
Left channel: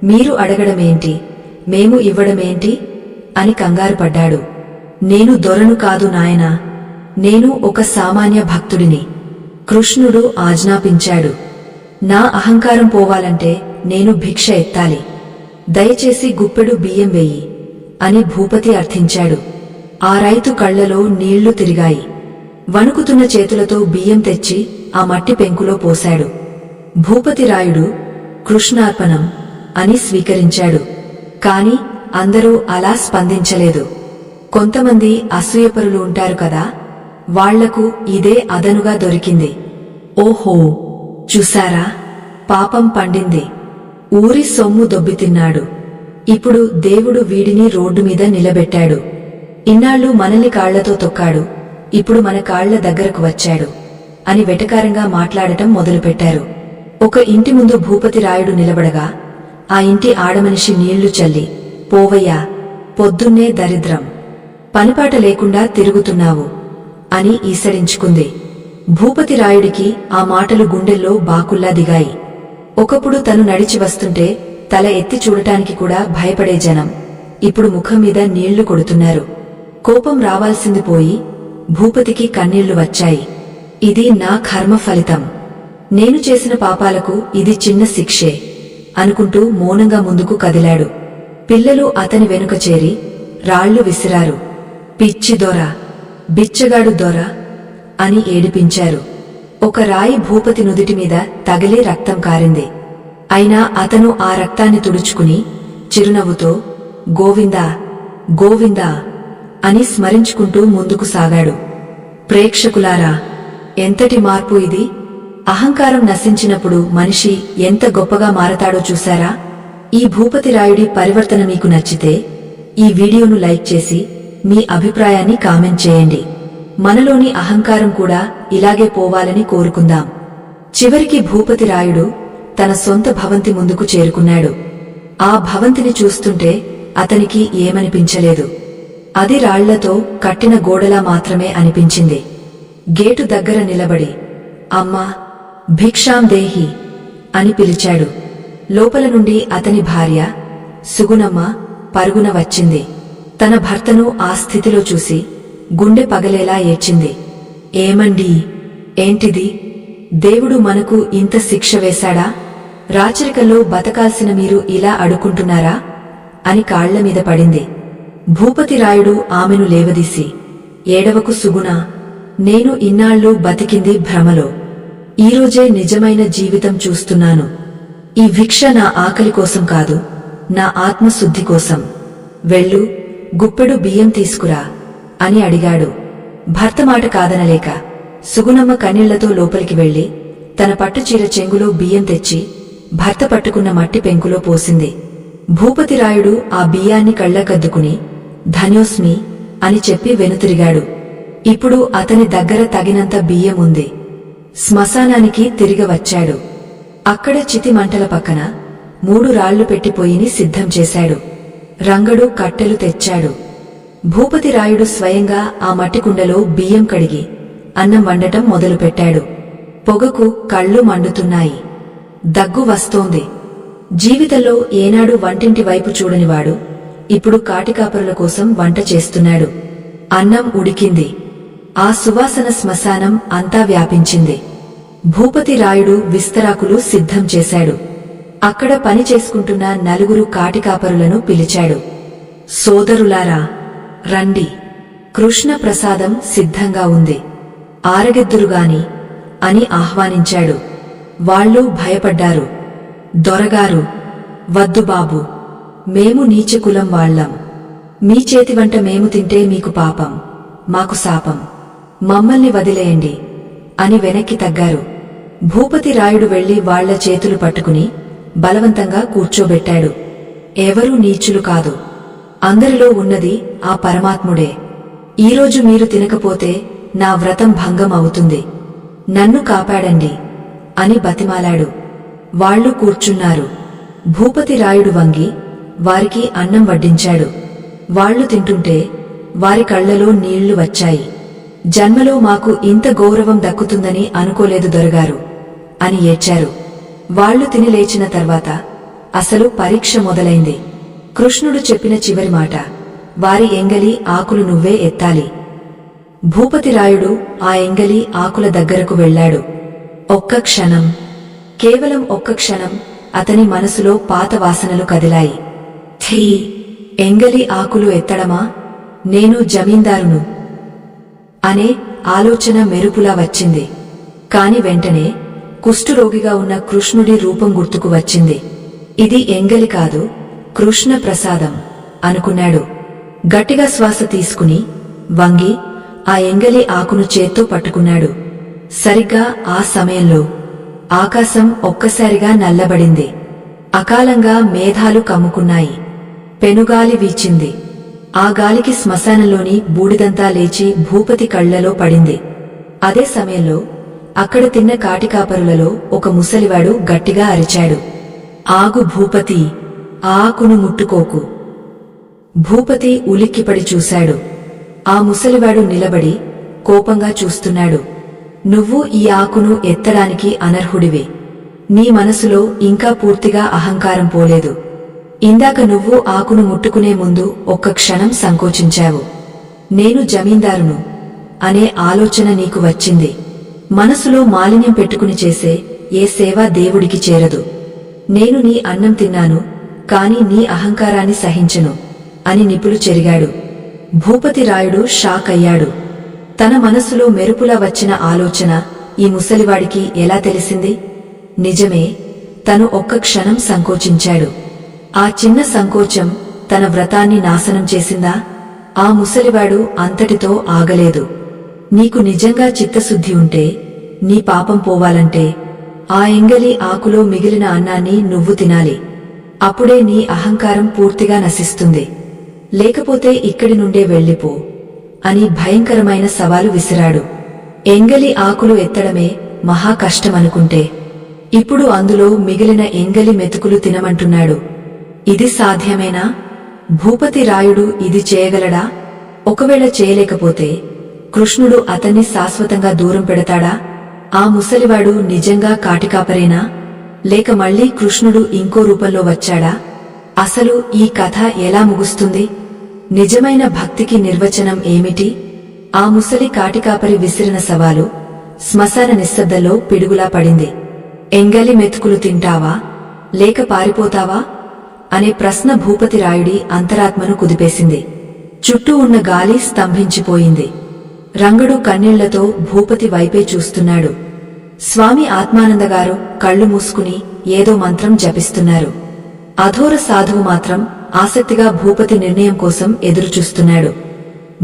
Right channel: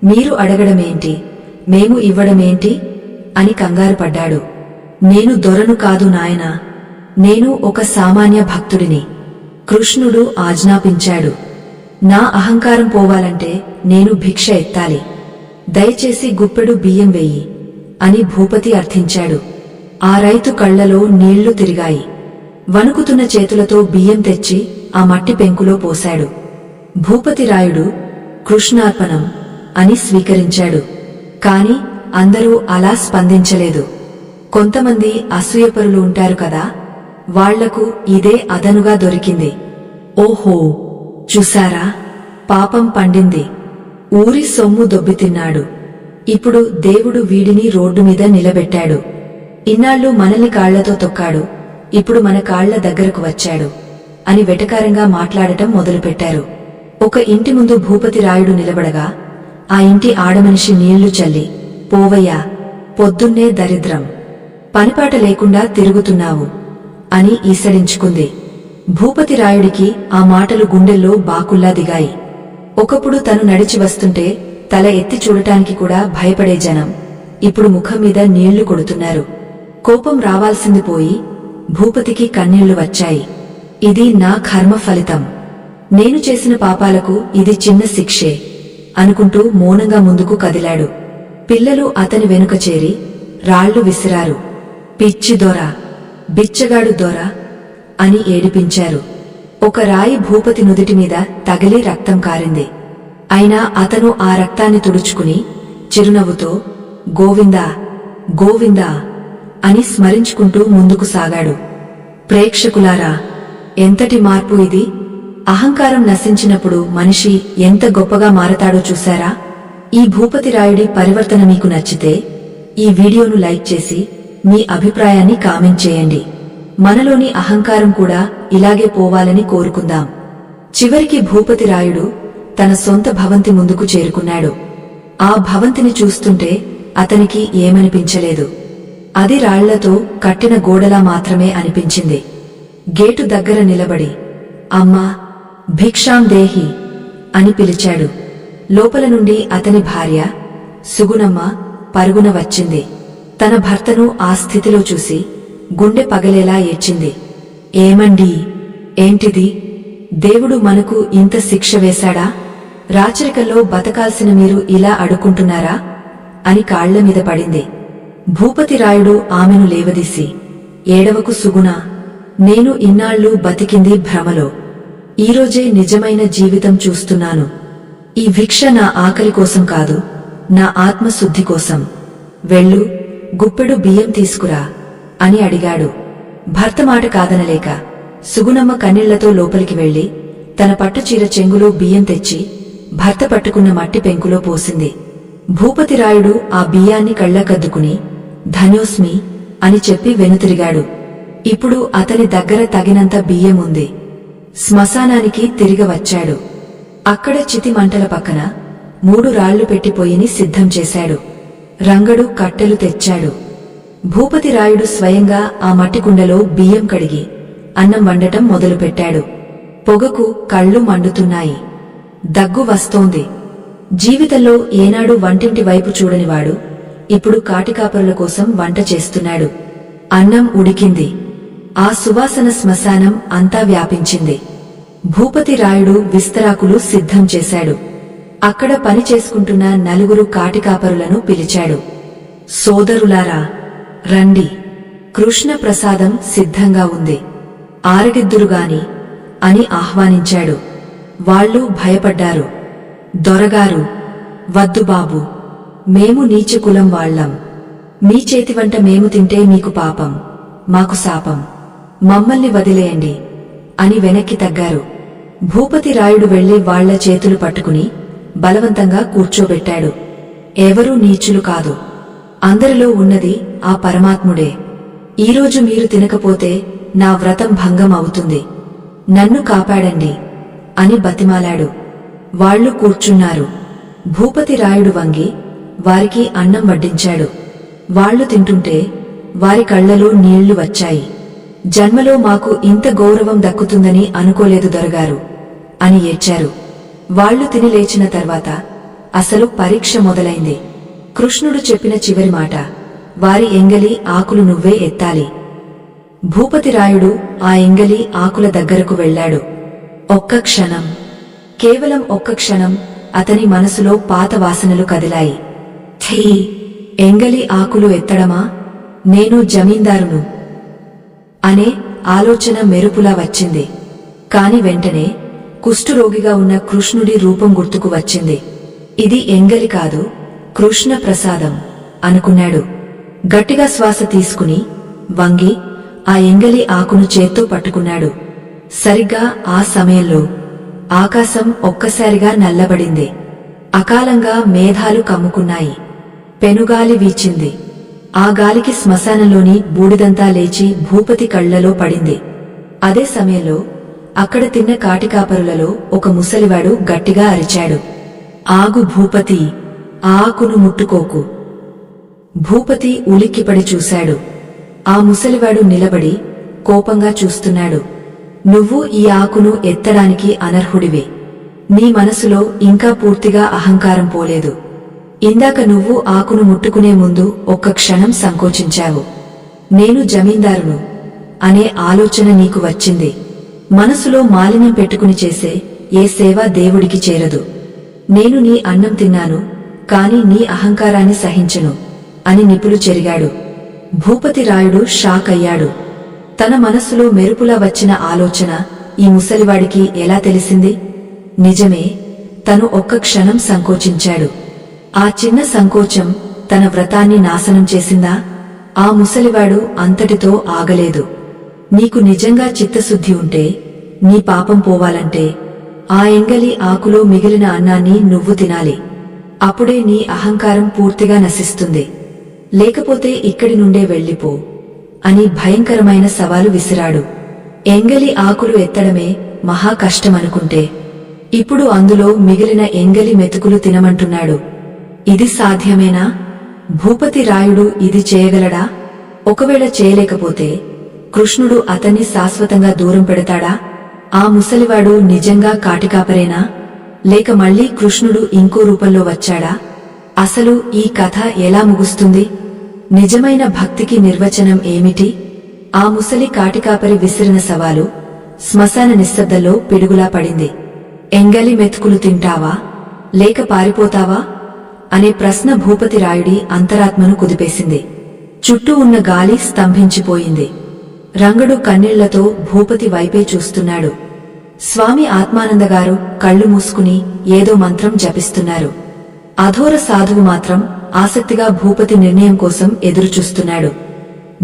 మీరు అడగడమేంటి, మేము ఇవ్వడమేంటి అని కంగారుపడ్డాడు. నేను దొరను కాదు నాయనా, నేను ఒక సామాన్య భక్తుడిని. కృష్ణుడు ఆజ్ఞాపించాడు. నా అహంకారం పోవాలంటే నేను భిక్ష ఎత్తాలి. దయచేసి గుప్పెడు బియ్యం వెయ్యి అని భూపతి అర్థించాడు. ఆ రైతు కళ్లలో నీళ్లు తిరిగాయి. వణుకుతున్న చేతులతో బియ్యం తెచ్చి ఆ మట్టి పెంకులో పోశాడు. భూపతి రాయుడు కృష్ణార్పణం అని స్వీకరించాడు. కాని అందరూ అలా స్పందించలేదు. కొంతమంది అసూయపరులు ఉంటారు కదా, వాళ్లకు ఇదే అదనుగా దొరికింది. ఓహో, చూశారా, పాపం పండింది. ఊరి సొమ్ము దొబ్బితిన్నాడు. ఇప్పుడు దేవుడు వీడిని రోడ్డు మీద నిలబెట్టాడు. ఇన్నాళ్లు మనల్ని కాళ్లతో తొక్కాడు, ఇప్పుడు మన కాళ్ల దగ్గరకు వచ్చాడు అని వెటకారంగా మాట్లాడటం మొదలుపెట్టారు. ఒక ఇంటి ముందు భూపతి రాయుడు నిలబడగా ఆ ఇంటి ఆడమనిషి నీళ్లు చల్లి, పోవయ్యా, పొద్దున్నే దరిద్రం, పనిపాట లేకుండా తిరుగుతున్నావు అని ఈసడించుకుంది. భూపతి రాయుడికి ఆ మాటలు గుండెల్లో బాకుల్లా దిగాయి. ఒకప్పుడు తను నడిచి వస్తుంటే తల ఎత్తి చూడటానికి కూడా భయపడే జనం ఇప్పుడు ముఖం మీద నీళ్లు కొడుతున్నారు. కోపం రావాల్సింది పోయి భూపతికి కన్నీళ్లు వచ్చాయి. ఇది నా కర్మ ఫలితం. నేను చేసిన పాపాలకు ఇది చిన్న శిక్షే అనుకుంటూ మౌనంగా ముందుకు కదిలాడు. పిల్లలు అతని వెనుక చేరి రాళ్లు విసిరారు. పిచ్చి దొర, బిచ్చగాడు దొర అని ఏడిపించారు. ఒక రాయి భూపతి నుదిటి మీద తగిలి రక్తం కారింది. అయినా అతను ఆ రక్తాన్ని తుడుచుకుని చిరునవ్వుతో గోవిందా గోవిందా అని స్మరించుకుంటూ ముందుకు సాగాడు. ప్రేక్షకులారా, ఎంతటి మార్పు ఇది! అహంకారం నశించినప్పుడు మనిషి ఎంత గొప్పగా మారతాడో చూశారా? ఈ భూపతిరాయుడి పరివర్తన మీకు నచ్చితే ఈ వీడియోను లైక్ చేసి మీ అభిప్రాయాన్ని కామెంట్ చేయండి. మనలోని అహంకారం కూడా ఇలాగే పోవాలని కోరుకుందాం. చివరికి భూపతిరాయుడు తన సొంత భవంతి ముందుకు చేరుకున్నాడు. ఆ భవంతిని చూస్తుంటే అతనికి ఏమనిపించలేదు. అది రాళ్లతో కట్టిన గోడలా మాత్రమే అనిపించింది. గేటు దగ్గర నిలబడి అమ్మా, భిక్షాం దేహి అని పిలిచాడు. లోపల నుండి అతని భార్య సుగుణమ్మ పరుగున వచ్చింది. తన భర్తను ఆ స్థితిలో చూసి గుండె పగలేలా ఏడ్చింది. ఏమండీ, ఏంటిది? దేవుడు మనకు ఇంత శిక్ష వేశాడా? రాచరికంలో బతకాల్సిన మీరు ఇలా అడుక్కుంటున్నారా అని కాళ్లమీద పడింది. భూపతిరాయుడు ఆమెను లేవదీసి, ఏడవకు సుగుణా, నేను ఇన్నాళ్లు బతికింది భ్రమలో. ఈరోజే నిజమైన జీవితం చూస్తున్నాను. ఈ భిక్ష నా ఆకలి కోసం కాదు, నా ఆత్మశుద్ధి కోసం. వెళ్ళు, గుప్పెడు బియ్యం తీసుకురా అని అడిగాడు. భర్త మాట కాదనలేక సుగుణమ్మ కన్నీళ్లతో లోపలికి వెళ్లి తన పట్టుచీర చెంగులో బియ్యం తెచ్చి భర్త పట్టుకున్న మట్టి పెంకులో పోసింది. భూపతిరాయుడు ఆ బియ్యాన్ని కళ్లకద్దుకుని ధన్యోస్మి అని చెప్పి వెనుతిరిగాడు. ఇప్పుడు అతని దగ్గర తగినంత బియ్యం ఉంది. శ్మశానానికి తిరిగి వచ్చాడు. అక్కడ చితి మంటల పక్కన 3 రాళ్లు పెట్టి పొయ్యిని సిద్ధం చేశాడు. రంగడు కట్టెలు తెచ్చాడు. భూపతిరాయుడు స్వయంగా ఆ మట్టికుండలో బియ్యం కడిగి అన్నం వండటం మొదలుపెట్టాడు. పొగకు కళ్ళు మండుతున్నాయి. దగ్గు వస్తోంది. జీవితంలో ఏనాడు వంటింటి వైపు చూడనివాడు ఇప్పుడు కాటికాపరుల కోసం వంట చేస్తున్నాడు. అన్నం ఉడికింది. ఆ సువాసన శ్మశానం అంతా వ్యాపించింది. భూపతిరాయుడు విస్తరాకులు సిద్ధం చేశాడు. అక్కడ పని చేసుకుంటున్న 4 కాటికాపరులను పిలిచాడు. సోదరులారా, రండి, కృష్ణ ప్రసాదం సిద్ధంగా ఉంది, ఆరగెద్దురుగాని అని ఆహ్వానించాడు. వాళ్ళు భయపడ్డారు. దొరగారు, వద్దు బాబు, మేము నీచకులం వాళ్లం. మీ చేతివంట మేము తింటే మీకు పాపం, మాకు శాపం. మమ్మల్ని వదిలేయండి అని వెనక్కి తగ్గారు. భూపతిరాయుడు వెళ్లి వాళ్ల చేతులు పట్టుకుని బలవంతంగా కూర్చోబెట్టాడు. ఎవరూ నీచులు కాదు, అందరిలో ఉన్నది ఆ పరమాత్ముడే. ఈరోజు మీరు తినకపోతే నా వ్రతం భంగం అవుతుంది. నన్ను కాపాడండి అని బతిమాలాడు. వాళ్లు కూర్చున్నారు. భూపతిరాయుడు వంగి వారికి అన్నం వడ్డించాడు. వాళ్లు తింటుంటే వారి కళ్లలో నీళ్లు వచ్చాయి. జన్మలో మాకు ఇంత గౌరవం దక్కుతుందని అనుకోలేదు దొరగారు అని ఏడ్చారు. వాళ్లు తిని లేచిన తర్వాత అసలు పరీక్ష మొదలైంది. కృష్ణుడు చెప్పిన చివరి మాట, వారి ఎంగలి ఆకులు నువ్వే ఎత్తాలి. భూపతిరాయుడు ఆ ఎంగలి ఆకుల దగ్గరకు వెళ్లాడు. ఒక్క క్షణం, కేవలం ఒక్క క్షణం అతని మనసులో పాత వాసనలు కదిలాయి. ఛీ, ఎంగలి ఆకులు ఎత్తడమా? నేను జమీందారును అనే ఆలోచన మెరుపులా వచ్చింది. కాని వెంటనే కుష్ఠురోగిగా ఉన్న కృష్ణుడి రూపం గుర్తుకు వచ్చింది. ఇది ఎంగలి కాదు, కృష్ణ ప్రసాదం అనుకున్నాడు. గట్టిగా శ్వాస తీసుకుని వంగి ఆ ఎంగలి ఆకును చేత్తో పట్టుకున్నాడు. సరిగ్గా ఆ సమయంలో ఆకాశం ఒక్కసారిగా నల్లబడింది. అకాలంగా మేఘాలు కమ్ముకున్నాయి. పెనుగాలి వీచింది. ఆ గాలికి శ్మశానంలోని బూడిదంతా లేచి భూపతి కళ్లలో పడింది. అదే సమయంలో అక్కడ తిన్న కాటికాపరులలో ఒక ముసలివాడు గట్టిగా అరిచాడు, ఆగు భూపతి, ఆ ఆకును ముట్టుకోకు. భూపతి ఉలిక్కిపడి చూశాడు. ఆ ముసలివాడు నిలబడి కోపంగా చూస్తున్నాడు. నువ్వు ఈ ఆకును ఎత్తడానికి అనర్హుడివి. నీ మనసులో ఇంకా పూర్తిగా అహంకారం పోలేదు. ఇందాక నువ్వు ఆకును ముట్టుకునే ముందు ఒక్క క్షణం సంకోచించావు. నేను జమీందారును అనే ఆలోచన నీకు వచ్చింది. మనసులో మాలిన్యం పెట్టుకుని చేసే ఏ సేవ దేవుడికి చేరదు. నేను నీ అన్నం తిన్నాను, కాని నీ అహంకారాన్ని సహించను అని నిపులు చెరిగాడు. భూపతిరాయుడు షాక్ అయ్యాడు. తన మనసులో మెరుపులా వచ్చిన ఆలోచన ఈ ముసలివాడికి ఎలా తెలిసింది? నిజమే, తను ఒక్క క్షణం సంకోచించాడు. ఆ చిన్న సంకోచం తన వ్రతాన్ని నాశనం చేసిందా? ఆ ముసలివాడు అంతటితో ఆగలేదు. నీకు నిజంగా చిత్తశుద్ధి ఉంటే, నీ పాపం పోవాలంటే ఆ ఎంగలి ఆకులో మిగిలిన అన్నాన్ని నువ్వు తినాలి. అప్పుడే నీ అహంకారం పూర్తిగా నశిస్తుంది. లేకపోతే ఇక్కడి నుండే వెళ్ళిపో అని భయంకరమైన సవాలు విసిరాడు. ఎంగలి ఆకులు ఎత్తడమే మహా కష్టమనుకుంటే ఇప్పుడు అందులో మిగిలిన ఎంగలి మెతుకులు తినమంటున్నాడు. ఇది సాధ్యమేనా? భూపతి రాయుడు ఇది చేయగలడా? ఒకవేళ చేయలేకపోతే కృష్ణుడు అతన్ని శాశ్వతంగా దూరం పెడతాడా? ఆ ముసలివాడు నిజంగా కాటికాపరేనా? లేక మళ్లీ కృష్ణుడు ఇంకో రూపంలో వచ్చాడా? అసలు ఈ కథ ఎలా ముగుస్తుంది? నిజమైన భక్తికి నిర్వచనం ఏమిటి? ఆ ముసలి కాటికాపరి విసిరిన సవాలు శ్మశాన నిశ్శబ్దంలో పిడుగులా పడింది. ఎంగలి మెతుకులు తింటావా లేక పారిపోతావా అనే ప్రశ్న భూపతి రాయుడి అంతరాత్మను కుదిపేసింది. చుట్టూ ఉన్న గాలి స్తంభించిపోయింది. రంగడు కన్నీళ్లతో భూపతి వైపే చూస్తున్నాడు. స్వామి ఆత్మానందగారు కళ్ళు మూసుకుని ఏదో మంత్రం జపిస్తున్నారు. అఘోర సాధువు మాత్రం ఆసక్తిగా భూపతి నిర్ణయం కోసం ఎదురుచూస్తున్నాడు.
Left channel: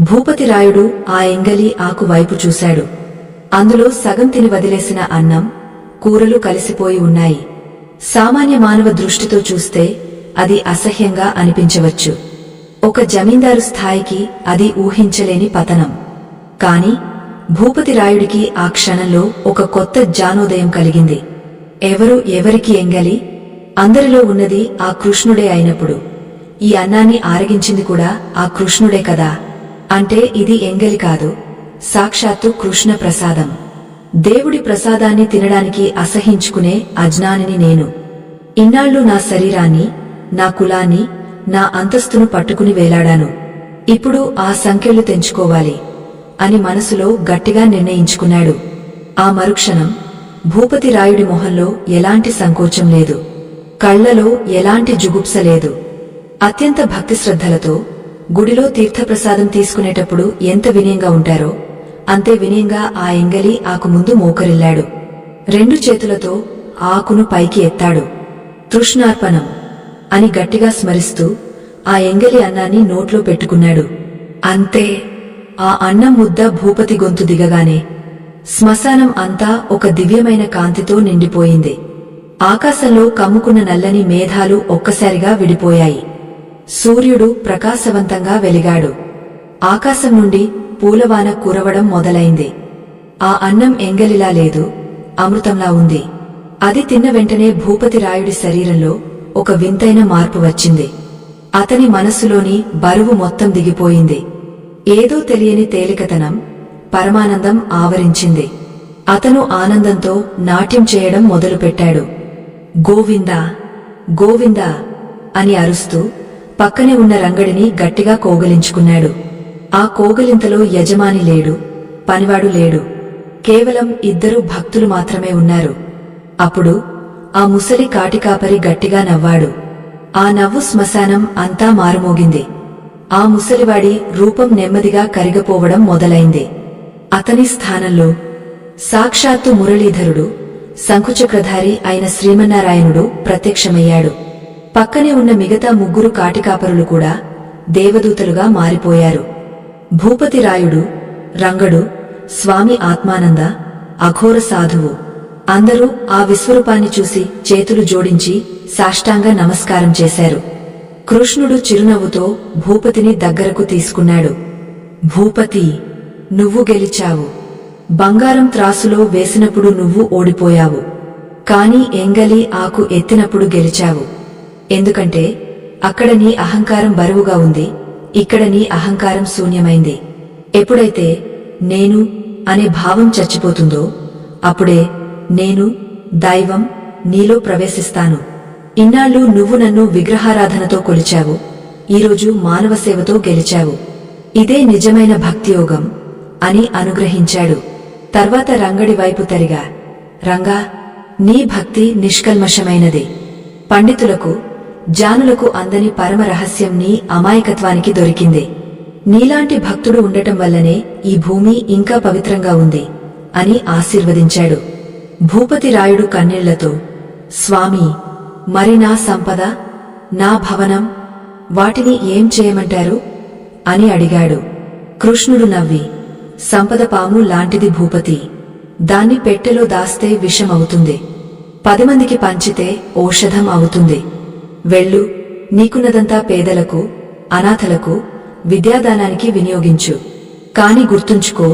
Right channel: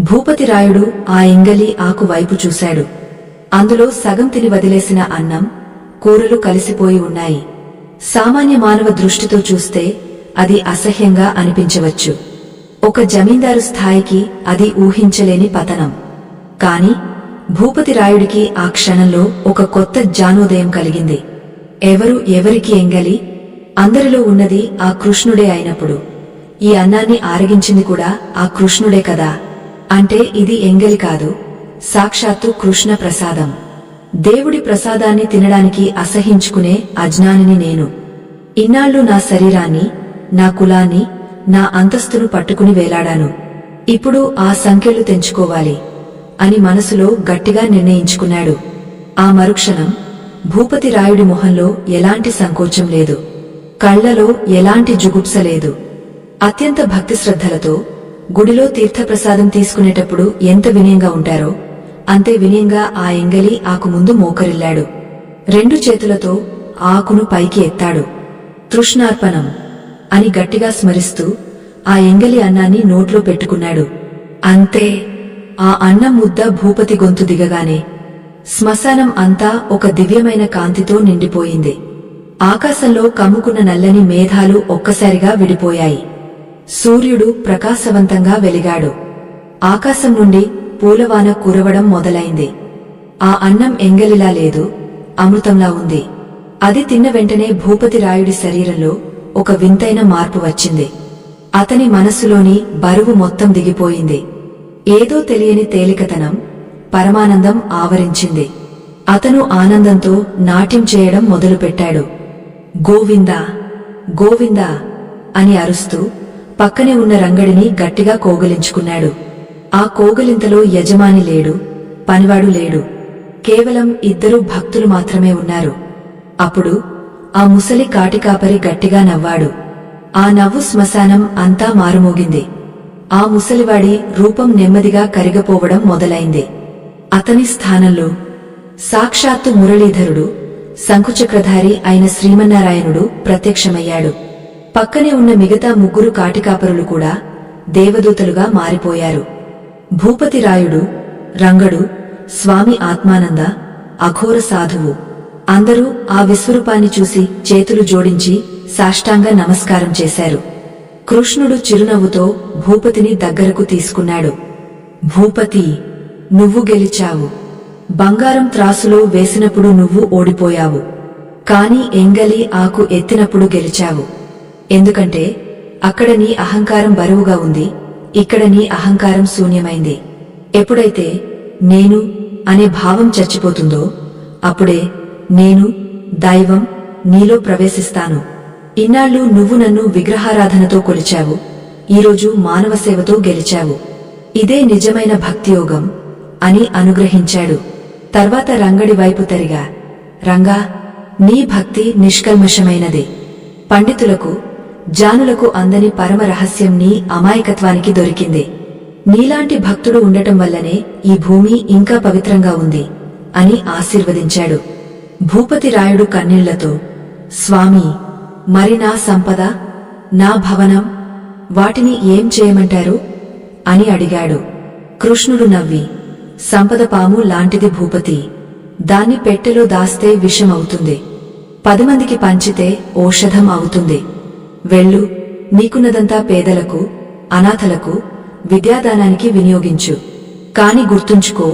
భూపతి రాయుడు ఆ ఎంగలి ఆకు వైపు చూశాడు. అందులో సగం తిని వదిలేసిన అన్నం, కూరలు కలిసిపోయి ఉన్నాయి. సామాన్య మానవ దృష్టితో చూస్తే అది అసహ్యంగా అనిపించవచ్చు. ఒక జమీందారు స్థాయికి అది ఊహించలేని పతనం. కాని భూపతి రాయుడికి ఆ క్షణంలో ఒక కొత్త జ్ఞానోదయం కలిగింది. ఎవరికి ఎంగలి? అందరిలో ఉన్నది ఆ కృష్ణుడే అయినప్పుడు ఈ అన్నాన్ని ఆరగించింది కూడా ఆ కృష్ణుడే కదా. అంటే ఇది ఎంగలి కాదు, సాక్షాత్తు కృష్ణ ప్రసాదం. దేవుడి ప్రసాదాన్ని తినడానికి అసహించుకునే అజ్ఞానిని నేను. ఇన్నాళ్లు నా శరీరాన్ని, నా కులాన్ని, నా అంతస్తును పట్టుకుని వేలాడాను. ఇప్పుడు ఆ సంకెళ్లు తెంచుకోవాలి అని మనసులో గట్టిగా నిర్ణయించుకున్నాడు. ఆ మరుక్షణం భూపతి రాయుడి మొహంలో ఎలాంటి సంకోచం లేదు, కళ్లలో ఎలాంటి జుగుప్స లేదు. అత్యంత భక్తిశ్రద్ధలతో గుడిలో తీర్థప్రసాదం తీసుకునేటప్పుడు ఎంత వినయంగా ఉంటారో అంతే వినయంగా ఆ ఎంగలి ఆకు ముందు మోకరిల్లాడు. 2 చేతులతో ఆకును పైకి ఎత్తాడు. తృష్ణార్పణం అని గట్టిగా స్మరిస్తూ ఆ ఎంగలి అన్నాన్ని నోట్లో పెట్టుకున్నాడు. అంతే. ఆ అన్నం ముద్ద భూపతి గొంతు దిగగానే శ్మశానం అంతా ఒక దివ్యమైన కాంతితో నిండిపోయింది. ఆకాశంలో కమ్ముకున్న నల్లని మేఘాలు ఒక్కసారిగా విడిపోయాయి. సూర్యుడు ప్రకాశవంతంగా వెలిగాడు. ఆకాశం నుండి పూలవాన కురవడం మొదలైంది. ఆ అన్నం ఎంగలిలా లేదు, అమృతంలా ఉంది. అది తిన్న వెంటనే భూపతి రాయుడి శరీరంలో ఒక వింతైన మార్పు వచ్చింది. అతని మనస్సులోని బరువు మొత్తం దిగిపోయింది. ఏదో తెలియని తేలికతనం, పరమానందం ఆవరించింది. అతను ఆనందంతో నాట్యం చేయడం మొదలుపెట్టాడు. గోవిందా గోవిందా అని అరుస్తూ పక్కనే ఉన్న రంగడిని గట్టిగా కోగలించుకున్నాడు. ఆ కోగలింతలో యజమాని లేడు, పనివాడు లేడు. కేవలం 2 భక్తులు మాత్రమే ఉన్నారు. అప్పుడు ఆ ముసలి కాటికాపరి గట్టిగా నవ్వాడు. ఆ నవ్వు శ్మశానం అంతా మారుమోగింది. ఆ ముసలివాడి రూపం నెమ్మదిగా కరిగపోవడం మొదలైంది. అతని స్థానంలో సాక్షాత్తు మురళీధరుడు, శంఖుచక్రధారి అయిన శ్రీమన్నారాయణుడు ప్రత్యక్షమయ్యాడు. పక్కనే ఉన్న మిగతా 3 కాటికాపరులు కూడా దేవదూతలుగా మారిపోయారు. భూపతి రాయుడు, రంగడు, స్వామి ఆత్మానంద, అఘోర సాధువు అందరూ ఆ విశ్వరూపాన్ని చూసి చేతులు జోడించి సాష్టాంగ నమస్కారం చేశారు. కృష్ణుడు చిరునవ్వుతో భూపతిని దగ్గరకు తీసుకున్నాడు. భూపతి, నువ్వు గెలిచావు. బంగారం త్రాసులో వేసినప్పుడు నువ్వు ఓడిపోయావు. కాని ఎంగలి ఆకు ఎత్తినప్పుడు గెలిచావు. ఎందుకంటే అక్కడ నీ అహంకారం బరువుగా ఉంది, ఇక్కడ నీ అహంకారం శూన్యమైంది. ఎప్పుడైతే నేను అనే భావం చచ్చిపోతుందో అప్పుడే నేను, దైవం నీలో ప్రవేశిస్తాను. ఇన్నాళ్లు నువ్వు నన్ను విగ్రహారాధనతో కొలిచావు, ఈరోజు మానవ సేవతో గెలిచావు. ఇదే నిజమైన భక్తియోగం అని అనుగ్రహించాడు. తర్వాత రంగడి వైపు తరిగా, రంగా, నీ భక్తి నిష్కల్మషమైనది. పండితులకు, జానులకు అందని పరమ రహస్యం నీ అమాయకత్వానికి దొరికింది. నీలాంటి భక్తుడు ఉండటం వల్లనే ఈ భూమి ఇంకా పవిత్రంగా ఉంది అని ఆశీర్వదించాడు. భూపతి రాయుడు కన్నీళ్లతో, స్వామీ, మరి నా సంపద, నా భవనం, వాటిని ఏం చేయమంటారు అని అడిగాడు. కృష్ణుడు నవ్వి, సంపద పాము లాంటిది భూపతి. దాన్ని పెట్టెలో దాస్తే విషమవుతుంది. 10 మందికి పంచితే ఔషధం అవుతుంది. వెళ్ళు, నీకున్నదంతా పేదలకు, అనాథలకు, విద్యాదానానికి వినియోగించు. కాని గుర్తుంచుకో,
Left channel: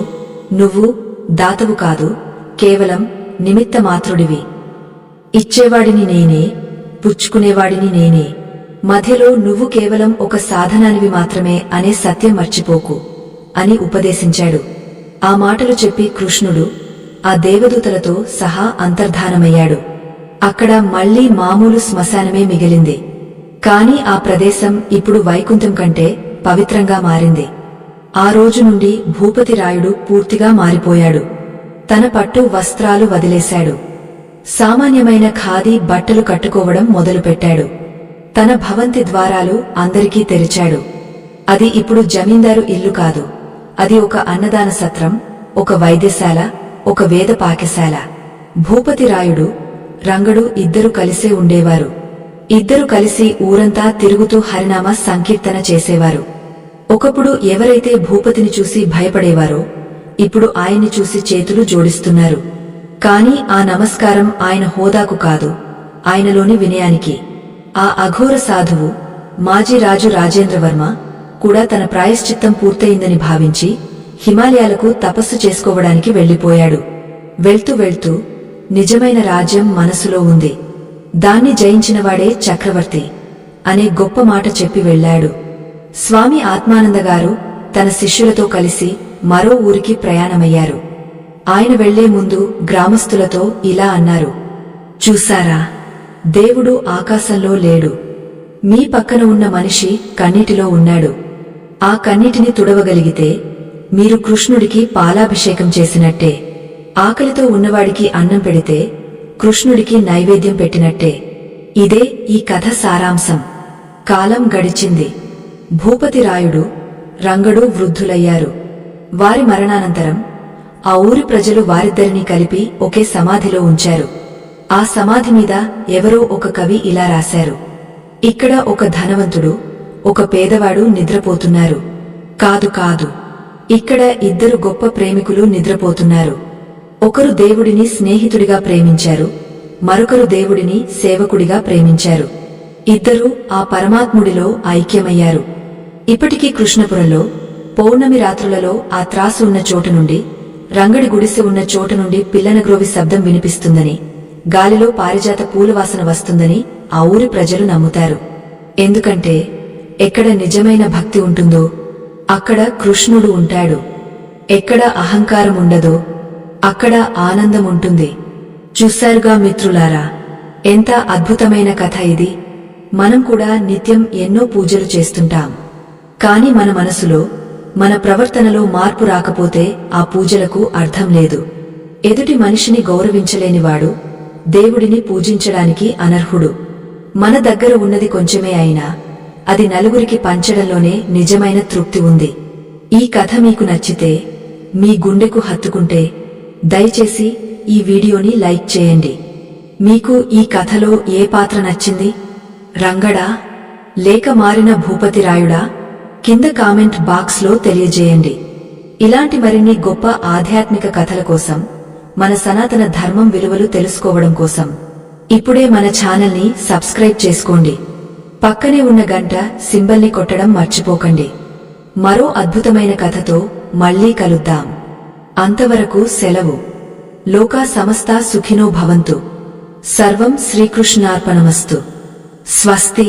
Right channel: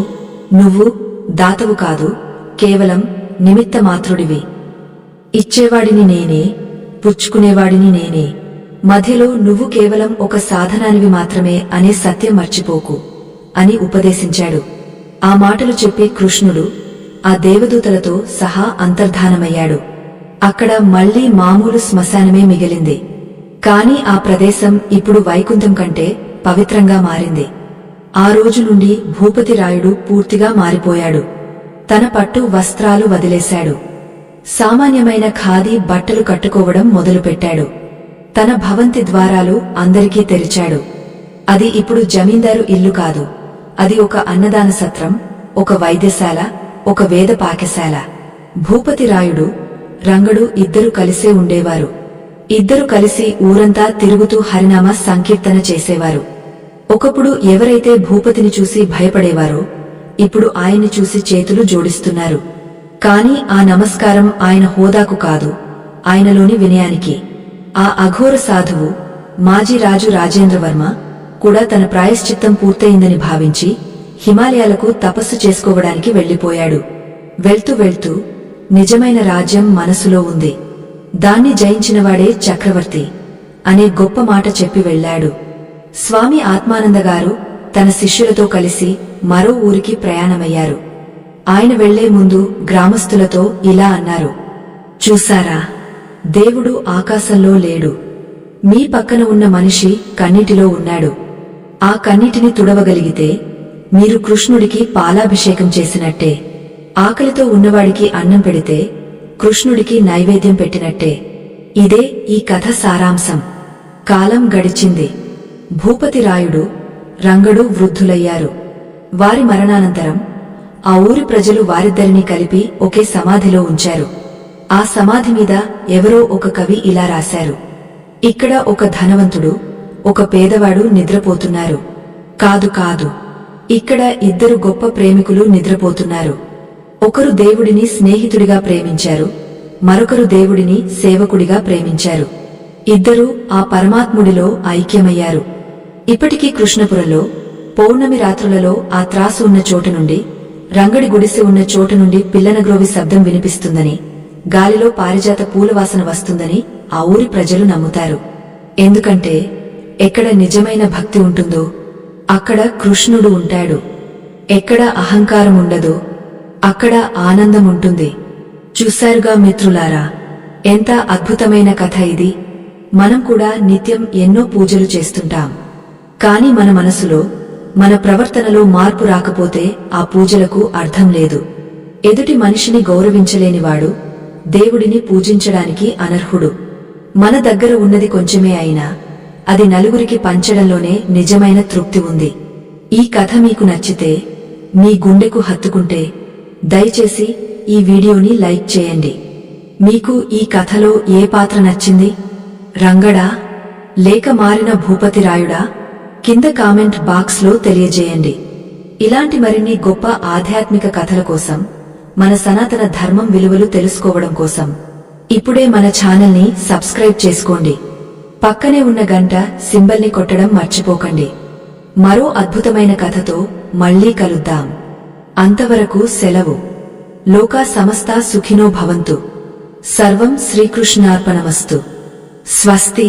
నువ్వు దాతవు కాదు, కేవలం నిమిత్తమాత్రుడివి. ఇచ్చేవాడిని నేనే, పుచ్చుకునేవాడిని నేనే. మధ్యలో నువ్వు కేవలం ఒక సాధనానివి మాత్రమే అనే సత్యం మర్చిపోకు అని ఉపదేశించాడు. ఆ మాటలు చెప్పి కృష్ణుడు ఆ దేవదూతలతో సహా అంతర్ధానమయ్యాడు. అక్కడ మళ్లీ మామూలు శ్మశానమే మిగిలింది. కాని ఆ ప్రదేశం ఇప్పుడు వైకుంఠం కంటే పవిత్రంగా మారింది. ఆ రోజు నుండి భూపతి రాయుడు పూర్తిగా మారిపోయాడు. తన పట్టు వస్త్రాలు వదిలేశాడు. సామాన్యమైన ఖాదీ బట్టలు కట్టుకోవడం మొదలుపెట్టాడు. తన భవంతి ద్వారాలు అందరికీ తెరిచాడు. అది ఇప్పుడు జమీందారు ఇల్లు కాదు, అది ఒక అన్నదాన సత్రం, ఒక వైద్యశాల, ఒక వేద పాకశాల. భూపతి రాయుడు, రంగడు ఇద్దరు కలిసే ఉండేవారు. ఇద్దరు కలిసి ఊరంతా తిరుగుతూ హరినామ సంకీర్తన చేసేవారు. ఒకప్పుడు ఎవరైతే భూపతిని చూసి భయపడేవారో ఇప్పుడు ఆయన్ని చూసి చేతులు జోడిస్తున్నారు. కాని ఆ నమస్కారం ఆయన హోదాకు కాదు, ఆయనలోని వినయానికి. ఆ అఘోర సాధువు మాజీ రాజు రాజేంద్రవర్మ కూడా తన ప్రాయశ్చిత్తం పూర్తయిందని భావించి హిమాలయాలకు తపస్సు చేసుకోవడానికి వెళ్లిపోయాడు. వెళ్తూ వెళ్తూ నిజమైన రాజ్యం మనసులో ఉంది, దాన్ని జయించినవాడే చక్రవర్తి అనే గొప్ప మాట చెప్పి వెళ్లాడు. స్వామి ఆత్మానందగారు తన శిష్యులతో కలిసి మరో ఊరికి ప్రయాణమయ్యారు. ఆయన వెళ్లే ముందు గ్రామస్తులతో ఇలా అన్నారు: చూసారా, దేవుడు ఆకాశంలో లేడు, మీ పక్కన ఉన్న మనిషి కన్నీటిలో ఉన్నాడు. ఆ కన్నీటిని తుడవగలిగితే మీరు కృష్ణుడికి పాలాభిషేకం చేసినట్టే. ఆకలితో ఉన్నవాడికి అన్నం పెడితే కృష్ణుడికి నైవేద్యం పెట్టినట్టే. ఇదే ఈ కథ సారాంశం. కాలం గడిచింది. భూపతి రాయుడు, రంగడు వృద్ధులయ్యారు. వారి మరణానంతరం ఆ ఊరి ప్రజలు వారిద్దరినీ కలిపి ఒకే సమాధిలో ఉంచారు. ఆ సమాధి మీద ఎవరో ఒక కవి ఇలా రాశారు: ఇక్కడ ఒక ధనవంతుడు, ఒక పేదవాడు నిద్రపోతున్నారు. కాదు కాదు, ఇక్కడ ఇద్దరు గొప్ప ప్రేమికులు నిద్రపోతున్నారు. ఒకరు దేవుడిని స్నేహితుడిగా ప్రేమించారు, మరొకరు దేవుడిని సేవకుడిగా ప్రేమించారు. ఇద్దరూ ఆ పరమాత్ముడిలో ఐక్యమయ్యారు. ఇప్పటికీ కృష్ణపురంలో పౌర్ణమి రాత్రులలో ఆ త్రాసు ఉన్న చోటు నుండి, రంగడి గుడిసె ఉన్న చోటు నుండి పిల్లనగ్రోవి శబ్దం వినిపిస్తుందని, గాలిలో పారిజాత పూలవాసన వస్తుందని ఆ ఊరి ప్రజలు నమ్ముతారు. ఎందుకంటే ఎక్కడ నిజమైన భక్తి ఉంటుందో అక్కడ కృష్ణుడు ఉంటాడు. ఎక్కడ అహంకారం ఉండదో అక్కడ ఆనందం ఉంటుంది. చూశారుగా మిత్రులారా, ఎంత అద్భుతమైన కథ ఇది. మనం కూడా నిత్యం ఎన్నో పూజలు చేస్తుంటాం. కాని మన మనసులో, మన ప్రవర్తనలో మార్పు రాకపోతే ఆ పూజలకు అర్థం లేదు. ఎదుటి మనిషిని గౌరవించలేనివాడు దేవుడిని పూజించడానికి అనర్హుడు. మన దగ్గర ఉన్నది కొంచెమే అయినా అది నలుగురికి పంచడంలోనే నిజమైన తృప్తి ఉంది. ఈ కథ మీకు నచ్చితే, మీ గుండెకు హత్తుకుంటే దయచేసి ఈ వీడియోని లైక్ చేయండి. మీకు ఈ కథలో ఏ పాత్ర నచ్చింది? రంగడా లేక మారిన భూపతి రాయుడా? కింద కామెంట్ బాక్స్లో తెలియజేయండి. ఇలాంటి మరిన్ని గొప్ప ఆధ్యాత్మిక కథల కోసం, మన సనాతన ధర్మం విలువలు తెలుసుకోవడం కోసం ఇప్పుడే మన ఛానల్ని సబ్స్క్రైబ్ చేసుకోండి. పక్కనే ఉన్న గంట సింబల్ని కొట్టడం మర్చిపోకండి. మరో అద్భుతమైన కథతో మళ్లీ కలుద్దాం. అంతవరకు సెలవు. లోకా సమస్తా సుఖినో భవంతు. సర్వం శ్రీకృష్ణార్పణమస్తు. స్వస్తి.